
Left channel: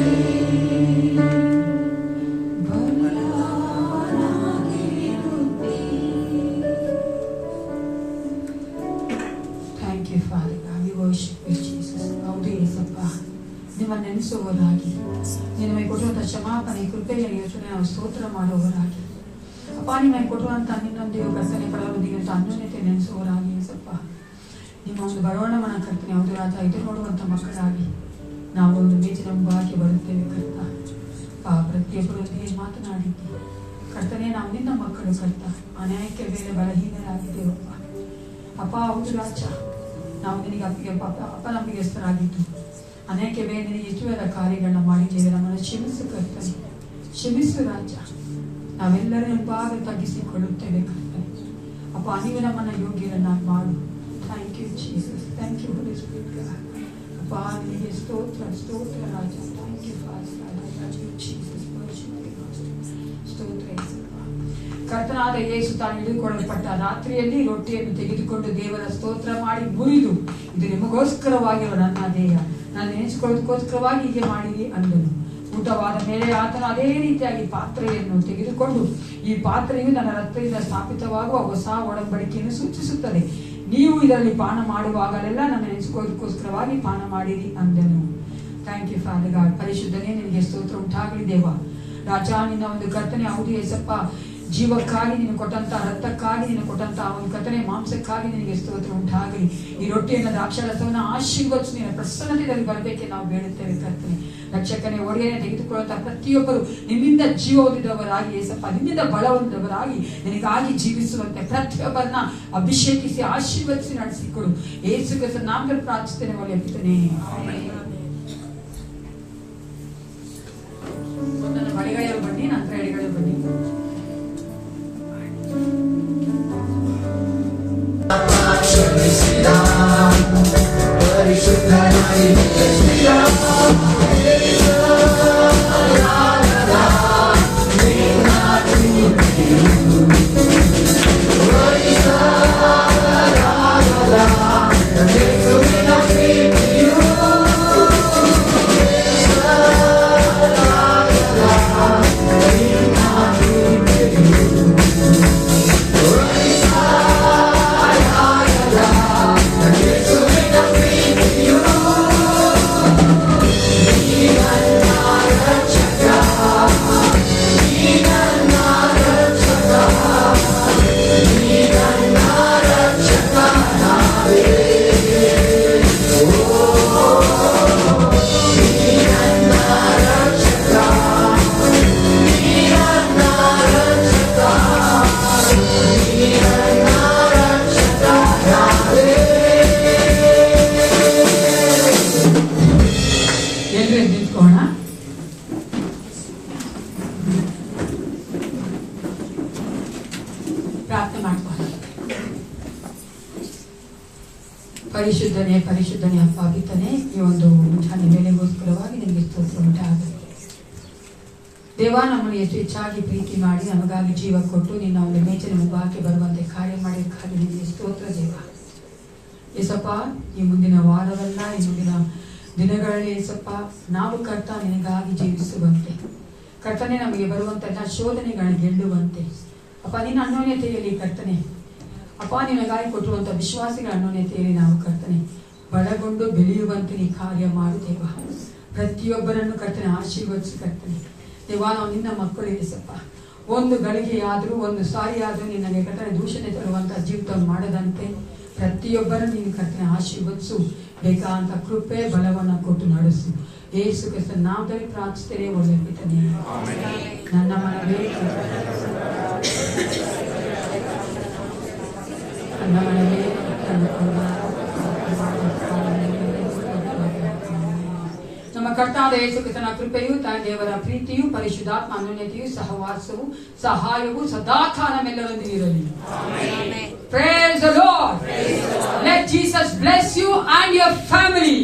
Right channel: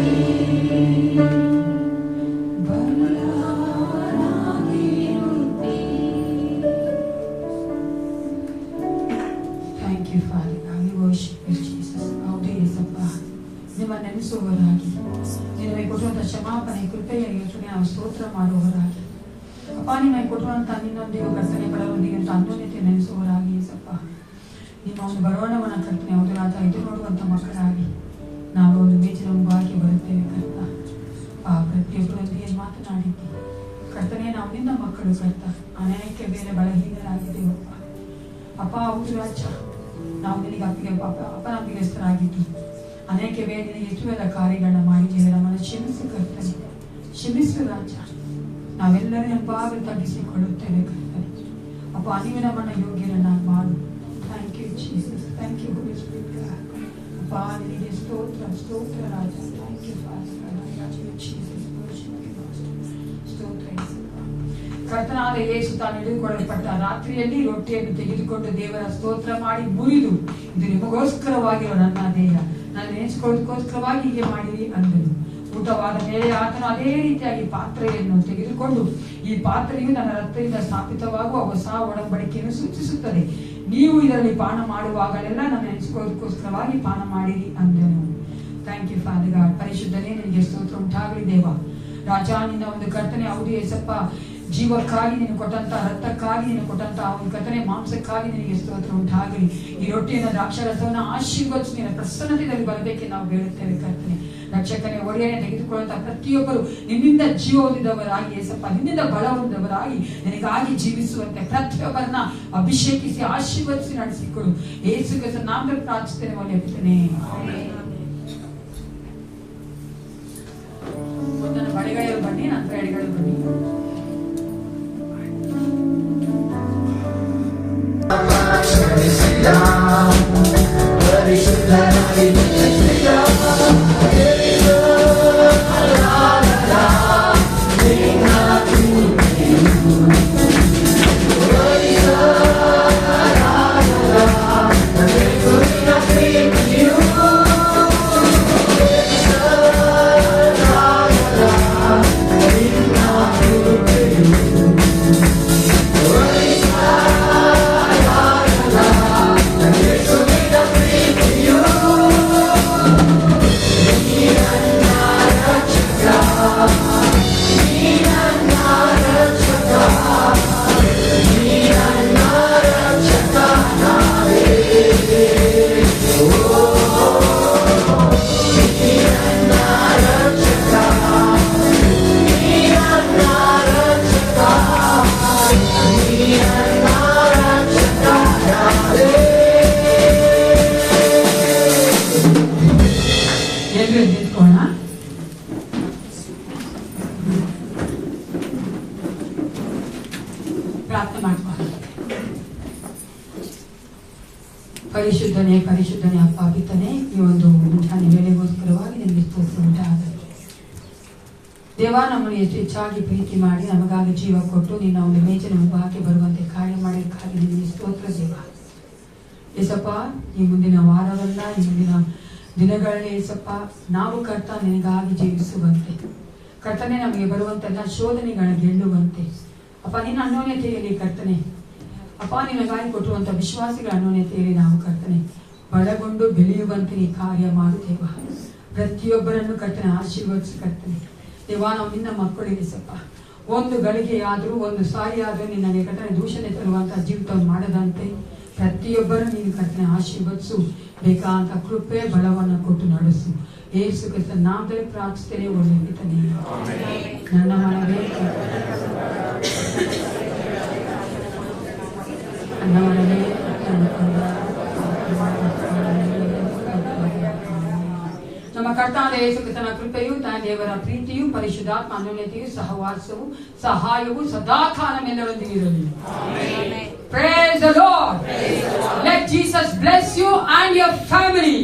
Thank you, Father God. We worship you, Jesus. ಹೌದು ಯೇಸಪ್ಪ, ನಿಮ್ಮ ನೆನೆಸುವವರಾಗಿ ನಿಮಗೆ ಕೊಡುವಂತ ಕ್ಷಮಾಪಣೆ ಕೃಪೆಯ ಯೋಚನೆ ನಾವು ಸ್ತೋತ್ರ ಮಾಡುವವರಾಗಿ ಅಪ್ಪ, ನಿಮಗೆ ಕೊಡುವಂತ ನಿನ್ನೊಂದಿಗೆ ಕರ್ತನೆ ಬರೋದಿಗೆ ಅಂತ ಅನ್ಯೋನ್ಯತೆ ನೆನೆಸುವವರಾಗಿ ಯೇಸಪ್ಪ, ನಿಮ್ಮ ಒಂದು ಬರೋಣವನ್ನ ಕರ್ತನೆ ಹೌದು ರಾಜ ಇದು ನೋಡುವಂತ ಮಕ್ಕಳಾಗಿ ನಾವು ಒಂದು ಮೇಜಿನ ಮುಂಭಾಗಿ ಬರುತ್ತೇವೆ ಕರ್ತ. ಪ್ರತಿಯೊಬ್ಬರೊಂದಿಗೆ ಮಾತನಾಡಿದ್ದಿ ಕರ್ತನೆ, ನಾವು ನಿನ್ನ ಮಕ್ಕಳು ಕರ್ತ, ಅನೇಕ ವೇಳೆ ಬಲಹೀನರಾಗಿದ್ದೇವಪ್ಪ ಅಪ್ಪ. ಹೌದು ರಾಜ, ನಾವು ನಿನಗೆ ಅಪನಂಬಿಕೆಸ್ಥರಾಗಿದ್ದು ಅನೇಕ ವೇಳೆ ನಿನಗೆ ಹೆಚ್ಚುವೆಲ್ಲ ಕಾರ್ಯಗಳನ್ನ ಮಾಡಿದ್ದೇವೆ. ನಮ್ಮನ್ನು ಕ್ಷಮಿಸು ಕರ್ತನೆ, ಕ್ಷಮಿಸು ರಾಜ. ನಾವೆಲ್ಲರೂ ನಮ್ಮ ಭಾಗ ತಗ್ಗಿಸಿಕೊಳ್ಳುತ್ತೇವೆ ಕರ್ತನೆ ಅಪ್ಪ. ನೀವು ನಮ್ಮನ್ನ ಯೋಗ್ಯರನ್ನಾಗಿ ಮಾಡು. Thank you Jesus, thank you holy spirit god. ಅಪ್ಪ ನಿನಗೆ ಸ್ತೋತ್ರ ಸ್ತೋತ್ರ ರಾಜ. ಥ್ಯಾಂಕ್ ಯು ಫಾದರ್ ಜೀಸಸ್, ಸ್ತೋತ್ರ ಯೇಸಪ್ಪ. ಕರ್ತನಾದ ಯೇಸು ತಾನು ಹಿಡಿದುಕೊಳ್ಳಲ್ಪಟ್ಟ ರಾತ್ರಿಯಲ್ಲಿ ರೊಟ್ಟಿಯನ್ನು ತೆಗೆದುಕೊಂಡು ದೇವರ ಸ್ತೋತ್ರ ಮಾಡಿ ಮುರಿದು, ಇದು ನಿಮಗೋಸ್ಕರವಾಗಿರುವ ನನ್ನ ದೇಹ, ನಾನು ನೆನೆಸಿಕೊಳ್ಳೋದಕ್ಕೋಸ್ಕರವಾಗಿ ಹೀಗೆ ಮಾಡಿರಿ ಅಂದನು. ಊಟವಾದ ಮೇಲೆ ಆತನು ಅದೇ ರೀತಿಯಾಗಿ ಪಾತ್ರೆಯನ್ನು ತೆಗೆದುಕೊಂಡು, ಈ ಪಾತ್ರೆಯು ನನ್ನ ರಕ್ತದಿಂದ ಸ್ಥಾಪಿತವಾಗುವ ಹೊಸ ಒಡಂಬಡಿಕೆಯನ್ನು ಸೂಚಿಸುತ್ತದೆ. ನೀವು ಇದರಲ್ಲಿ ಪಾನ ಮಾಡುವಾಗಲೆಲ್ಲ ನನ್ನ ನೆನೆಸಿಕೊಳ್ಳೋದಕ್ಕೋಸ್ಕರವಾಗಿ ಪಾನ ಮಾಡಿರಿ ಅಂದನು. Thank you Father God. ಪರಿಶುದ್ಧನೇ ನಿನಗೆ ಸ್ತೋತ್ರ ಉಂಟಾಗಲಿ ದೇವ ರಾಜ. ನಿನ್ನ ಒಂದು ಕರ್ತನೆ ಹೌದು ಯೇಸಪ್ಪ, ಜೀವಕ್ಕಾಗಿ ನೀನು ಕೊಟ್ಟಂತ ರಕ್ತಕ್ಕಾಗಿ ನೀನು ಕೊಟ್ಟಂತ ಒಂದು ಕರ್ತನೆ ಮಾಂಸಕ್ಕಾಗಿ ನಿನಗೆ ಸ್ತೋತ್ರ ಉಂಟಾಗಲಿ. ಈ ರೊಟ್ಟಿಯನ್ನು ದ್ರಾಕ್ಷಾರಸವನ್ನು ಆಶೀರ್ವದಿಸಿ ನಿನ್ನ ಪ್ರಸನ್ನತೆಯಲ್ಲಿ ಬರಬೇಕೆ ನಾವು ಬೇಡುತ್ತೇವೆ ಕರ್ತನೆ. ರಕ್ಷಕನೇ ಒಡೆಯನೆ ತೆಗೆದುಕೊಳ್ಳುವಂತ ಪ್ರತಿಯೊಬ್ಬರು ನಿನ್ನಿಂದ ಜೀವ ಹೊಂದಿದವರಾಗಿ ಯೇಸಪ್ಪ, ನಿನ್ನಿಂದ ಬಲ ಹೊಂದಿದವರಾಗಿ ನಿನಗಾಗಿ ಜೀವಿಸುವಂತೆ ಪ್ರತಿಯೊಬ್ಬರನ್ನ ಅಭಿಷೇಕಿಸಿ ಆಶೀರ್ವದಿಸಿ ನಡೆಸಿಕೊಡು. ಯೇಸು ಕ್ರಿಸ್ತನ ನಾಮದಲ್ಲಿ ಪ್ರಾರ್ಥಿಸುತ್ತೇನೆ ಒಳ್ಳೆಯ ಮೊದಲು ಬಡಿಗಳೆಯವರು ಬನ್ನಿ, ನಂತರ ಎಡಗಳೆಯವರು ಬನ್ನಿ. You ಪ್ರಾರ್ಥನೆ ಮಾಡ್ಕೊಳ್ಳಿ. ಪರಿಶುದ್ಧನೇ ಪರಿಶುದ್ಧನೇ ಅಪ್ಪ ಪಿತನೇ, ಈ ಒಂದು ಮುಂಜಾನೆ ವೇಳೆಗೋಸ್ಕರವಾಗಿ ನಿಮಗೆ ಸ್ತೋತ್ರ ಉಂಟಾಗಲಿ. ದೇವ, ನಮ್ಮನ್ನು ಎಷ್ಟು ಹೆಚ್ಚಾಗಿ ಪ್ರೀತಿ ಮಾಡಿ ನಮಗಾಗಿ ಜೀವ ಕೊಟ್ಟು ನಿನ್ನ ಒಂದು ಮೇಜಿನ ಮುಖಕ್ಕೆ ಬರುವಂತೆ ಕಾರ್ಯ ಮಾಡಿದ್ದಕ್ಕಾಗಿ ನಿಮಗೆ ಸ್ತೋತ್ರ ದೇವ. ಏಸಪ್ಪ, ಈ ಮುಂದಿನ ವಾರವಲ್ಲ, ಈ ಮುಂದಿನ ದಿನಗಳಲ್ಲಿ ಏಸಪ್ಪ ನಾವು ಕರ್ತ ನಿನಗಾಗಿ ಜೀವಿಸುವಂತೆ, ಕರ್ತನೆ ನಮಗೆ ಬರುವಂತಹ ಶೋಧನೆಗಳನ್ನು ಗೆಲ್ಲುವಂತೆ ಅಪ್ಪ ನಿನ್ನ ಅನ್ಯೋನ್ಯತೆಯಲ್ಲಿ ಕರ್ತನೆ ಅಪ್ಪ ನಿನಗಾಗಿ ಕೊಟ್ಟಿರುವಂತಹ ವಿಶ್ವಾಸಿಗಳ ಅನ್ಯೋನ್ಯತೆಯಲ್ಲಿ ನಾವು ಕರ್ತನೆ ಬಲಗೊಂಡು ಬೆಳೆಯುವಂತೆ ನೀ ಕಾರ್ಯ ಮಾಡುತ್ತೇವ. ಪ್ರತಿಯೊಬ್ಬರನ್ನು ಕರ್ತನೆ ಆಶೀರ್ವದಿಸಿ ಕರ್ತನೆ ದೇವ, ನಾವು ನಿನ್ನ ಮಕ್ಕಳು ಇರಿಸಪ್ಪ. ಒಂದು ಗಳಿಗೆ ಆದರೂ ಒಂದು ಸಾರಿ ಆದರೂ ನಿನ್ನ ಕರ್ತನೆ ದೂಷಣೆ ತರುವಂತಹ ಜೀವಿತವನ್ನು ಮಾಡದಂತೆ ಪ್ರತಿಯೊಬ್ಬರನ್ನು ನೀನು ಕರ್ತನೆ ಆಶೀರ್ವದಿಸು. ಬೇಕಾದಂತ ಕೃಪೆ ಬಲವನ್ನು ಕೊಟ್ಟು ನಡೆಸು. ಯೇಸು ಕ್ರಿಸ್ತನ ನಾಮದಲ್ಲಿ ಪ್ರಾರ್ಥಿಸುತ್ತೇನೆ, ಒಳ್ಳೆಯತನೇ. ನನ್ನ ಮನವೇ ನಮ್ಮ ಕರ್ತಾದ ಯೇಸು ಕ್ರಿಸ್ತನ ಕೃಪೆಯು, ತಾಯಿ ದೇವರ ಪ್ರೀತಿಯು, ಪರಿಶುದ್ಧಾತ್ಮ ಅನ್ಯೋನ್ಯತೆಯು, ಸಹವಾಸವು, ಸಹಾಯವು ಸದಾಕಾಲ ನಮ್ಮೆಲ್ಲರೊಂದಿಗೆ ಇರಲಿ. Praise the Lord. Let Jesus bless you and your family.